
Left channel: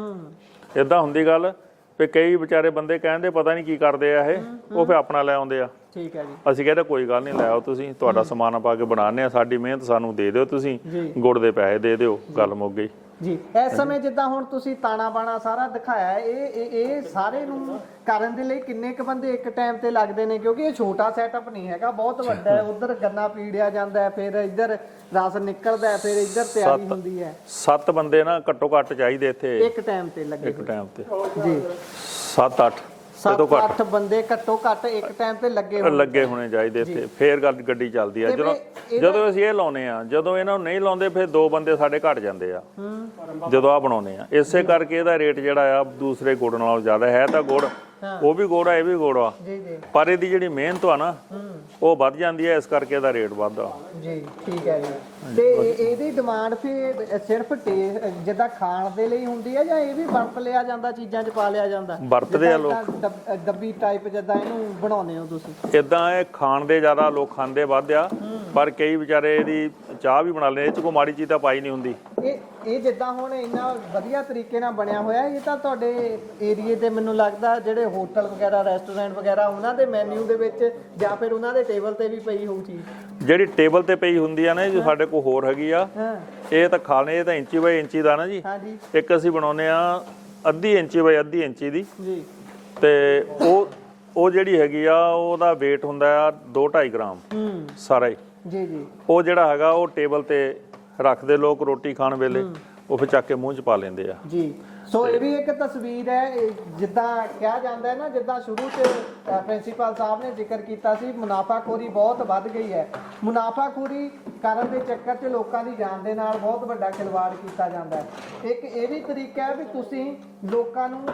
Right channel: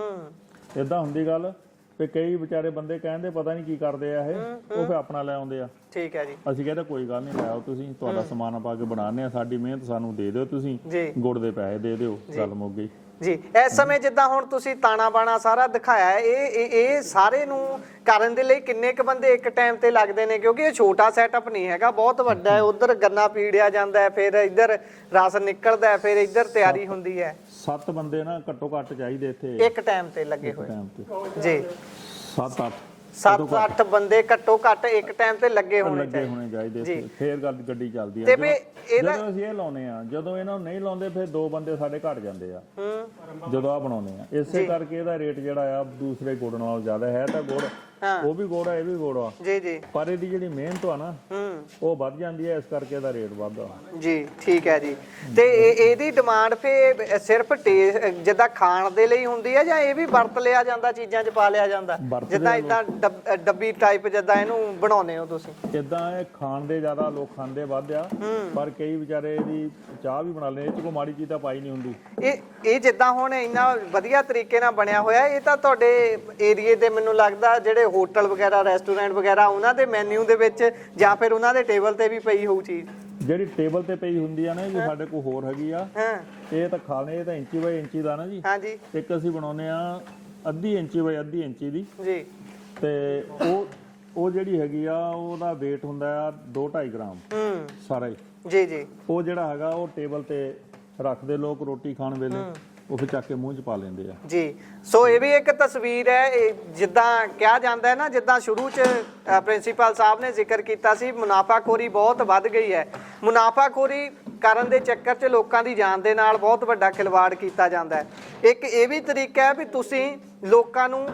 ਇਦਾਂ ਹੁੰਦੀ ਗੱਲ ਵੀ ਕਈ ਵਿਚਾਰੇ ਬੰਦੇ ਕਹਿੰਦੇ ਪਤਾ ਨਹੀਂ ਕੀ ਕਰਦੇ ਆ ਇਹ, ਉਹ ਫਿਰ ਆਪਣਾ ਲੈ ਆਉਂਦੇ ਆ। ਠੀਕ ਹੈ ਜੀ। ਅਸੀਂ ਕਹਿੰਦੇ ਕੋਈ ਗੱਲ ਨਹੀਂ, ਲੈ ਆਓ ਤੁਸੀਂ, ਤੁਹਾਡਾ ਸਮਾਨ ਪਾ ਕੇ ਬਣਾਉਂਦੇ ਆ, ਸਾਡੀ ਮਿਹਨਤ ਸਾਨੂੰ ਦੇ ਦਿਓ, ਤੁਸੀਂ ਗੁੜ ਦੇ ਪੈਸੇ ਦੇ ਦਿਓ, ਗੱਲ ਮੁੱਕ ਗਈ ਜੀ। ਇਸ ਸਮੇਂ ਜਿੱਦਾਂ ਹੁਣ ਤੁਸੀਂ ਤਾਣਾ ਬਾਣਾ ਸਾਰਾ ਦਿਖਾਇਆ, ਇਹ ਸਾਰੇ ਨੂੰ ਕਰਨ ਦੇ ਲਈ ਕਿੰਨੇ ਕ ਬੰਦੇ ਇੱਕ ਟਾਈਮ ਤੇ ਲੱਗਦੇ ਨੇ? ਕਿਉਂਕਿ ਇਹ ਛੋਟਾ ਸੈਟਅਪ ਨਹੀਂ ਹੈਗਾ, ਬਹੁਤ ਵੱਡਾ ਹੈ। ਉਧਰ ਗੰਨਾ ਪੀੜਿਆ ਜਾਂਦਾ ਹੈ, ਫਿਰ ਇੱਧਰ ਰਸ ਨਿਕਲਦਾ ਹੈ, ਫਿਰ ਇੱਧਰ ਤਿਆਰੀ ਹੁੰਦੀ ਹੈ। 7 ਬੰਦੇ ਨਾ ਘੱਟੋ ਘੱਟ ਚਾਹੀਦੇ ਇੱਥੇ ਇੱਕ ਟਾਈਮ ਤੇ ਲੱਗੇ? ਇੱਕ ਟਾਈਮ ਤੇ ਜੀ। 7-8 7-8 ਬੰਦੇ ਘੱਟੋ ਘੱਟ ਇੱਕ ਟਾਈਮ ਤੇ ਲੱਗੇ ਹੋਣੇ ਚਾਹੀਦੇ ਇੱਥੇ, ਫੇਰ ਗੱਡੀ ਚੱਲਦੀ ਆ। ਜਦੋਂ ਅਸੀਂ ਇਹ ਲਾਉਨੇ ਆ, ਜਦੋਂ ਇਹਨਾਂ ਨੂੰ ਨਹੀਂ ਲਾਉਂਦੇ ਫਿਰ 2 ਬੰਦੇ ਸਾਡੇ ਘਟ ਜਾਂਦੇ ਆ ਜਦੋਂ ਆ ਬਣਾਉਨੇ ਆ। ਇਸੇ ਕਰਕੇ ਇਹਦਾ ਰੇਟ ਜਿਹੜਾ ਆ ਦੂਸਰੇ ਗੁੜ ਨਾਲੋਂ ਜ਼ਿਆਦਾ ਹੈ। ਤਾਂ ਗੁੜ ਉਹ ਵੀ ਗੁੜ ਆ, ਇਹ ਵੀ ਗੁੜ ਆ ਜੀ, ਪਰ ਇਹਦੀ ਜਿਹੜੀ ਮਿਹਨਤ ਆ ਨਾ ਉਹ ਵੱਧ ਜਾਂਦੀ ਹੈ, ਇਸ ਕਰਕੇ ਇਹਦਾ ਰੇਟ ਵੱਧਦਾ ਜੀ। ਠੀਕ ਹੈ ਜੀ। ਤੇ ਇਹਦੀ ਡਿਮਾਂਡ ਫੇ ਸਿਰਫ ਜਿੱਦਾਂ ਖਾਣ ਦੇ ਲਈ ਹੁੰਦੀ ਹੈ ਜਾਂ ਇਹ ਵੀ ਵਰਤ ਲਿਆ ਜਾਂਦਾ, ਚੀਜ਼ਾਂ 'ਚ ਪਾ ਲਿਆ ਜਾਂਦਾ? ਡੱਬੀ ਟਾਈਪ ਜਿੱਦਾਂ ਇਹਨੂੰ ਬਣਾਉਂਦੇ ਹੋ ਤੁਸੀਂ? ਇਦਾਂ ਇਹ ਖਾਣ ਦੇ ਜ਼ਿਆਦਾ ਲੋਕ ਖਾਂਦੇ ਵੱਧ ਆ, ਪਰ ਕਈ ਵਿਚਾਰੇ ਇਹਦੀ ਚਾਹ ਵੀ ਬਣਾ ਲੈਂਦੇ, ਇਹ 'ਚ ਕੋਈ ਮਾੜੀ ਚੀਜ਼ ਤਾਂ ਪਾਈ ਨਹੀਂ ਹੁੰਦੀ। ਇਹ ਜਿੱਦਾਂ ਹੁਣ ਇੰਨਾ ਵਧੀਆ ਤਰੀਕੇ ਨਾਲ ਬਣਿਆ ਹੋਇਆ, ਇਹ ਤਾਂ ਤੁਹਾਡੇ ਏਰੀਏ ਤੇ ਮੈਨੂੰ ਲੱਗਦਾ ਜਿਹੜੇ ਹੋਟਲ ਵਗੈਰਾ, ਰੈਸਟੋਰੈਂਟ ਵਗੈਰਾ, ਉਹਨਾਂ ਦੇ ਮੈਨੂ ਦੇ ਵਿੱਚ ਜਾਂ ਫਿਰ ਉਹਨਾਂ ਦੇ ਟੇਬਲ ਤੇ ਵੀ ਪਈ ਹੋਊ ਚੀਜ਼। ਜਿਹੜੀ ਟੇਬਲ ਤੇ ਪਈ ਹੁੰਦੀ ਆ ਨਾ, ਜੋ ਸਾਡੇ ਕੋਲ ਹੋਰ ਹੈਗੀ ਆ, ਇਹ ਤਾਂ ਖਾਣੇ, ਇਹ ਤਾਂ ਇੰਚੀ ਬਾਈ ਇੰਚੀ ਦਾ ਨਾ ਜੀ। ਹਾਂਜੀ। ਇੱਕ ਅਸੀਂ ਬਣਾਉਂਦੇ ਆ ਅੱਧੀ ਇੰਚੀ ਬਾਈ ਅੱਧੀ ਇੰਚੀ ਦੀ ਜੀ, ਤੇ ਉਹ ਜਿਹੜੀ ਹੈਗੀ ਆ ਉਹਦਾ weight ਹੁੰਦਾ ਆ 2-2.5 ਗ੍ਰਾਮ ਸਾਰਾ ਹੀ। ਜੀ ਜੀ। ਉਹ ਜਿਹੜਾ ਹੈਗਾ ਉਹ ਟੇਬਲ ਤੇ ਰੱਖਦੇ ਲੋਕ ਰੋਟੀ ਖਾਣ ਵੇਲੇ, ਉਹ ਫਿਰ ਚੱਕ ਕੇ ਮੂੰਹ 'ਚ ਪਾ ਲੈਂਦੇ ਆ ਜੀ। ਸੋ ਇਹ ਵੀ ਇੱਕ ਤਸਵੀਰ ਹੈ, ਜਿੱਦਾਂ ਕਿਹਾ ਜਾਂਦਾ ਹੈ ਨਾ, ਜਿੱਦਾਂ ਸ਼ੁਰੂ 'ਚ ਪ੍ਰਿੰਸੀਪਲ ਸਾਹਿਬ ਨੇ ਜ਼ਿਕਰ ਕੀਤਾ ਸੀ, ਮੁਨਾਫਾਖੋਰੀ ਬਹੁਤ ਵੱਧ ਗਈ ਹੈ। ਮੁਨਾਫਾਖੋਰੀ ਕਰਨ ਦੇ ਚੱਕਰ 'ਚ ਲੋਕਾਂ ਦੀ ਜਾਨ ਦੇ ਨਾਲ ਬਹੁਤ ਵੱਡਾ ਖਿਲਵਾੜ ਕੀਤਾ ਜਾਂਦਾ ਹੈ। ਇੱਕ ਇਹ ਵੀ ਤਰੀਕਾ ਹੈ ਵੀ ਤੁਸੀਂ ਲੋਕਾਂ ਨੂੰ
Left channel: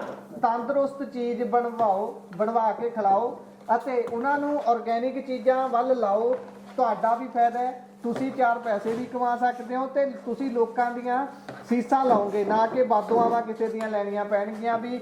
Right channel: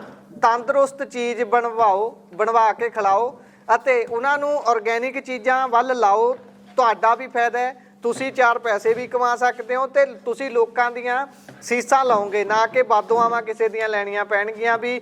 ਤੰਦਰੁਸਤ ਚੀਜ਼ ਬਣਵਾ ਕੇ ਖਿਲਾਓ ਅਤੇ ਉਹਨਾਂ ਨੂੰ ਆਰਗੈਨਿਕ ਚੀਜ਼ਾਂ ਵੱਲ ਲਾਓ। ਤੁਹਾਡਾ ਵੀ ਫਾਇਦਾ ਹੈ, ਤੁਸੀਂ 4 ਪੈਸੇ ਵੀ ਕਮਾ ਸਕਦੇ ਹੋ ਤੇ ਤੁਸੀਂ ਲੋਕਾਂ ਦੀਆਂ ਸੀਸਾਂ ਲਾਓਗੇ, ਨਾ ਕਿ ਬਾਦੋਆਵਾਂ ਕਿਸੇ ਦੀਆਂ ਲੈਣੀਆਂ ਪੈਣਗੀਆਂ ਵੀ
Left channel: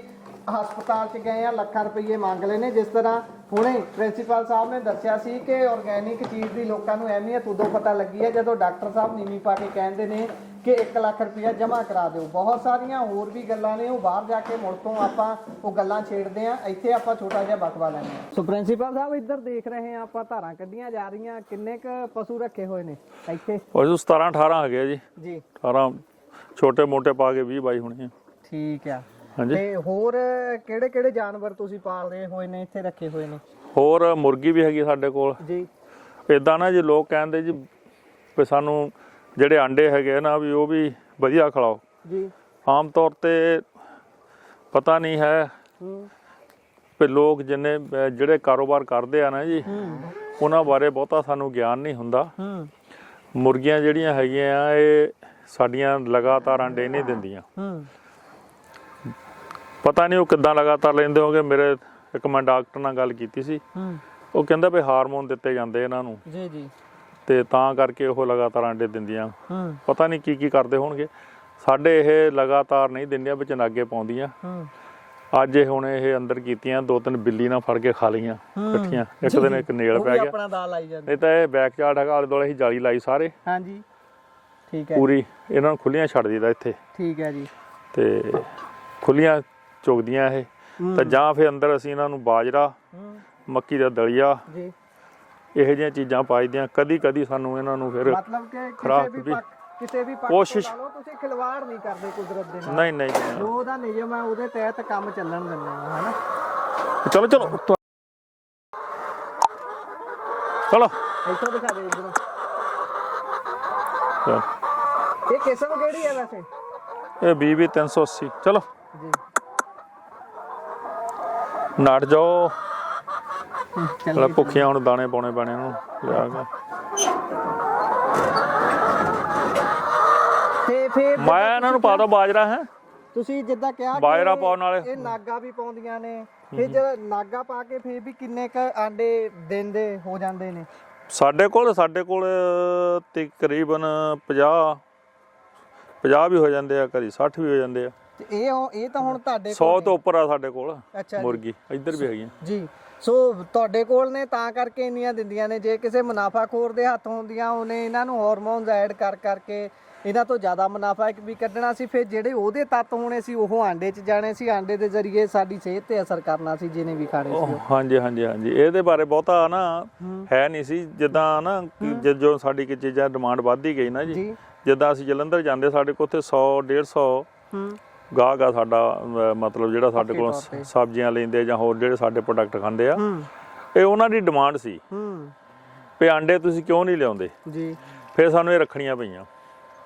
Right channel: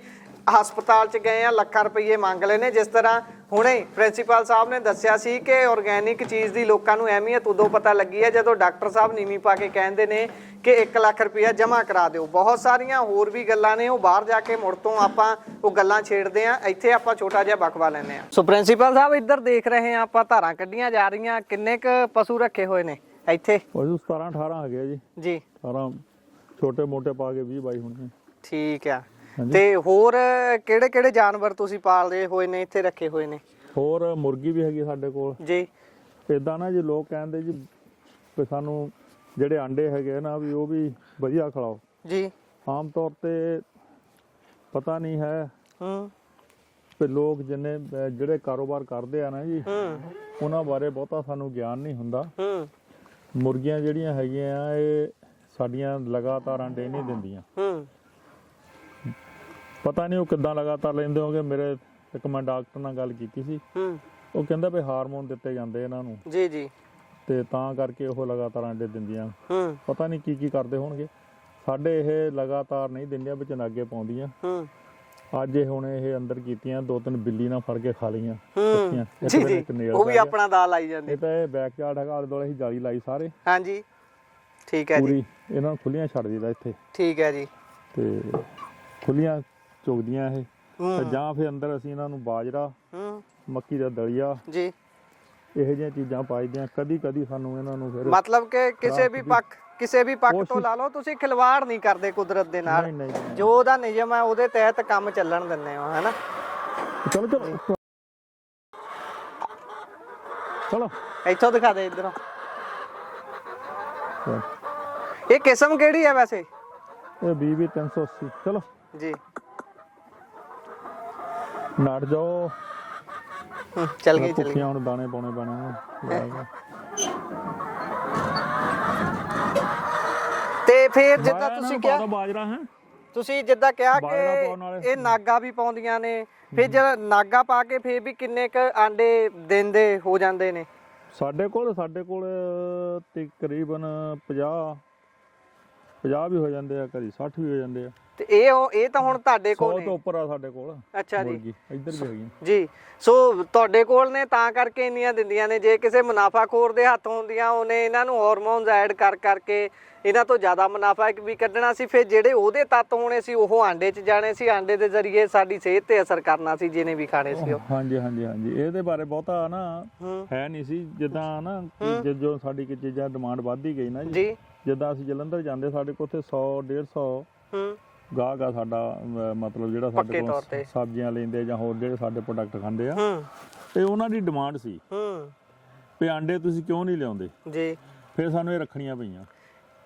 ਹਸਪਤਾਲ 'ਚ ਗਏ ਆ ਲੱਖਾਂ ਰੁਪਏ ਮੰਗ ਲਏ ਨੇ। ਜਿਸ ਤਰ੍ਹਾਂ ਹੁਣੇ ਪ੍ਰਿੰਸੀਪਲ ਸਾਹਿਬ ਨੇ ਦੱਸਿਆ ਸੀ ਕਿ ਆਰਗੈਨਿਕ ਚੀਜ਼ ਦੀ ਲੋਕਾਂ ਨੂੰ ਅਹਿਮੀਅਤ ਉਦੋਂ ਪਤਾ ਲੱਗੀ ਹੈ ਜਦੋਂ ਡਾਕਟਰ ਸਾਹਿਬ ਨੀਵੀਂ ਪਾ ਕੇ ਕਹਿੰਦੇ ਨੇ ਕਿ 1 ਲੱਖ ਰੁਪਇਆ ਜਮ੍ਹਾਂ ਕਰਾ ਦਿਓ। ਬਹੁਤ ਸਾਰੀਆਂ ਹੋਰ ਵੀ ਗੱਲਾਂ ਨੇ, ਉਹ ਬਾਹਰ ਜਾ ਕੇ ਮੁੜ ਤੋਂ ਆਪਾਂ ਉਹ ਗੱਲਾਂ ਛੇੜਦੇ ਆ, ਇੱਥੇ ਆਪਾਂ ਛੋਟਾ ਜਿਹਾ ਬਕਵਾ ਲੈਂਦੇ ਆ। ਸੋ ਪ੍ਰਿੰਸੀਪਲ ਸਾਹਿਬ ਇੱਧਰ ਦੇਖ ਰਹੇ ਆ ਆਪਾਂ, ਧਾਰਾਂ ਕੱਢੀਆਂ ਜਾ ਰਹੀਆਂ। ਕਿੰਨੇ ਕ ਪਸ਼ੂ ਰੱਖੇ ਹੋਏ ਨੇ ਇੱਥੇ? ਪਸ਼ੂ 17-18 ਹੈਗੇ ਆ ਜੀ। ਜੀ, 18 ਛੋਟੇ ਮੋਟੇ ਪਾ ਕੇ 20-22 ਹੋਣੇ। ਠੀਕ ਆ। ਤੇ ਹੋਰ ਕਿਹੜੇ ਕਿਹੜੇ ਜਾਨਵਰ ਤੁਸੀਂ ਪਾਲਦੇ ਹੋਏ ਨੇ, ਇੱਥੇ ਰੱਖੇ ਹੋਏ ਨੇ? ਹੋਰ ਮੁਰਗੀ ਵੀ ਹੈਗੀ ਸਾਡੇ ਕੋਲ ਜੀ। ਇਦਾਂ ਨਾ ਜੀ ਲੋਕ ਕਹਿੰਦੇ ਜੀ ਵੀ ਸਾਨੂੰ ਜਿਹੜੇ ਆਂਡੇ ਹੈਗੇ ਨਾ ਵੀ ਉਹ ਵੀ ਵਧੀਆ ਖਿਲਾਓ ਜੀ। ਆਮ ਤੌਰ ਤੇ ਪਤਾ ਨਹੀਂ ਹੈ ਵੀ ਲੋਕ ਜਿੰਨੇ ਜਿਹੜੇ ਕਾਰੋਬਾਰ ਕਰਦੇ ਆ ਨਾ ਜੀ, ਉਹਨਾਂ ਬਾਰੇ ਬਹੁਤਾ ਸਾਨੂੰ ਗਿਆਨ ਨਹੀਂ ਹੁੰਦਾ। ਮੁਰਗੀਆਂ ਜਿਹੜੀਆਂ ਹੈਗੀਆਂ ਆ ਇਹ ਸਾਡੀਆਂ ਲਗਾਤਾਰ ਆਂਡੇ ਨਹੀਂ ਦਿੰਦੀਆਂ। ਪਤਾ ਨਹੀਂ ਉਹ ਕਿੱਦਾਂ ਲਗਾਤਾਰ ਲੈਂਦੇ ਹੋਗੇ। ਮੇਰੇ ਇੱਕ ਮੈਂ ਡਾਕਟਰ ਨਾਲ ਗੱਲ ਕੀਤੀ ਸੀ, ਉਹ ਕਹਿੰਦਾ ਵੀ ਹਾਰਮੋਨ ਦਿੱਤੇ ਜਾਂਦੇ ਇਹਨਾਂ ਨੂੰ ਜੀ ਜੀ, ਤੇ ਤਾਂ ਕਰਕੇ ਉਹ ਲਗਾਤਾਰ ਆਂਡੇ ਦਿੰਦੀਆਂ। ਪਤਾ ਨਹੀਂ ਕੀ ਕਰਦੇ ਹੋਣਗੇ। ਸਾਡੇ ਇਹ ਲਗਾਤਾਰ ਨਹੀਂ ਦਿੰਦੀਆਂ, ਵਿੱਚ ਨਾਗੇ ਪਾਉਂਦੀਆਂ। ਅੱਜ ਇਹ ਹੁਣ ਇਹ ਅੰਦਰ ਕੀਤੀਆਂ, 2-3 ਬਿੱਲੀ ਨਾਲ ਫੜ ਕੇ ਖਾ ਲਈਆਂ ਇਕੱਠੀਆਂ। ਇੱਕ ਦਿਨ ਇੱਕ ਨੇਲ ਪੈ ਗਿਆ, ਆਪਣਾ ਦਾ ਲਾਈ ਜਾਂਦੇ। ਇਹ ਤਾਂ ਇਹ ਬੈਕ ਯਾਰਡ ਹੈਗਾ, ਆਲੇ ਦੁਆਲੇ ਅਸੀਂ ਜਾਲੀ ਲਾਈ ਸਾਰੇ। ਹਾਂਜੀ, ਠੀਕ ਹੈ। ਪੂਰੀ ਇਹਨਾਂ ਨੂੰ ਖੁੱਲੀਆਂ ਛੱਡ ਦਿੱਤਾ ਇੱਥੇ। ਠੀਕ ਹੈ ਜੀ। ਤੇ ਖੁੱਲੀਆਂ ਚੁਗਦੀਆਂ ਇਹ ਤਾਂ, ਜਾਂ ਫਿਰ ਅੰਦਰ ਅਸੀਂ ਇਹਨਾਂ ਨੂੰ ਬਾਜਰਾ, ਮੱਕੀ ਦਾ ਦਲੀਆ ਜੀ, ਇਹੋ ਜਿਹੀਆਂ ਚੀਜ਼ਾਂ ਪਾਈਦੀਆਂ। ਕਦੀ ਸਾਨੂੰ ਇਹਨਾਂ ਨੂੰ ਫਿਰ ਮਤਲਬ ਕਿ ਕਿਸੇ ਵੀ ਪੱਖ ਤੋਂ ਲਾ ਲਓ, ਤੁਸੀਂ ਖਿਲਵਾੜ ਨਹੀਂ ਕਰਦੇ ਕੁਦਰਤ ਦੇ ਨਾਲ। ਨਹੀਂ ਜੋ ਉਹਦਾ ਨਿਯਮ ਹੈ ਉਹਦੇ ਤਹਿਤ ਕੰਮ ਚੱਲਣ ਦਿੰਦੇ ਹੋ, ਹੈਨਾ। ਚਲੋ ਇੱਥੋਂ ਦਿਖਾ ਦੇ ਇਧਰੋਂ। ਇਹ ਕਿਸਮ ਕਿਹੜੀ ਹੈ ਵੈਸੇ? ਇਹ BB 380। ਚਲੋ ਜੀ, ਨੱਠ ਜਾਓ। ਚੱਲ ਭੁੱਖੀਆਂ ਹੁਣ ਦਾਣੇ ਪਾਉਣੇ ਪੈਣੇ ਉਹਨੂੰ ਲਿਆ ਕੇ। ਤੇ ਫਿਰ ਮੈਂ ਇਹਨਾਂ ਨੂੰ ਪਾ ਦੋ ਬਾਜਰਾ। ਹੈ ਤੁਸੀਂ ਜਿੱਦਾਂ ਕਿਹਾ ਬਾਜਰਾ ਪਾਉਣ ਵਾਲੇ ਇਹ ਨਾਗਾ ਵੀ ਪਾਉਂਦੀਆਂ ਨੇ, ਫਿਰ ਜਦ ਨਾਗਾ ਪਾ ਕੇ ਫਿਰ ਵੀ ਕਿੰਨੇ ਕ ਆਂਡੇ ਦਿੰਦੇ ਹੋ ਜਾਂਦੇ ਨੇ? ਸਾਡੇ ਕੋਲ ਤਕਰੀਬਨ 50 ਵੀ ਹੋ ਜਾਂਦੇ ਆ, ਕਦੀ 60 ਵੀ ਹੋ ਜਾਂਦੇ ਆ। ਤੇ ਇਹ ਤਾਂ ਹੁਣ ਤੁਹਾਡੇ ਕੋਲ 100 ਤੋਂ ਉੱਪਰ ਆ ਸਾਡੇ ਕੋਲ ਮੁਰਗੀ। ਇੱਧਰ ਵੀ ਹੈਗੀਆਂ ਜੀ। ਸੋ ਤੁਹਾਡੇ ਕੋਲ ਨੇ ਤਾਂ ਕਰਕੇ ਇੰਨੀਆਂ ਦਿੰਦੀਆਂ ਨੇ। ਜੇ ਕਿਸੇ ਮੁਨਾਫਾਖੋਰ ਦੇ ਹੱਥ ਹੁੰਦੀਆਂ, ਉਹਨੇ ਇਹਨਾਂ ਨੂੰ ਹਾਰਮੋਨਸ ਐਡ ਕਰਕੇ ਇਹਨਾਂ ਤੋਂ ਜ਼ਿਆਦਾ ਮੁਨਾਫਾ ਵੀ ਕੱਢਣਾ ਸੀ। ਫਿਰ ਜਿਹੜੇ ਉਹਦੇ ਤੱਤ ਹੋਣੇ ਸੀ ਉਹ ਆਂਡੇ 'ਚ ਜਾਣੇ ਸੀ, ਆਂਡੇ ਦੇ ਜ਼ਰੀਏ ਸਾਡੀ ਸਿਹਤ ਤੇ ਅਸਰ ਕਰਨਾ ਸੀ ਜਿਹਨੇ ਵੀ ਖਾਣੇ ਸੀ। ਹਾਂਜੀ। ਇਹਦੇ ਬਾਰੇ ਬਹੁਤਾ ਨਾ ਹੈ ਨਹੀਂ ਸੀ। ਜਿੱਦਾਂ ਨਾ ਜਦੋਂ ਸਾਡੀ ਕਿ ਚੀਜ਼ਾਂ ਡਿਮਾਂਡ ਵੱਧਦੀ ਗਈ ਨਾ ਜੀ, ਜਿੱਦਾਂ ਅਸੀਂ ਜਲੰਧਰ ਜਾਂਦੇ, ਸਾਡੇ ਕੋਲ ਉੱਥੇ 100-150 ਗਾਹਕ ਆ ਸਾਡਾ, ਮਤਲਬ ਜਿਹੜਾ ਸਾਡੇ ਕੋਲ ਸਬਜ਼ੀਆਂ ਲੈਂਦੇ ਜਾਂ ਹੋਰ ਜਿਹੜੇ ਸਾਡੇ ਪ੍ਰੋਡਕਟ ਖਾਂਦੇ ਆ, ਇਹ ਉਹਨਾਂ ਦੀ ਡਿਮਾਂਡ ਸੀ ਵੀ ਆਂਡੇ ਤੁਸੀਂ ਕਿਉਂ ਨਹੀਂ ਲਿਆਉਂਦੇ ਜੀ। ਫਿਰ ਸਾਨੂੰ ਇਹ ਰੱਖਣੀਆਂ ਪਈਆਂ।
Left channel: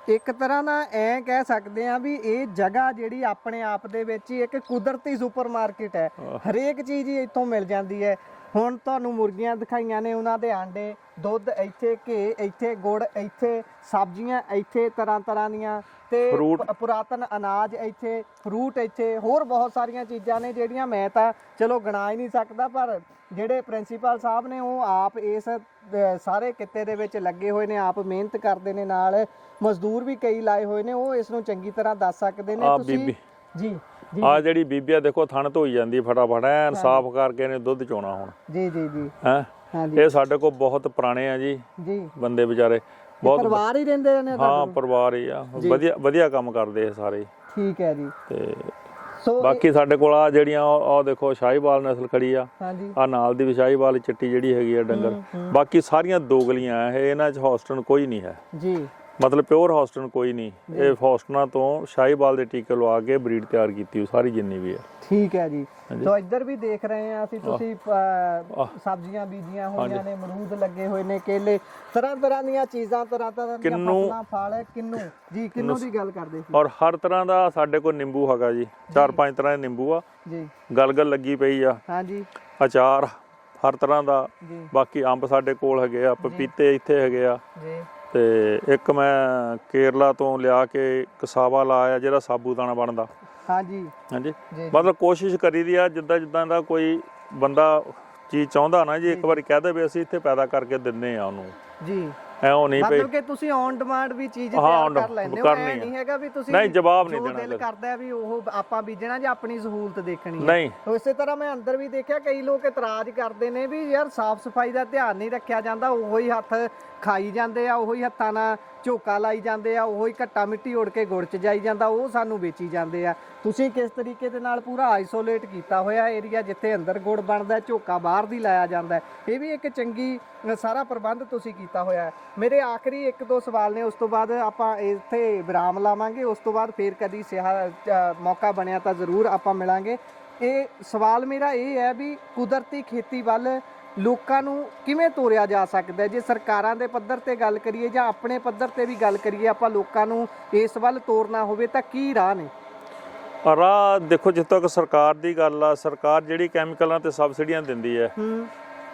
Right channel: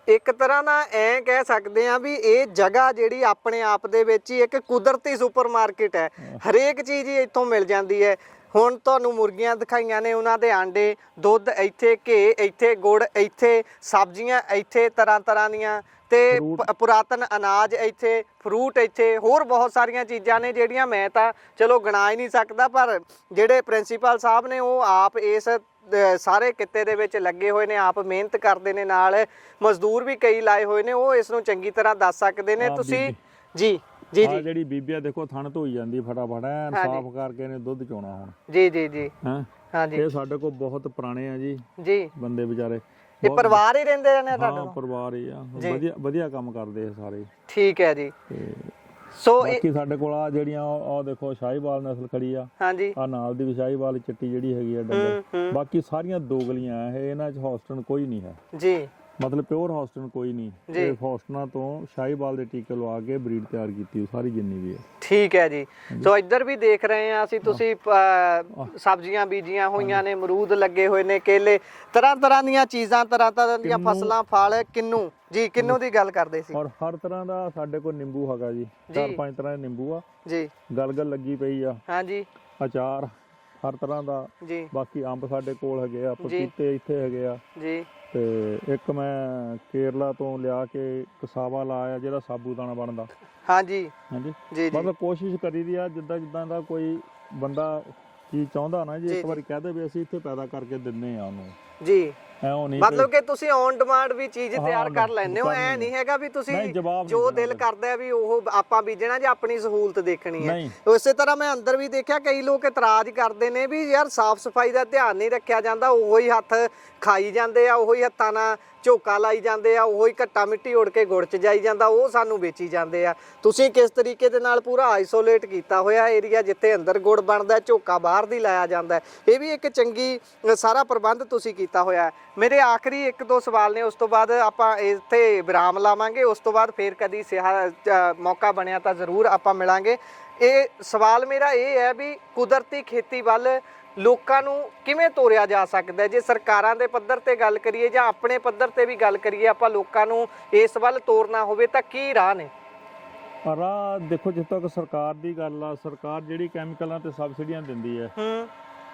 ਇੱਕ ਤਰ੍ਹਾਂ ਨਾਲ ਐ ਕਹਿ ਸਕਦੇ ਆ ਵੀ ਇਹ ਜਗ੍ਹਾ ਜਿਹੜੀ ਆਪਣੇ ਆਪ ਦੇ ਵਿੱਚ ਹੀ ਇੱਕ ਕੁਦਰਤੀ ਸੁਪਰਮਾਰਕਟ ਹੈ। ਹਰੇਕ ਚੀਜ਼ ਹੀ ਇੱਥੋਂ ਮਿਲ ਜਾਂਦੀ ਹੈ। ਹੁਣ ਤੁਹਾਨੂੰ ਮੁਰਗੀਆਂ ਦਿਖਾਈਆਂ ਨੇ, ਉਹਨਾਂ ਦੇ ਆਂਡੇ, ਦੁੱਧ ਇੱਥੇ, ਘੇ ਇੱਥੇ, ਗੁੜ ਇੱਥੇ, ਸਬਜ਼ੀਆਂ ਇੱਥੇ ਤਰ੍ਹਾਂ ਤਰ੍ਹਾਂ ਦੀਆਂ, ਤੇ ਪੁਰਾਤਨ ਅਨਾਜ ਇੱਥੇ, ਫਰੂਟ ਇੱਥੇ, ਹੋਰ ਬਹੁਤ ਸਾਰੀਆਂ ਚੀਜ਼ਾਂ ਨੇ ਜਿਹੜੀਆਂ ਮੈਂ ਤਾਂ ਚਲੋ ਗਿਣਾ ਹੀ ਨਹੀਂ ਸਕਦਾ, ਪਰ ਜਿਹੜੇ ਪ੍ਰਿੰਸੀਪਲ ਸਾਹਿਬ ਨੇ ਉਹ ਆਪ ਇਸ ਸਾਰੇ ਕਿੱਤੇ ਦੇ ਵਿੱਚ ਲੱਗੇ ਹੋਏ ਨੇ, ਆਪ ਮਿਹਨਤ ਕਰਦੇ ਨੇ, ਨਾਲ ਮਜ਼ਦੂਰ ਵੀ ਕਈ ਲਾਏ ਹੋਏ ਨੇ, ਉਹ ਇਸ ਨੂੰ ਚੰਗੀ ਤਰ੍ਹਾਂ ਦੱਸ ਸਕਦੇ ਨੇ। ਤੁਸੀਂ ਜੀ ਜੀ ਆ ਜਿਹੜੀ ਬੀਬੀਆ ਦੇਖੋ ਥਣ ਧੋਈ ਜਾਂਦੀ ਫਟਾਫਟ, ਐਨ ਸਾਫ਼ ਕਰਕੇ ਨੇ ਦੁੱਧ ਚੋਣਾ ਹੁਣ। ਜੀ ਜੀ ਜੀ ਹੈ ਹਾਂਜੀ, ਇਹ ਸਾਡੇ ਕੋਲ ਬਹੁਤ ਪੁਰਾਣੇ ਆ ਜੀ ਬੰਦੇ ਵਿਚਾਰੇ, ਇਹ ਪਰਿਵਾਰ ਹੀ ਰਹਿੰਦੇ ਨੇ? ਹਾਂ ਪਰਿਵਾਰ ਹੀ ਆ, ਵਧੀਆ ਵਧੀਆ ਕੰਮ ਕਰਦੇ ਆ ਸਾਰੇ। ਠੀਕ ਹੈ ਜੀ। ਤੇ ਸੋ ਬਾਕੀ ਸਾਡੇ ਕੋਲ ਆ ਜਿਹੜੀਆਂ ਉਹ ਦੇਖੋ ਸ਼ਾਹੀਵਾਲ ਨਸਲ ਖੜੀ ਆ, ਹਾਂਜੀ ਆ ਨਾਲ ਦੀ ਵੀ ਸ਼ਾਹੀਵਾਲ ਚਿੱਟੀ ਜਿਹੜੀ ਹੈਗੀ ਆ ਡੰਗਰ। ਬਾਕੀ ਸਾਰੀਆਂ ਦੋਗਲੀਆਂ ਆ, ਇਹ ਇਹਨਾਂ 'ਚ ਹੌਸਟਨ ਕੋਈ ਨਹੀਂ ਹੈ ਜੀ, ਮਤਲਬ ਪਿਓਰ ਹੌਸਟਨ ਕੋਈ ਨਹੀਂ। ਇਹ ਹੌਸਟਨਾਂ ਤੋਂ ਸ਼ਾਹੀਵਾਲ ਦੇ ਟੀਕੇ ਲਵਾ ਕੇ ਬਰੀਡ ਤਿਆਰ ਕੀਤੀ ਸਾਰੀ ਜਿੰਨੀ ਵੀ ਹੈ। ਠੀਕ ਹੈ ਜੀ। ਸੋ ਇੱਧਰ ਵੀ ਦੇਖ ਰਹੇ ਆ ਅਸੀਂ, ਤੁਸੀਂ ਸਬਜ਼ੀਆਂ ਬੀਜੀਆਂ ਹੋਈਆਂ ਨੇ, ਅਮਰੂਦ ਲੱਗੇ ਹੋਏ ਨੇ, ਕੇਲੇ, ਤਰ੍ਹਾਂ ਤਰ੍ਹਾਂ ਦੀਆਂ ਚੀਜ਼ਾਂ, ਤਰ੍ਹਾਂ ਤਰ੍ਹਾਂ ਦੀਆਂ ਫਸਲਾਂ, ਫਲ, ਕਿੰਨੂ ਜੀ, ਕਿੰਨੂ ਦੀ ਗੱਲ ਕਰਦੇ ਸੀ। ਔਰ ਹਰ ਤਰ੍ਹਾਂ ਦਾ ਸਾਡੇ ਕੋਲ ਨਿੰਬੂ ਹੈਗਾ ਜੀ, 4-5 ਤਰ੍ਹਾਂ ਦੇ ਨਿੰਬੂ ਆ ਜੀ, ਗਲਗਲ ਲੱਗੀ ਪਈ ਆ, ਹਾਂਜੀ, ਅਚਾਰ ਹਰ ਤਰ੍ਹਾਂ ਦਾ ਜੀ। ਬਾਕੀ ਅੰਬ ਸਾਡੇ ਕੋਲ ਹੈਗੇ ਆ, ਪਪੀਤੇ ਇੱਥੇ ਹੈਗੇ ਆ ਜੀ। ਤੇ ਇੱਕ ਮੈਂ ਕੇਰਲਾ ਤੋਂ ਲਿਆ ਕੇ ਕਸਾਵਾ ਲਾਇਆ ਜਿਹੜਾ ਸਾਬੂਦਾਨਾ ਬਣਦਾ। ਹਾਂਜੀ ਹਾਂਜੀ ਜੀ, ਮਤਲਬ ਕੋਸ਼ਿਸ਼ ਕਰੀਦੀ ਆ ਜਿੱਦਾਂ ਦਾ ਕੋਈ ਬੰਦਾ ਚੀਜ਼ ਚਾਹੁੰਦਾ ਨਾ ਜੀ, ਇੱਕ ਵਾਰੀ ਕਹਿ ਦੇ ਵੀ ਅਸੀਂ ਇੱਥੇ ਪੈਦਾ ਕਰਕੇ ਦਿੰਨੇ ਆ ਉਹਨੂੰ ਜੀ। ਐਉਂ ਨਹੀਂ ਮਤਲਬ ਕਿ ਤੁਸੀਂ ਔਨ ਡਿਮਾਂਡ ਵੀ ਚੀਜ਼ ਤਿਆਰ ਕਰ ਲੈਂਦੇ ਹੋ, ਐ ਨਹੀਂ ਹੈਗਾ ਵੀ ਤੁਸੀਂ ਜੋ ਦਿਲ ਕਰਦਾ ਵੀ ਉਹ ਆਪਾਂ ਬੀਜਣਾ ਜਾਂ ਆਪਣੀ ਸਹੂਲਤ ਦੇਖਣੀ ਹੈ। ਉਸੇ ਤਰ੍ਹਾਂ ਮੈਂ ਅੰਦਰ ਵੀ ਦੇਖਿਆ ਕਈ ਲੋਕ ਇਤਰਾਜ਼ ਕਰਦੇ ਨੇ ਵੀ ਯਾਰ ਸਾਫ਼ ਸਫਾਈ ਦਾ ਧਿਆਨ ਨਹੀਂ ਰੱਖਿਆ ਜਾਂਦਾ, ਉਹੀ ਹੱਥ ਖਾਈ ਜਾਂਦੇ ਆ, ਉਹੀ ਹੱਥਾਂ ਨਾਲ ਝੋਕਾ ਲਾਈ ਜਾਂਦੇ ਆ, ਉਹੀ ਘੱਟਾ ਮਿੱਟੀ ਉੜ ਕੇ ਗੁੜ ਚ ਜਾਈ ਜਾਂਦਾ, ਉਹ ਸਾਨੂੰ ਵੇਚੀ ਜਾਂਦੇ ਆ। ਤੁਸੀਂ ਕਿਸ ਤਰੀਕੇ ਦੇ ਨਾਲ ਪੂਰਾ ਆਈਸੋਲੇਟ ਕੀਤਾ ਹੋਇਆ ਏਰੀਆ ਜਿੱਥੇ ਅੰਦਰ ਗੁੜ ਬਣਦਾ, ਝੋਕਾ ਬਾਹਰ ਦੀ ਲਾਇਆ ਜਾਂਦਾ, ਇਹ ਵੀ ਇੱਕ ਚੰਗੀ ਸਾਰਾ ਪ੍ਰਬੰਧ ਤੁਸੀਂ ਕੀਤਾ ਹੋਇਆ। ਮੇਰੇ ਆਖਰੀ 1-2 ਸਵਾਲ ਨੇ, ਉਸ ਤੋਂ ਬਾਅਦ ਆਪਾਂ ਇੱਥੇ ਵਿਰਾਮ ਲਾਵਾਂਗੇ, ਉਸ ਤੋਂ ਬਾਅਦ ਫੇਰ ਕਦੀ ਮੌਕਾ ਬਣਿਆ ਤਾਂ ਜ਼ਰੂਰ ਆਪਾਂ ਮਿਲਾਂਗੇ। ਇਹ ਸਵਾਲ ਮੇਰਾ ਇਹ ਹੈ ਵੀ ਕੁਦਰਤੀ ਖੇਤੀ ਵੱਲ ਲੋਕਾਂ ਨੂੰ ਕਿਵੇਂ ਤੋਰਿਆ ਜਾ ਸਕਦਾ, ਜੇ ਸਰਕਾਰਾਂ ਦੇ ਪੱਧਰ ਤੇ ਗੱਲ ਕਰੀਏ ਜਾਂ ਆਪਣੇ ਪੱਧਰ ਤੇ ਵੀ ਗੱਲ ਕਰੀਏ, ਆਪਾਂ ਲੋਕਾਂ ਨੂੰ ਇਸ ਵੱਲ ਤੋਰਨਾ ਹੋਵੇ ਤਾਂ ਕੀ ਰਾਹ ਨੇ? ਰਾਹ ਦੇਖੋ, ਜਿੱਥੇ ਤੱਕ ਸਰਕਾਰ ਦੀ ਗੱਲ ਆ, ਸਰਕਾਰ ਜਿਹੜੀ ਕੈਮੀਕਲਾਂ ਤੇ ਸਬਸਿਡੀਆਂ ਦਿੰਦੀ ਹੈ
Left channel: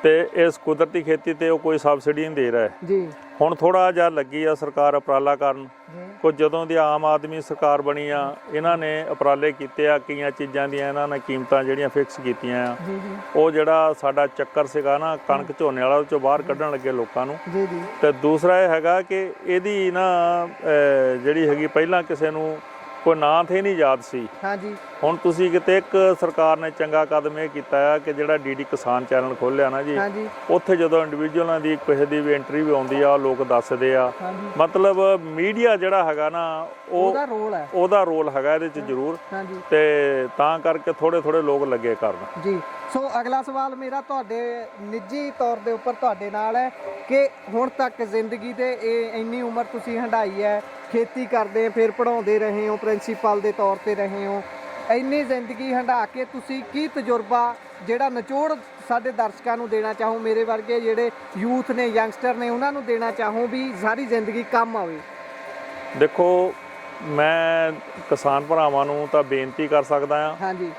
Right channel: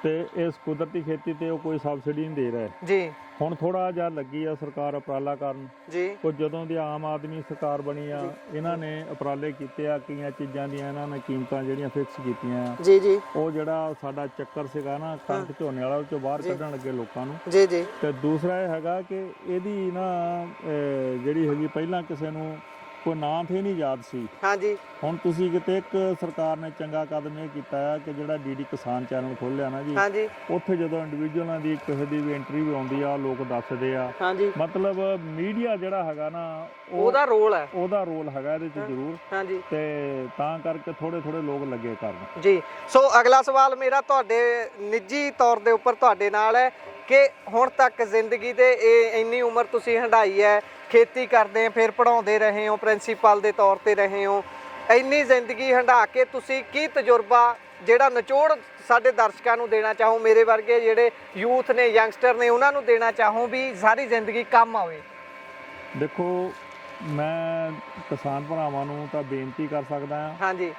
ਤੇ ਇਸ ਕੁਦਰਤੀ ਖੇਤੀ ਤੇ ਉਹ ਕੋਈ ਸਬਸਿਡੀ ਨਹੀਂ ਦੇ ਰਿਹਾ ਜੀ। ਹੁਣ ਥੋੜਾ ਜਿਹਾ ਲੱਗੀ ਆ ਸਰਕਾਰ ਉਪਰਾਲਾ ਕਰਨ ਜੀ, ਕੁਝ ਜਦੋਂ ਦੀ ਆਮ ਆਦਮੀ ਸਰਕਾਰ ਬਣੀ ਆ, ਇਹਨਾਂ ਨੇ ਉਪਰਾਲੇ ਕੀਤੇ ਆ, ਕਈਆਂ ਚੀਜ਼ਾਂ ਦੀਆਂ ਇਹਨਾਂ ਨੇ ਕੀਮਤਾਂ ਜਿਹੜੀਆਂ ਫਿਕਸ ਕੀਤੀਆਂ ਆ। ਜੀ ਜੀ। ਉਹ ਜਿਹੜਾ ਸਾਡਾ ਚੱਕਰ ਸੀਗਾ ਨਾ ਕਣਕ ਝੋਨੇ ਵਾਲਾ, ਉਹ ਚੋਂ ਬਾਹਰ ਕੱਢਣ ਲੱਗੇ ਲੋਕਾਂ ਨੂੰ। ਜੀ ਜੀ। ਤੇ ਦੂਸਰਾ ਇਹ ਹੈਗਾ ਕਿ ਇਹਦੀ ਨਾ ਜਿਹੜੀ ਹੈਗੀ ਪਹਿਲਾਂ ਕਿਸੇ ਨੂੰ ਕੋਈ ਨਾਂ ਤੇ ਨਹੀਂ ਯਾਦ ਸੀ। ਹਾਂਜੀ। ਹੁਣ ਤੁਸੀਂ ਕਿਤੇ ਇੱਕ ਸਰਕਾਰ ਨੇ ਚੰਗਾ ਕਦਮ ਇਹ ਕੀਤਾ ਆ ਕਿ ਜਿਹੜਾ ਡੀਡੀ ਕਿਸਾਨ ਚੈਨਲ ਖੋਲਿਆ ਨਾ ਜੀ, ਉੱਥੇ ਜਦੋਂ ਇੰਡੀਵਿਜੂਅਲਾਂ ਦੀ ਕਿਸੇ ਦੀ ਵੀ ਇੰਟਰਵਿਊ ਆਉਂਦੀ ਆ, ਲੋਕ ਦੱਸਦੇ ਆ। ਮਤਲਬ ਮੀਡੀਆ ਜਿਹੜਾ ਹੈਗਾ ਨਾ ਉਹਦਾ ਰੋਲ ਹੈਗਾ ਇਹਦੇ ਚ ਜ਼ਰੂਰ, ਤੇ ਤਾਂ ਕਰਕੇ ਥੋੜੇ ਲੋਕ ਲੱਗੇ ਕਰਨ ਜੀ। ਸੋ ਅਗਲਾ ਸਵਾਲ ਮੇਰਾ ਤੁਹਾਡੇ ਨਿੱਜੀ ਤੌਰ ਦੇ ਉੱਪਰ ਤੁਹਾਡੇ ਨਾਲ ਹੈ ਕਿ ਹੁਣ ਤੱਕ ਜ਼ਿੰਦਗੀ ਦੇ ਇੰਨੀ ਉਮਰ ਤੁਸੀਂ ਹੰਢਾਈ ਹੈ, ਖੇਤੀ ਕਰਦੇ, ਫਿਰ ਪੜ੍ਹਾਉਂਦੇ ਰਹੇ ਹੋ, ਪ੍ਰਿੰਸੀਪਲ ਦੇ ਤੌਰ ਤੇ ਰਹੇ ਹੋ, ਇੰਨੀ ਜ਼ਿੰਦਗੀ ਹੰਢਾ ਕੇ ਤੁਸੀਂ ਕੀ ਤਜਰਬਾ ਜਿਹੜਾ ਨਿਚੋੜ ਸਾਡੇ ਦਰਸ਼ਕਾਂ ਨੂੰ ਦੇਣਾ ਚਾਹੋ, ਮੇਰੇ ਵਰਗੇ ਜਿਹੜੇ ਯੂਥ ਨੇ, ਯੰਗਸਟਰ ਨੇ, ਉਹਨਾਂ ਨੂੰ ਦੇਣਾ ਚਾਹੋ ਵੀ ਸਾਰੀ ਜ਼ਿੰਦਗੀ ਕੰਮ ਆਵੇ? ਦੇਖੋ, ਮੈਂ ਕਿਸਾਨ ਭਰਾਵਾਂ ਨੂੰ ਤਾਂ ਬੇਨਤੀ ਕਰ ਸਕਦਾ ਹਾਂ ਹਾਂਜੀ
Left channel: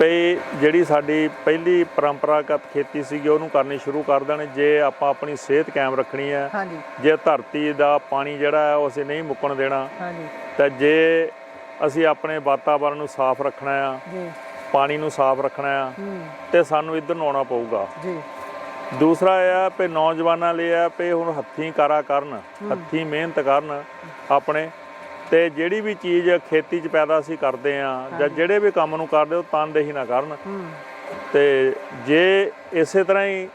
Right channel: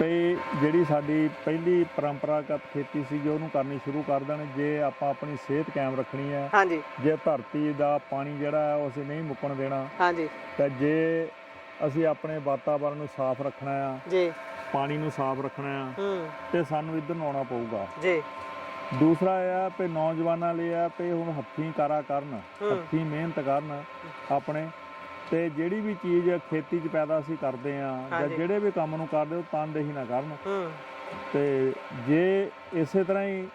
ਵੀ ਜਿਹੜੀ ਸਾਡੀ ਪਹਿਲੀ ਪਰੰਪਰਾਗਤ ਖੇਤੀ ਸੀਗੀ ਉਹਨੂੰ ਕਰਨੀ ਸ਼ੁਰੂ ਕਰ ਦੇਣ। ਜੇ ਆਪਾਂ ਆਪਣੀ ਸਿਹਤ ਕਾਇਮ ਰੱਖਣੀ ਹੈ, ਜੇ ਧਰਤੀ ਦਾ ਪਾਣੀ ਜਿਹੜਾ ਹੈ ਉਹ ਅਸੀਂ ਨਹੀਂ ਮੁੱਕਣ ਦੇਣਾ, ਤਾਂ ਜੇ ਅਸੀਂ ਆਪਣੇ ਵਾਤਾਵਰਨ ਨੂੰ ਸਾਫ਼ ਰੱਖਣਾ ਆ, ਪਾਣੀ ਨੂੰ ਸਾਫ਼ ਰੱਖਣਾ ਆ, ਤੇ ਸਾਨੂੰ ਇੱਧਰ ਨੂੰ ਆਉਣਾ ਪਊਗਾ। ਦੂਸਰਾ ਇਹ ਆ ਵੀ ਨੌਜਵਾਨਾਂ ਲਈ ਆ ਵੀ ਹੁਣ ਹੱਥੀਂ ਕਾਰਾ ਕਰਨ, ਹੱਥੀਂ ਮਿਹਨਤ ਕਰਨ ਆਪਣੇ, ਤੇ ਜਿਹੜੀ ਵੀ ਚੀਜ਼ ਖੇਤੀ 'ਚ ਪੈਦਾ ਅਸੀਂ ਕਰਦੇ ਆ ਜਾਂ ਜਿਹੜੇ ਵੀ ਕੰਮ ਨੂੰ ਕਰਦੇ ਉਹ ਤਨਦੇਹੀ ਨਾ ਕਰਨ। ਤੇ ਜੇ ਇਸੇ ਤਰ੍ਹਾਂ ਹੀ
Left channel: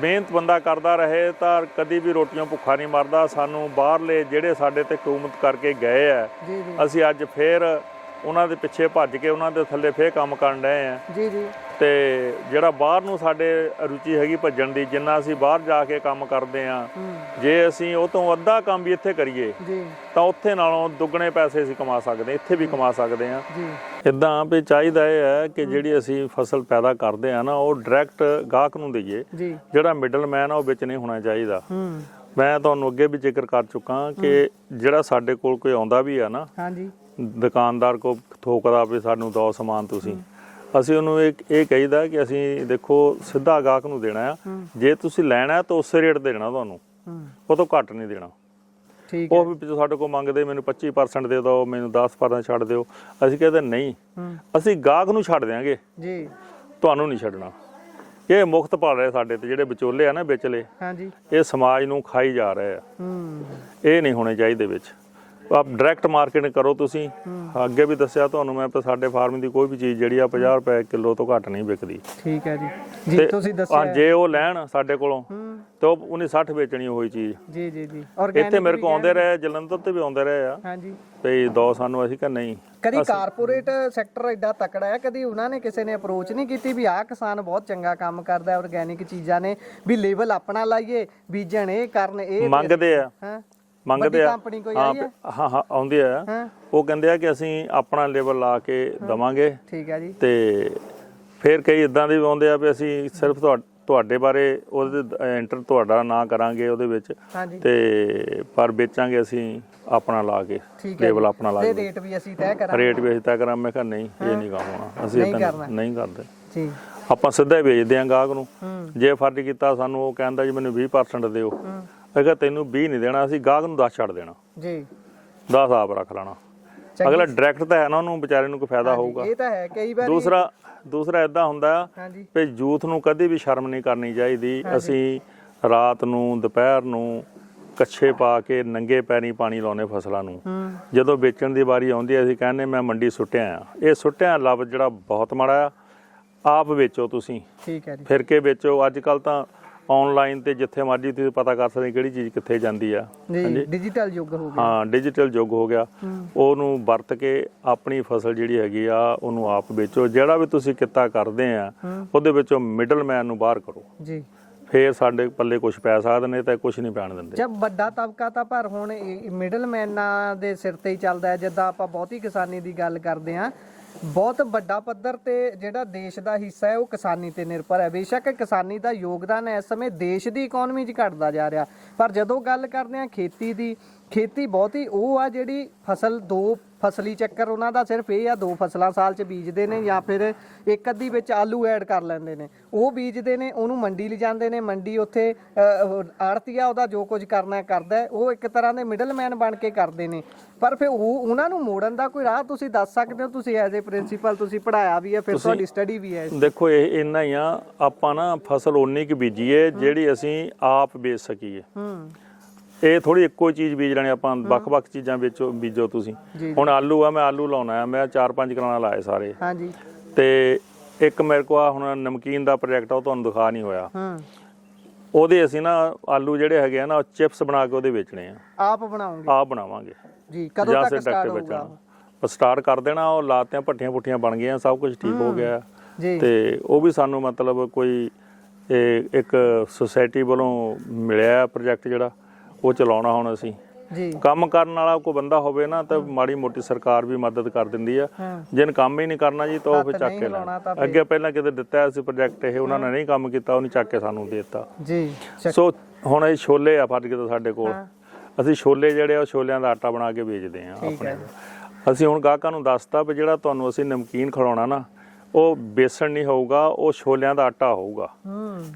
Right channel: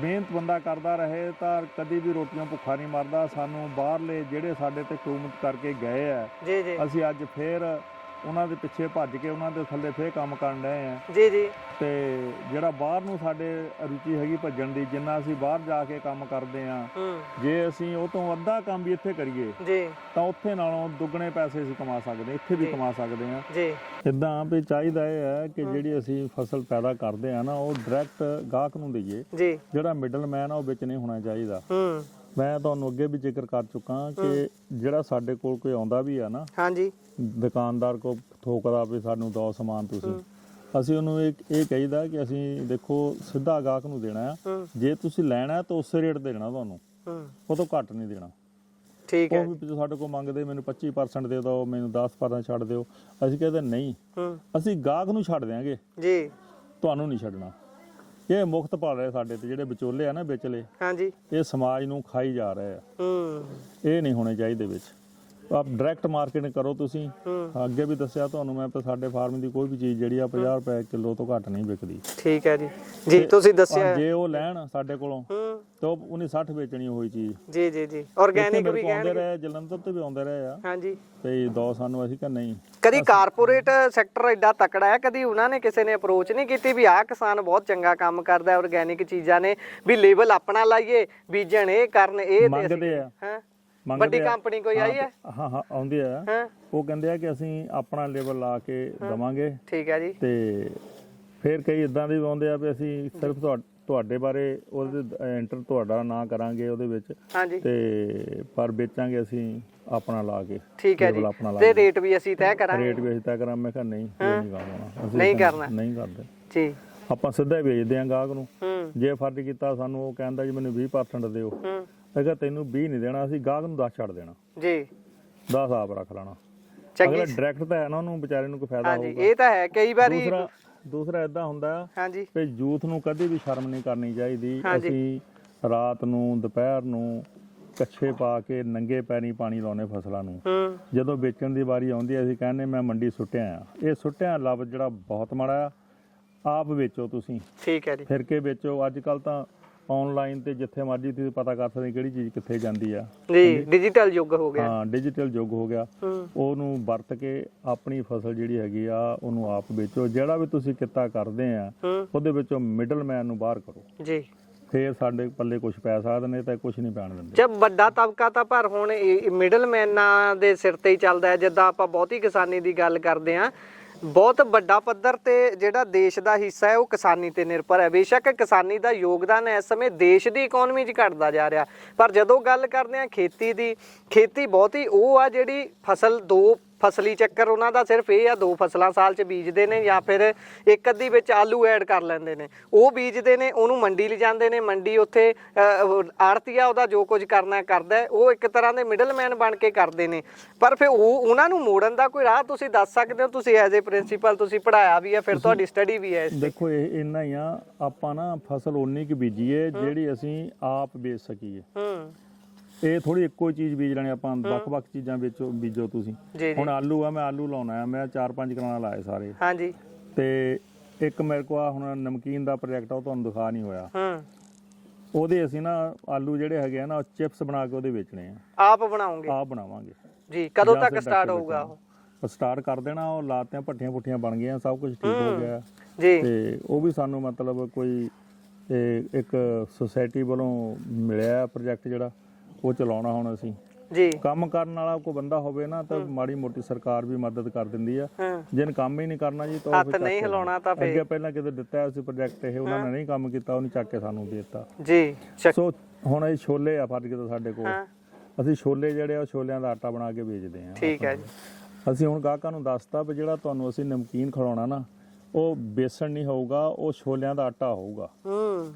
ਮਿਹਨਤ ਬੰਦਾ ਕਰਦਾ ਰਹੇ ਤਾਂ ਕਦੀ ਵੀ ਰੋਟੀਆਂ ਭੁੱਖਾ ਨਹੀਂ ਮਰਦਾ। ਸਾਨੂੰ ਬਾਹਰਲੇ ਜਿਹੜੇ ਸਾਡੇ ਤੇ ਹਕੂਮਤ ਕਰਕੇ ਗਏ ਆ, ਅਸੀਂ ਅੱਜ ਫੇਰ ਉਹਨਾਂ ਦੇ ਪਿੱਛੇ ਭੱਜ ਕੇ ਉਹਨਾਂ ਦੇ ਥੱਲੇ ਫੇਰ ਕੰਮ ਕਰਨ ਰਹੇ ਆ। ਤੇ ਜਿਹੜਾ ਬਾਹਰ ਨੂੰ ਸਾਡੇ ਰੁਚੀ ਹੈਗੀ ਭੱਜਣ ਦੀ, ਜਿੰਨਾ ਅਸੀਂ ਬਾਹਰ ਜਾ ਕੇ ਕੰਮ ਕਰਦੇ ਆ, ਜੇ ਅਸੀਂ ਉਹ ਤੋਂ ਅੱਧਾ ਕੰਮ ਵੀ ਇੱਥੇ ਕਰੀਏ ਤਾਂ ਉੱਥੇ ਨਾਲੋਂ ਦੁੱਗਣੇ ਪੈਸੇ ਅਸੀਂ ਕਮਾ ਸਕਦੇ, ਇੱਥੇ ਵੀ ਕਮਾ ਸਕਦੇ ਆ। ਇੱਦਾਂ ਵੀ ਚਾਹੀਦਾ ਇਹ ਹੈ ਕਿ ਜਿਹੜੀ ਅਸੀਂ ਫਸਲ ਪੈਦਾ ਕਰਦੇ ਆ ਨਾ, ਉਹ ਡਾਇਰੈਕਟ ਗਾਹਕ ਨੂੰ ਦੇਈਏ। ਜਿਹੜਾ ਮਿਡਲ ਮੈਨ ਆ ਉਹ ਵਿੱਚ ਨਹੀਂ ਹੋਣਾ ਚਾਹੀਦਾ। ਮੈਂ ਤੁਹਾਨੂੰ ਅੱਗੇ ਵੀ ਜ਼ਿਕਰ ਕਰ ਚੁੱਕਾ ਕਿ ਜਿਹੜਾ ਸਾਡੇ ਕੋਲ ਕੋਈ ਆਉਂਦਾ ਵੀ ਆ ਨਾ, ਹਾਂਜੀ, ਦੁਕਾਨਦਾਰ ਕੋ ਥੋਕਦਾ ਵੀ ਸਾਨੂੰ ਦੋ ਸਮਾਨ ਤੁਸੀਂ, ਅਸੀਂ ਉਹਨੂੰ ਇਹ ਕਹੀਦਾ ਕਿ ਅਸੀਂ ਦੇਖੋ ਸਿੱਧਾ ਗਾਹਕ ਨੂੰ ਦੇਣਾ ਆ, ਜੇ ਤੁਸੀਂ ਲੈਣਾ ਤਾਂ ਉਸੇ ਰੇਟ ਦੇਣਾ ਤੁਹਾਨੂੰ, ਉਹ ਤੋਂ ਘੱਟ ਨਹੀਂ ਦੇਣਾ। ਠੀਕ ਉਹ ਵੀ ਪਿੱਛੋਂ ਸਾਡੇ ਕੋਲ ਮੰਗਦੇ ਮੈਨੂੰ 25% ਦੇ ਦਿਓ, ਮੈਨੂੰ 10% ਛੱਡ ਦਿਓ, ਅਸੀਂ ਕਹਿੰਦੇ ਨਹੀਂ, ਅਸੀਂ ਗਾਹਕ ਨੂੰ ਛੱਡ ਦਿਆਂਗੇ ਜੀ, ਤੁਹਾਨੂੰ ਨਹੀਂ ਛੱਡਣਾ। ਇਹ ਮੁਕਤ ਪਾ ਰਹੇ ਸਾਡੇ ਤੇ ਜਿਹੜੇ ਵਿਚੋਲੇ ਆ ਨਾ ਵਿਚਲੇ, ਹਾਂਜੀ, ਇਹ ਸਮਾਜ ਨੂੰ ਖਾਈ ਜਾ ਰਹੇ ਆ, ਇਹ ਨਹੀਂ ਹੋਣੇ ਚਾਹੀਦੇ ਵਿੱਚ। ਆਪ ਡਾਇਰੈਕਟ ਮਾਰਕੀਟਿੰਗ ਕਰੋ ਤੁਸੀਂ। ਅੱਗੇ ਵੀ ਦੱਸਿਆ ਤੁਹਾਨੂੰ ਮੈਂ, ਸਾਡੇ ਫਾਰਮ ਦੀ ਕੋਈ ਵੀ ਚੀਜ਼ ਜਿਹੜੀ ਆ 50 ਰੁਪਏ ਕਿਲੋ ਤੋਂ ਘੱਟ ਨਹੀਂ ਵਿਕਦੀ। ਠੀਕ ਹੈ ਜੀ, ਜੀ ਤੁਸੀਂ ਦੱਸਿਆ ਜੇ ਉਹ ਲੈਣ ਸਾਡੇ ਕੋਲੋਂ ਤਾਂ ਉਹਨੇ 60 ਵੇਚਣੀ ਹੋਈ ਚੀਜ਼। ਜੀ ਜੀ ਜੀ, ਇੱਥੇ ਮੇਰੇ ਕੋਲ ਆਉਂਦੇ ਰਹੇ, ਜਲੰਧਰ ਤੇ ਵੀ ਆਉਂਦੇ ਰਹੇ ਆ, ਹਾਂਜੀ, ਤੇ ਦੋ ਸਾਨੂੰ, ਅਸੀਂ ਕਹਿੰਦੇ ਨਹੀਂ। ਕਦੀ ਕਾਰਪੋਰੇਟ ਸੈਕਟਰ ਐਡਾ ਤਕੜਾ ਹੈ, ਕਦੀ ਉਹਨਾਂ ਨੇ ਕਿਸੇ ਨੇ ਅਪਰੋਚ ਨਹੀਂ ਕੀਤੀ ਵੀ ਆਹ ਕਿਸਾਨ ਬਹੁਤ ਚੰਗਾ ਕੰਮ ਕਰਦਾ ਆਰਗੈਨਿਕ ਚੀਜ਼ਾਂ ਨੇ, ਵੀ ਲੇਬਲ ਆਪਣਾ ਲਾਈਏ, ਬੀਜਣ ਇਹ ਕਰਨ, ਇਹ ਮੰਗਦੇ ਆ, ਮੰਗਦੇ ਆ, ਕੰਪਨੀ ਕੋਈ ਆਈ ਹੈ? ਹਾਂ ਹਾਂ ਆਉਂਦੇ ਆ, ਉਹ ਕਹਿੰਦੇ ਆ ਕਿ ਅਸੀਂ ਆਪਣਾ ਲੇਬਲ ਲਾ ਕੇ ਦਵਾਂਗੇ। ਠੀਕ ਹੈ ਜੀ। ਤੇ ਫਿਰ ਕਈ ਇਦਾਂ ਦੇ ਵੀ ਆਉਂਦੇ ਆ ਵੀ ਅਸੀਂ ਸਿਰਫ ਤੁਹਾਡੇ ਬਾਰੇ ਉਹਦੇ ਐਂਟਰ ਤੁਹਾਡਾ ਨਾਂ ਕਰਾਂਗੇ ਉਹਦੇ ਵਿੱਚ, ਤੇ ਪਰ ਵੇਚਾਂਗੇ ਅਸੀਂ ਆਪਣਾ ਲਾ ਕੇ, ਲੇਬਲ ਆਪਣਾ ਲਾ ਕੇ, ਤੇ ਰੇਟ ਵੀ ਅਸੀਂ ਤੈਅ ਕਰਾਂਗੇ, ਰੇਟ ਵੀ ਅਸੀਂ ਤੈਅ ਕਰਾਂਗੇ। ਮੈਂ ਕਿਹਾ ਨਹੀਂ, ਇਹ ਨਹੀਂ ਕੰਮ ਹੋਣਾ, ਅਸੀਂ ਨਹੀਂ ਕਰਦੇ ਜੀ, ਆਪਾਂ ਸਿੱਧਾ ਹੀ ਵੇਚਦੇ ਆਂ ਗਾਹਕ ਨੂੰ। ਜੇ ਫਰਜ਼ ਕੀਤਾ ਸਾਨੂੰ, ਉਹ ਕਹਿੰਦਾ ਜੀ ਮੈਨੂੰ 20% ਦਿਓ, ਅਗਰ ਤੈਨੂੰ 20 ਨਹੀਂ ਦੇਣਾ, ਅਸੀਂ ਗਾਹਕ ਨੂੰ 10 ਛੱਡ ਦੇਣਾ ਜੀ, 10 ਆਪ ਰੱਖ ਲੈਣਾ। ਅਗਲਾ ਡਾਇਰੈਕਟ ਤਾਂ ਹੈ ਨਾ, ਉਹਨੂੰ ਵਿਚਾਰੇ ਨੂੰ ਕੋਈ ਫਾਇਦਾ ਹੋਊਗਾ। ਇਹ ਤਾਂ ਹੈ। ਕਈ ਵਾਰੀ ਦੂਸਰਾ ਇਦਾਂ ਹੁੰਦਾ ਵੀ ਯੂਥ ਨੂੰ ਕਦੇ ਵੀ ਸ਼ਰਮ ਨਹੀਂ ਕਰਨੀ ਚਾਹੀਦੀ। ਅਸੀਂ ਰਾਤ ਨੂੰ, ਦੁਪਹਿਰ ਨੂੰ ਕੱਛੇ ਪਾ ਕੇ ਨੰਗੇ ਪੈਰੀਂ ਪਾਣੀ ਲਾਉਨੇ ਫਸਲਾਂ ਨੂੰ, ਜਦੋਂ ਵੇਚਣ ਦੀ ਵਾਰੀ ਆਉਂਦੀ ਅਸੀਂ ਕਹਿੰਦੇ ਮੈਂ ਮੰਡੀ ਸੁੱਟਿਆ ਆ। ਇਹ ਸੁੱਟਿਆ ਲਫ਼ਜ਼ ਜਿਹੜਾ ਬਹੁਤ ਮਾੜਾ ਆ, ਆਪ ਵੇਚੋ ਤੁਸੀਂ, ਠੀਕ ਹੈ ਜੀ, ਫਿਰ ਕੇ ਵੇਚੋ। ਅੱਜ ਕੱਲ ਤਾਂ ਆਨਲਾਈਨ ਤੇ ਜਿੱਥੇ ਮਰਜ਼ੀ ਤੁਸੀਂ ਪਤਾ ਕਰ ਸਕਦੇ ਕਿਹੜੀ ਚੀਜ਼ ਕਿੱਥੇ ਜਾਂਦੀ ਆ ਜੀ, ਡਿਜੀਟਲ ਯੁੱਗ ਹੋ ਗਿਆ। ਹਾਂ, ਡਿਜੀਟਲ ਯੁੱਗ ਹੋ ਗਿਆ। ਉਹਨੂੰ ਵਰਤ ਕੇ ਆਪਣੀ ਫਸਲ ਜਿਹੜੀ ਹੈਗੀ ਆ ਉਹਨੂੰ ਆਪ ਵੇਚੋ। ਜਿਹੜਾ ਵੀ ਤੁਸੀਂ ਕਿੱਤਾ ਕਰਦੇ ਆ ਉਹਦੇ ਵਿੱਚੋਂ ਮਿਡਲਮੈਨ ਨੂੰ ਬਾਹਰ ਕਰੋ ਜੀ, ਫੇਰ ਸਾਡੇ ਪੱਲੇ ਕੁਝ ਪੈ ਸਕਦੇ ਨੇ, ਤਾਂ ਕੁਝ ਨਹੀਂ ਪੈਣ ਦਿੰਦੇ। ਜਦ ਵੱਡਾ ਤਬਕਾ ਤਾਂ ਪਰ ਹੁਣ ਮਿਡਲਮੈਨਾਂ ਦੇ ਸਿਰ ਤੇ ਹੀ ਚੱਲਦਾ ਹੈ। ਜਿੱਦਾਂ ਆਪਾਂ ਬਹੁਤੀ ਕਿਸਾਨੀ ਦੀ ਗੱਲ ਕਰਦੇ ਆ, ਬਹੁਤ ਵੱਡਾ ਪੱਧਰ ਤੇ ਜਿਹੜਾ ਦੇਸ਼ ਦਾ ਹਿੱਸਾ ਹੈ ਉਹ ਕਿਸਾਨੀ ਤੇ ਨਿਰਭਰ ਹੈ। ਬੇਸ਼ੱਕ ਕਿਸਾਨੀ ਦਾ ਯੋਗਦਾਨ ਇਸ ਸਮੇਂ ਦੇਸ਼ ਦੀ ਇਕਨੋਮੀ 'ਚ ਘਟਦਾ ਜਾ ਰਿਹਾ, ਪਰ ਜਦੋਂ ਗੱਲ ਕਰਦੇ ਆ ਖੇਤੀ ਦੀ, ਖੇਤੀ ਬਹੁਤੀ ਉਹ ਆ ਜਿਹੜੀ ਫਸਲ ਦੋ ਫਸਲੀ ਚੱਕਰ ਉਹਨਾਂ ਦਾ ਸਿਰਫ ਇਹ ਆ, 2 ਫਸਲਾਂ ਸਾਲ 'ਚ ਬੀਜਦੇ ਨੇ, ਜਾਂ ਫਿਰ ਇੱਕ ਅੱਧੀ ਵਿੱਚ ਆਲੂ ਐਡ ਕਰ ਲੈਂਦੇ ਨੇ, ਉਹ ਬੀਜਦੇ ਨੇ, ਉਹਨੂੰ ਮੰਡੀ ਲਿਜਾਂਦੇ ਨੇ, ਮੰਡੀ ਉੱਥੇ ਆੜਤੀਆ ਉਹਦਾ ਜੋ ਕੁਝ ਕਰਨਾ ਕਰਦਾ, ਉਹ ਇੱਕ ਤਰ੍ਹਾਂ ਦੇ ਮਿਡਲਮੈਨ ਬਣ ਕੇ ਕਰਦੇ ਨੇ। ਪਰ ਫਿਰ ਉਹਨਾਂ ਨੂੰ ਮੋੜਨ ਦਾ ਕੋਈ ਰਾਹ ਤੁਸੀਂ ਦੱਸ ਸਕਦੇ ਹੋ? ਤੁਸੀਂ ਐਜ਼ ਏ ਪ੍ਰਿੰਸੀਪਲ ਤੁਸੀਂ ਪੜ੍ਹਾਇਆ ਵੀ ਹੈ, ਫਿਰ ਤੁਹਾਡੀ ਸਟੱਡੀ ਵੀ ਹੈ। ਦੇਖੋ ਇਹ ਇੰਨਾ ਹੀ ਆ, ਆਪਾਂ ਨਾ ਫਸਲ ਓਨੀ ਕੁ ਬੀਜੀਏ ਜਿਹੜੀ ਅਸੀਂ ਆਪ ਵੇਚ ਸਕੀਏ। ਇਹ ਥੋੜੀ ਇੱਕੋ ਚੀਜ਼ ਬੀਜ ਲੈਣੀ ਆਪਾਂ, ਵੱਖ-ਵੱਖ ਚੀਜ਼ਾਂ ਬੀਜੋ ਤੁਸੀਂ। ਹੁਣ ਆਲੂ ਆ, ਮੈਂ ਆਲੂ ਲਾਉਣਾ ਆ, ਮੈਂ 4-5 ਕਨਾਲਾਂ ਲਾਏ ਸਾਰੇ, ਤੇ ਇੱਕ ਮੇਰੇ ਕੋਲ ਹੁਣ ਨਮਕੀਨ ਦਾ ਪ੍ਰੋਜੈਕਟ ਆ, ਉਹ ਤੁਹਾਨੂੰ ਦਿਖਾ ਨਹੀਂ ਹੋਇਆ। ਉਹਦੇ ਅਸੀਂ ਨਾ ਆਲੂ ਜਿਹੜੇ ਹੈਗੇ ਆ ਨਾ, ਚਿਪਸ ਬਣਾ ਕੇ ਉਹਦੇ ਵੇਚਣੇ ਆ। ਆਪ ਬਣਾਵਾਂਗੇ ਜੀ। ਕਦੋਂ ਤੱਕ ਸਟਾਰਟ ਹੋਊਗਾ? ਸਟਾਰਟ ਕਰ ਦੇਣਾ। ਉਹ ਲਾਤੀਆਂ, ਭੱਠੀਆਂ ਪੁੱਠੀਆਂ ਬਣ ਗਈਆਂ, ਸਭ ਕੁਝ ਠੀਕ ਹੋ ਗਿਆ ਤੇ ਉਹ ਵੀ ਸਾਨੂੰ ਮਤਲਬ ਕੋਈ ਇੱਕ ਸੁਸਾਇਟੀ ਵੱਲੋਂ ਮਿਲਿਆ ਪ੍ਰੋਜੈਕਟ ਜਿਹੜਾ ਉਹ ਚਲਾਉਣਾ। ਹੁਣ ਅਸੀਂ ਕੰਮ ਕਰਨ ਵਾਲਾ ਕੋਈ ਬੰਦਾ ਹੋਵੇ ਨਾ ਤਾਂ ਮਾੜੀ ਮੋਟੀ ਸਰਕਾਰ ਵੀ ਮਦਦ ਕਰ ਦਿੰਦੀ ਆ। ਜਿਹਨ ਕੰਮ ਹੀ ਨਹੀਂ ਕਰਨਾ ਜੀ ਤਾਂ ਉਹ ਫਿਰ ਚੱਕ ਕੇ ਲਾਉਣਾ। ਅੱਗੇ ਪਹਿਲਾਂ ਕਿਤੇ ਦਿੱਤਾ ਸੀ ਪ੍ਰੋਜੈਕਟ, ਇਹ ਉਹਨਾਂ ਨੇ ਨਹੀਂ ਕੰਮ ਕੀਤਾ, ਉਹਨੇ ਚੱਕ ਕੇ ਸਾਨੂੰ ਦੇ ਦਿੱਤਾ ਜੀ। ਸੋ ਹੁਣ ਇਹ ਛੋਲੇ ਆ ਫੜ ਕੇ ਸਾਡੇ ਕੋਲ, ਅਸੀਂ ਛੋਲੇ ਜਿਹੜੇ ਆ ਛੋਲਿਆਂ ਦਾ ਆਟਾ ਬਣਾ ਕੇ ਵੇਚਦੇ ਆ। ਠੀਕ ਹੈ ਜੀ। ਅਸੀਂ ਹੁਣ ਗਾਹਕਾਂ ਨੂੰ ਦੱਸਤਾ ਵੀ ਜਿਹੜਾ ਤੁਹਾਨੂੰ ਅਸੀਂ ਨਮਕੀਨ ਖਿਲਾਉਣਾ ਨਾ, ਉਹ ਬੇਸਣ ਨਹੀਂ ਹੋਊਗਾ, ਉਹ ਛੋਲਿਆਂ ਦਾ ਆਟਾ ਹੋਊਗਾ।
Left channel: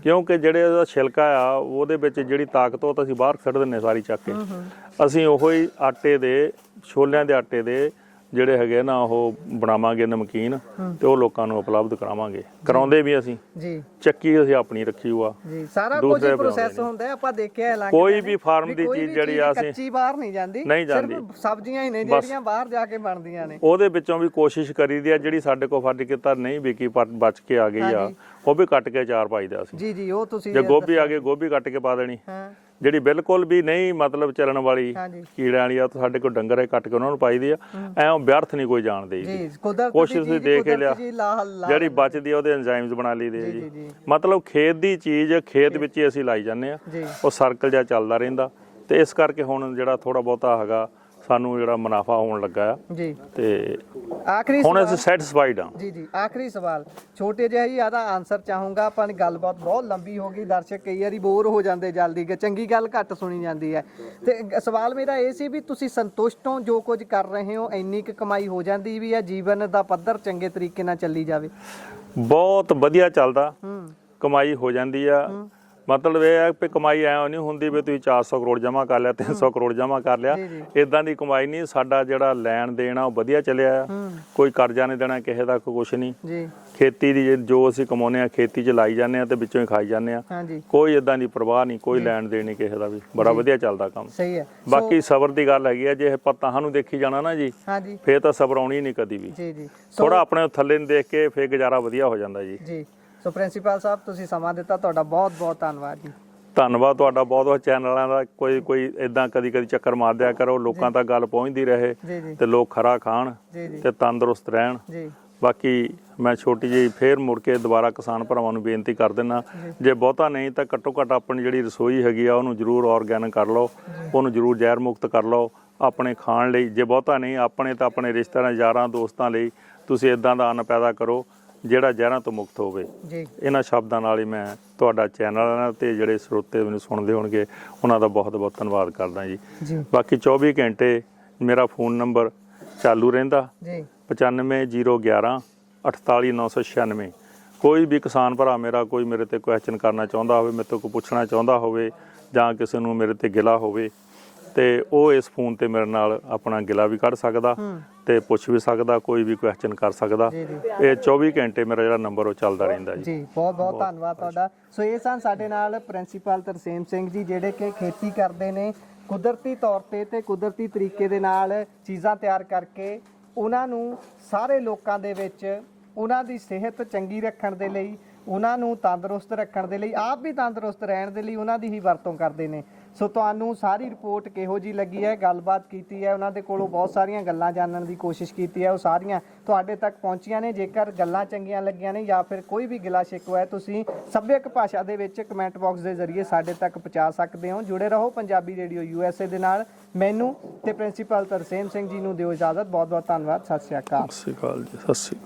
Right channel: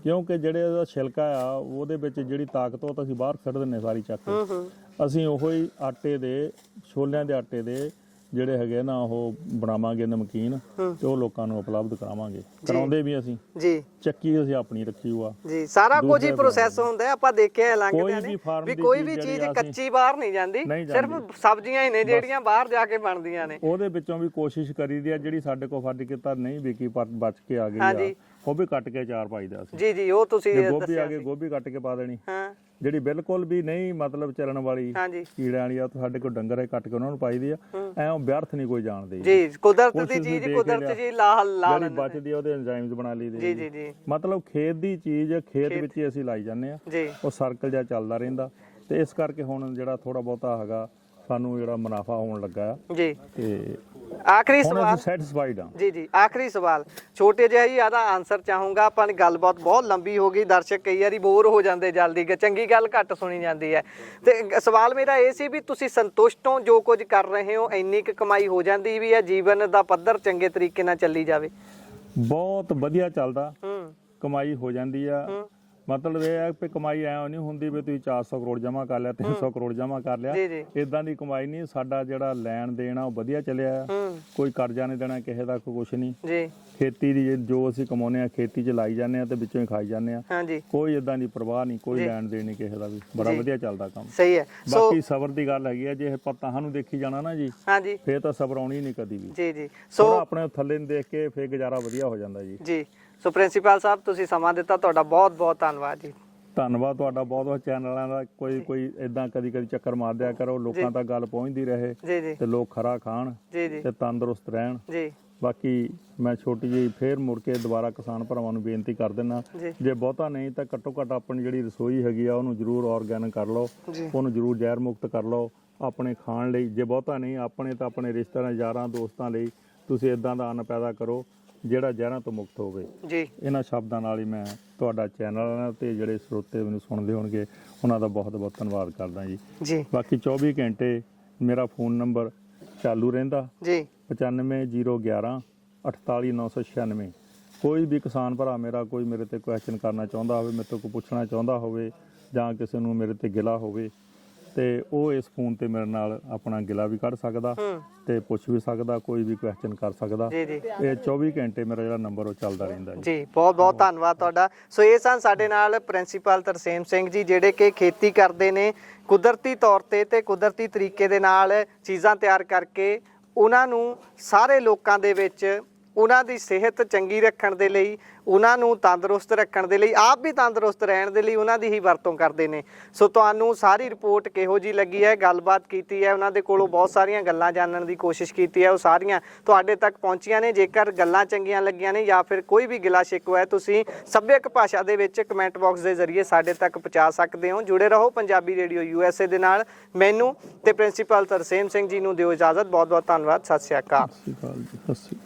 ਕਿਉਂਕਿ ਜਿਹੜੇ ਉਹਦਾ ਛਿਲਕਾ ਆ ਉਹਦੇ ਵਿੱਚ ਜਿਹੜੀ ਤਾਕਤ ਉਹ ਤਾਂ ਅਸੀਂ ਬਾਹਰ ਕੱਢ ਦਿੰਦੇ ਸਾਰੀ ਚੱਕ ਕੇ। ਅਸੀਂ ਉਹੋ ਹੀ ਆਟੇ ਦੇ, ਛੋਲਿਆਂ ਦੇ ਆਟੇ ਦੇ ਜਿਹੜੇ ਹੈਗੇ ਨਾ ਉਹ ਬਣਾਵਾਂਗੇ ਨਮਕੀਨ, ਤੇ ਉਹ ਲੋਕਾਂ ਨੂੰ ਉਪਲਬਧ ਕਰਾਵਾਂਗੇ। ਕਰਾਉਂਦੇ ਵੀ ਅਸੀਂ ਜੀ, ਚੱਕੀ ਅਸੀਂ ਆਪਣੀ ਰੱਖੀ ਹੋਆ ਜੀ, ਸਾਰਾ ਕੁਝ ਹੀ ਪ੍ਰੋਸੈਸ ਹੁੰਦਾ। ਆਪਾਂ ਦੇਖਿਆ ਕੋਈ ਵੀ ਫਾਰਮ ਦੀ ਚੀਜ਼ ਜਿਹੜੀ ਆ ਕੱਚੀ ਬਾਹਰ ਨਹੀਂ ਜਾਂਦੀ, ਸਿਰਫ ਸਬਜ਼ੀਆਂ ਹੀ ਨੇ ਜਿਹੜੀਆਂ ਬਾਹਰ ਜਾ ਕੇ ਬਣਦੀਆਂ ਨੇ। ਉਹਦੇ ਵਿੱਚੋਂ ਵੀ ਕੋਸ਼ਿਸ਼ ਕਰੀਦੀ ਆ ਜਿਹੜੀ ਸਾਡੇ ਕੋਲ ਫਰਜ਼ ਕੀਤਾ ਨਹੀਂ ਵਿਕੀ ਪਰ ਬਚ ਕੇ ਆ ਗਈ ਆ, ਉਹ ਵੀ ਕੱਟ ਕੇ ਅਚਾਰ ਪਾਈਦਾ ਅਸੀਂ ਜੀ ਜੀ। ਉਹ ਤੁਸੀਂ ਜੇ ਗੋਭੀ ਆ ਗਈ, ਗੋਭੀ ਕੱਟ ਕੇ ਪਾ ਦੇਣੀ। ਜਿਹੜੀ ਬਿਲਕੁਲ ਵੀ ਨਹੀਂ ਮਤਲਬ ਚੱਲਣ ਵਾਲੀ ਕੀੜਿਆਂ ਵਾਲੀ ਆ, ਸਾਡੇ ਕੋਲ ਡੰਗਰ ਹੈ ਕੱਟ ਕੇ ਉਹਨਾਂ ਨੂੰ ਪਾਈਦੀ ਆ। ਐਂ ਵਿਅਰਥ ਨਹੀਂ ਕੋਈ ਜਾਣਦੇ ਜੀ, ਕੋਸ਼ਿਸ਼ ਤੁਸੀਂ ਦੇਖ ਲਿਆ ਜਿਹੜੀ ਬਚਦੀ ਆ ਉਹਦੇ ਐਂਜ਼ਾਈਮਸ ਬਣਾ ਲਈਦੇ ਜੀ। ਮਤਲਬ ਖੇਤ ਦੀ ਚੀਜ਼ ਖੇਤ ਵਿੱਚ ਹੀ ਅਸੀਂ ਲਾਈ ਜਾਂਦੇ ਆ, ਉਹ ਸਰਕਲ ਜਿਹਾ ਚੱਲਦਾ ਰਹਿੰਦਾ। ਤੇ ਇਸ ਕਰਕੇ ਹੁਣ ਜਿਹੜਾ ਥੋੜਾ ਬਹੁਤਾ ਹੈਗਾ ਸਾਨੂੰ ਜਿਹੜਾ ਮੁਨਾਫਾ ਹੋਣ ਲੱਗਾ ਆ ਜੀ। ਤੇ ਆਖਰੀ ਹੁਣ ਸਵਾਲ ਅਸੀਂ ਸੈਟੀਸਫਾਈਡ ਹਾਂ। ਜੀ ਜੀ, ਆਖਰੀ ਸਵਾਲ ਛੋਟੇ ਜਿਹਾ ਹੀ ਆਦਾ ਆਨਸਰ ਚਾਹੂੰਗਾ। ਆਪਾਂ ਨੇ ਗੱਲਬਾਤ ਬਹੁਤ ਲੰਬੀ ਹੋ ਗਈ, ਦਰਸ਼ਕ ਕਈ ਵਾਰੀ ਬੋਰ ਹੋ ਜਾਂਦੇ ਜਲਦੀ, ਚੰਗੀ ਗੱਲ ਘੱਟ ਸੁਣੀ ਜਾਂਦੀ ਹੈ। ਤੇ ਸਵਾਲ ਮੇਰਾ ਇਹ ਸੀ ਵੀ ਤੁਸੀਂ ਸੰਤੁਸ਼ਟ ਹੋ ਜੋ ਕੁਝ ਕਰ ਰਹੇ ਹੋ? ਇੰਨੀ ਕੁ ਕਮਾਈ ਹੋ ਜਾਂਦੀ ਵੀ ਹੈ, ਜੀਵਨ ਦਾ ਪੱਧਰ ਚੰਗੇ ਤਰੀਕੇ ਨਾਲ ਚੱਲੀ ਜਾਵੇ? ਬਹੁਤ ਵਧੀਆ ਚੱਲਦਾ, ਕਮਾਈ ਹੋ ਜਾਂਦੀ ਆ। ਮਤਲਬ ਇਹ ਹੈ ਕਿ ਕਮਾਈ ਐਂ ਨਹੀਂ ਹੁੰਦੀ ਵੀ ਤੁਸੀਂ 400 ਕਰੋੜ ਜਮ੍ਹਾਂ ਕਰ ਲਿਆ, 300 ਕਰੋੜ ਜਮ੍ਹਾਂ ਕਰ ਲਿਆ, ਇਦਾਂ ਦੀ ਕਮਾਈ ਨਹੀਂ। ਸਾਡਾ ਜਿਹੜਾ ਲੈਣ ਦੇਣ ਆ ਉਹ ਵਧੀਆ ਚੱਲਿਆ ਆ, ਕੋਈ ਕਰਜ਼ਾ ਨਹੀਂ ਦੇਣਾ ਕਿਸੇ ਦਾ, ਕੋਈ ਕੁਛ ਨਹੀਂ। ਖੇਤੀ ਦੀ ਜੋ ਅਸੀਂ ਕਮਾਉਂਦੇ ਆ ਖੇਤੀ 'ਚ ਲਾਈ ਜਾਂਦੇ ਆ ਤੇ ਵਿੱਚੋਂ ਹੀ ਖਾਈ ਜਾਂਦੇ ਆ, ਕੋਈ ਇਦਾਂ ਦੀ ਪਰਵਾਹ ਨਹੀਂ, ਕੋਈ ਲੈਣ ਦੇਣ ਨਹੀਂ ਕਿਸੇ ਦਾ ਵੀ। ਬੜਾ ਵਧੀਆ ਚੱਲਦਾ ਕੰਮ। ਸਹੀ ਹੈ। ਬਾਕੀ ਸਬਰ ਦੀ ਗੱਲ ਹੈਗੀ ਆ, ਜੇ ਇਹ ਪਤਾਹਾਂ ਨੂੰ ਦੇਖੀ ਜਾਣਾ ਨਾ ਜੀ, ਫੇਰ ਤਾਂ ਸਬਰ ਆਉਣੀ ਨਹੀਂ ਕਦੀ ਵੀ। ਥੋੜਾ ਆਪਣੇ ਥੱਲੇ ਨੂੰ ਦੇਖ ਕੇ ਫੇਰ ਗੁਜ਼ਾਰਾ ਵਧੀਆ ਹੋ ਜਾਂਦਾ ਜੀ। ਸੋ ਪ੍ਰਿੰਸੀਪਲ ਸਾਹਿਬ ਤੁਸੀਂ ਸਮਾਂ ਦਿੱਤਾ, ਤੁਹਾਡਾ ਬਹੁਤ ਬਹੁਤ ਧੰਨਵਾਦ ਜੀ। ਧੰਨਵਾਦ ਤੁਹਾਡਾ ਬਹੁਤ ਬਹੁਤ। ਚੈਨਲਾਂ ਦਾ ਕੋਈ ਇਦਾਂ ਕਦੀ ਚੱਕਰ ਮਾਰ ਦਿਆ ਕਰੋ, ਲੋਕਾਂ ਤੱਕ ਗੱਲ ਪਹੁੰਚਦੀ ਰਹੇ ਤੇ ਲੋਕ ਖਰਾ ਖਾਣ ਤੇ ਤੰਦਰੁਸਤ ਰਹਿਣ। ਬਾਕੀ ਮੈਂ ਛੋਟੀ ਜਿਹੀ ਫੇਰ ਮੁੜ ਕੇ ਦੁਬਾਰਾ ਕਿਸਾਨ ਭਰਾਵਾਂ ਨੂੰ ਬੇਨਤੀ ਕਰ ਦਿੰਦਾ, ਜੇ ਬਹੁਤਾ ਨਹੀਂ ਤਾਂ ਘੱਟੋ ਘੱਟ ਆਪਣੀ ਜਿਹੜੀ ਰਸੋਈ ਹੈਗੀ ਆ ਉਹਨੂੰ ਜ਼ਰੂਰ ਆਰਗੈਨਿਕ ਕਰ ਲਓ, ਉਹਨੂੰ ਜ਼ਰੂਰ ਜ਼ਹਿਰ ਮੁਕਤ ਕਰ ਲਓ ਆਪਣੇ ਖਾਣ ਲਈ। ਜੇ ਬਹੁਤਾ ਨਹੀਂ ਆਪਣੇ ਤਾਂ ਆਪਣੇ ਰਿਸ਼ਤੇਦਾਰਾਂ ਯਾਰਾਂ ਦੋਸਤਾਂ ਲਈ ਤੁਸੀਂ ਇਦਾਂ ਦਾ ਅੰਨ ਪੈਦਾ ਕਰੋ ਜਿਹੜਾ ਜ਼ਹਿਰਾਂ ਤੋਂ ਮੁਕਤ ਹੋਵੇ। ਇਹਨਾਂ ਸ਼ਬਦਾਂ ਨਾਲ ਹੀ ਮੈਂ ਤੁਹਾਡਾ ਚੈਨਲ ਤੇ ਜਿਹੜੇ ਸਰੋਤੇ ਮੈਨੂੰ ਸੁਣਦੇ ਹੋਣਗੇ ਉਹਨਾਂ ਦਾ ਬਹੁਤ ਬਹੁਤ ਧੰਨਵਾਦ ਕਰਦਾ ਜੀ। ਬਾਕੀ 24 ਘੰਟੇ ਮੇਰਾ ਫੋਨ ਨੰਬਰ ਚਾਲੂ ਰਹਿੰਦਾ 95011 48996। ਕੋਈ ਵੀ ਕਿਸਾਨ ਭਰਾ ਮੇਰਾ ਕੋਈ ਮੇਰੇ ਤੇ ਕੁਐਸਚਨ ਕਰਨਾ ਚਾਹੁੰਦਾ ਹੋਵੇ, ਮੇਰੇ ਤੋਂ ਕੋਈ ਪੁੱਛਣਾ ਚਾਹੁੰਦਾ ਹੋਵੇ ਜਾਂ ਕਿਸੇ ਨੂੰ ਮੇਰੇ ਤੇ ਗਿਲਾ ਹੋਵੇ ਤੇ ਉਹ ਇਸ ਫੋਨ ਤੇ ਮੇਰੇ ਨਾਲ ਆਪਣਾ ਗਿਲਾ ਵੀ ਕੱਢ ਸਕਦਾ ਤੇ ਪੁੱਛ ਵੀ ਸਕਦਾ, ਕੋਈ ਵੀ ਕੁਐਸਚਨ ਕਰ ਸਕਦਾ। ਇਹ 24 ਘੰਟੇ ਮੇਰਾ ਜਿਹੜਾ ਨੰਬਰ ਉਹ ਚੱਲਦਾ ਰਹਿੰਦਾ ਜੀ। ਬਹੁਤ ਬਹੁਤ ਧੰਨਵਾਦ ਤੁਹਾਡਾ। ਸੋ ਇਹ ਸਨ ਸਾਡੇ ਨਾਲ ਪ੍ਰਿੰਸੀਪਲ ਤਰਸੇਮ ਸਿੰਘ ਜੀ, ਜਿਹੜੇ ਕਿ ਖੇਤੀ ਕਰਦੇ ਨੇ ਕੁਦਰਤੀ ਤੌਰ ਤੇ ਕੁਦਰਤੀ ਤਰੀਕੇ ਦੇ ਨਾਲ ਚੀਜ਼ਾਂ ਤਿਆਰ ਕਰਕੇ ਉਹਨਾਂ ਨੂੰ ਸਾਰੇ ਲੋਕਾਂ ਦੇ ਵਿੱਚ ਉਹਨਾਂ ਦੀ ਸਿਹਤ ਚੰਗੀ ਰੱਖਣ ਦੇ ਲਈ, ਉਹਨਾਂ ਨੂੰ ਤੰਦਰੁਸਤ ਰੱਖਣ ਦੇ ਲਈ, ਆਪ ਵੀ ਤੰਦਰੁਸਤ ਰਹਿਣ ਦੇ ਲਈ ਉਹਨਾਂ ਦੀ ਹੀ ਵਰਤੋਂ ਕਰਦੇ ਨੇ। ਸੋ ਤੁਹਾਨੂੰ ਸਾਰੀ ਰਿਪੋਰਟ ਕਿਹੋ ਜੀ ਲੱਗੀ ਹੈ, ਗੱਲਬਾਤ ਕੀਤੀ ਹੈ, ਉਹਨਾਂ ਦੇ ਕੋਲੋਂ ਬਹੁਤ ਸਾਰੀਆਂ ਗੱਲਾਂ ਜਾਣਨ ਦੀ ਕੋਸ਼ਿਸ਼ ਕੀਤੀ ਹੈ, ਉਹ ਸਾਰੀਆਂ ਤੁਹਾਡੇ ਤੱਕ ਪਹੁੰਚੀਆਂ ਨੇ। ਜੇਕਰ ਗੱਲਾਂ ਚੰਗੀਆਂ ਲੱਗੀਆਂ ਨੇ ਜਾਂ ਫਿਰ ਕੋਈ ਵੀ ਗਿਲਾ ਸ਼ਿਕਵਾ ਹੈ, ਤੁਸੀਂ ਸੱਭਿਅਕ ਭਾਸ਼ਾ ਦੇ ਵਿੱਚ ਕਮੈਂਟ ਬਾਕਸ ਦੇ ਜ਼ਰੀਏ ਸਾਡੇ ਤੱਕ ਪਹੁੰਚਾ ਸਕਦੇ ਹੋ। ਜੁੜੇ ਰਹੋ ਪੰਜਾਬੀ ਰੇਡੀਓ USA ਦੇ ਨਾਲ। ਮੈਨੂੰ ਤੇ ਪ੍ਰਿੰਸੀਪਲ ਤਰਸੇਮ ਸਿੰਘ ਜੀ ਨੂੰ ਦਿਓ ਇਜਾਜ਼ਤ। ਬਹੁਤ ਬਹੁਤ ਧੰਨਵਾਦ। ਸਤਿ ਸ਼੍ਰੀ ਅਕਾਲ। ਸਤਿ ਸ਼੍ਰੀ ਅਕਾਲ ਜੀ। ਸਤਿ ਸ਼੍ਰੀ ਅਕਾਲ।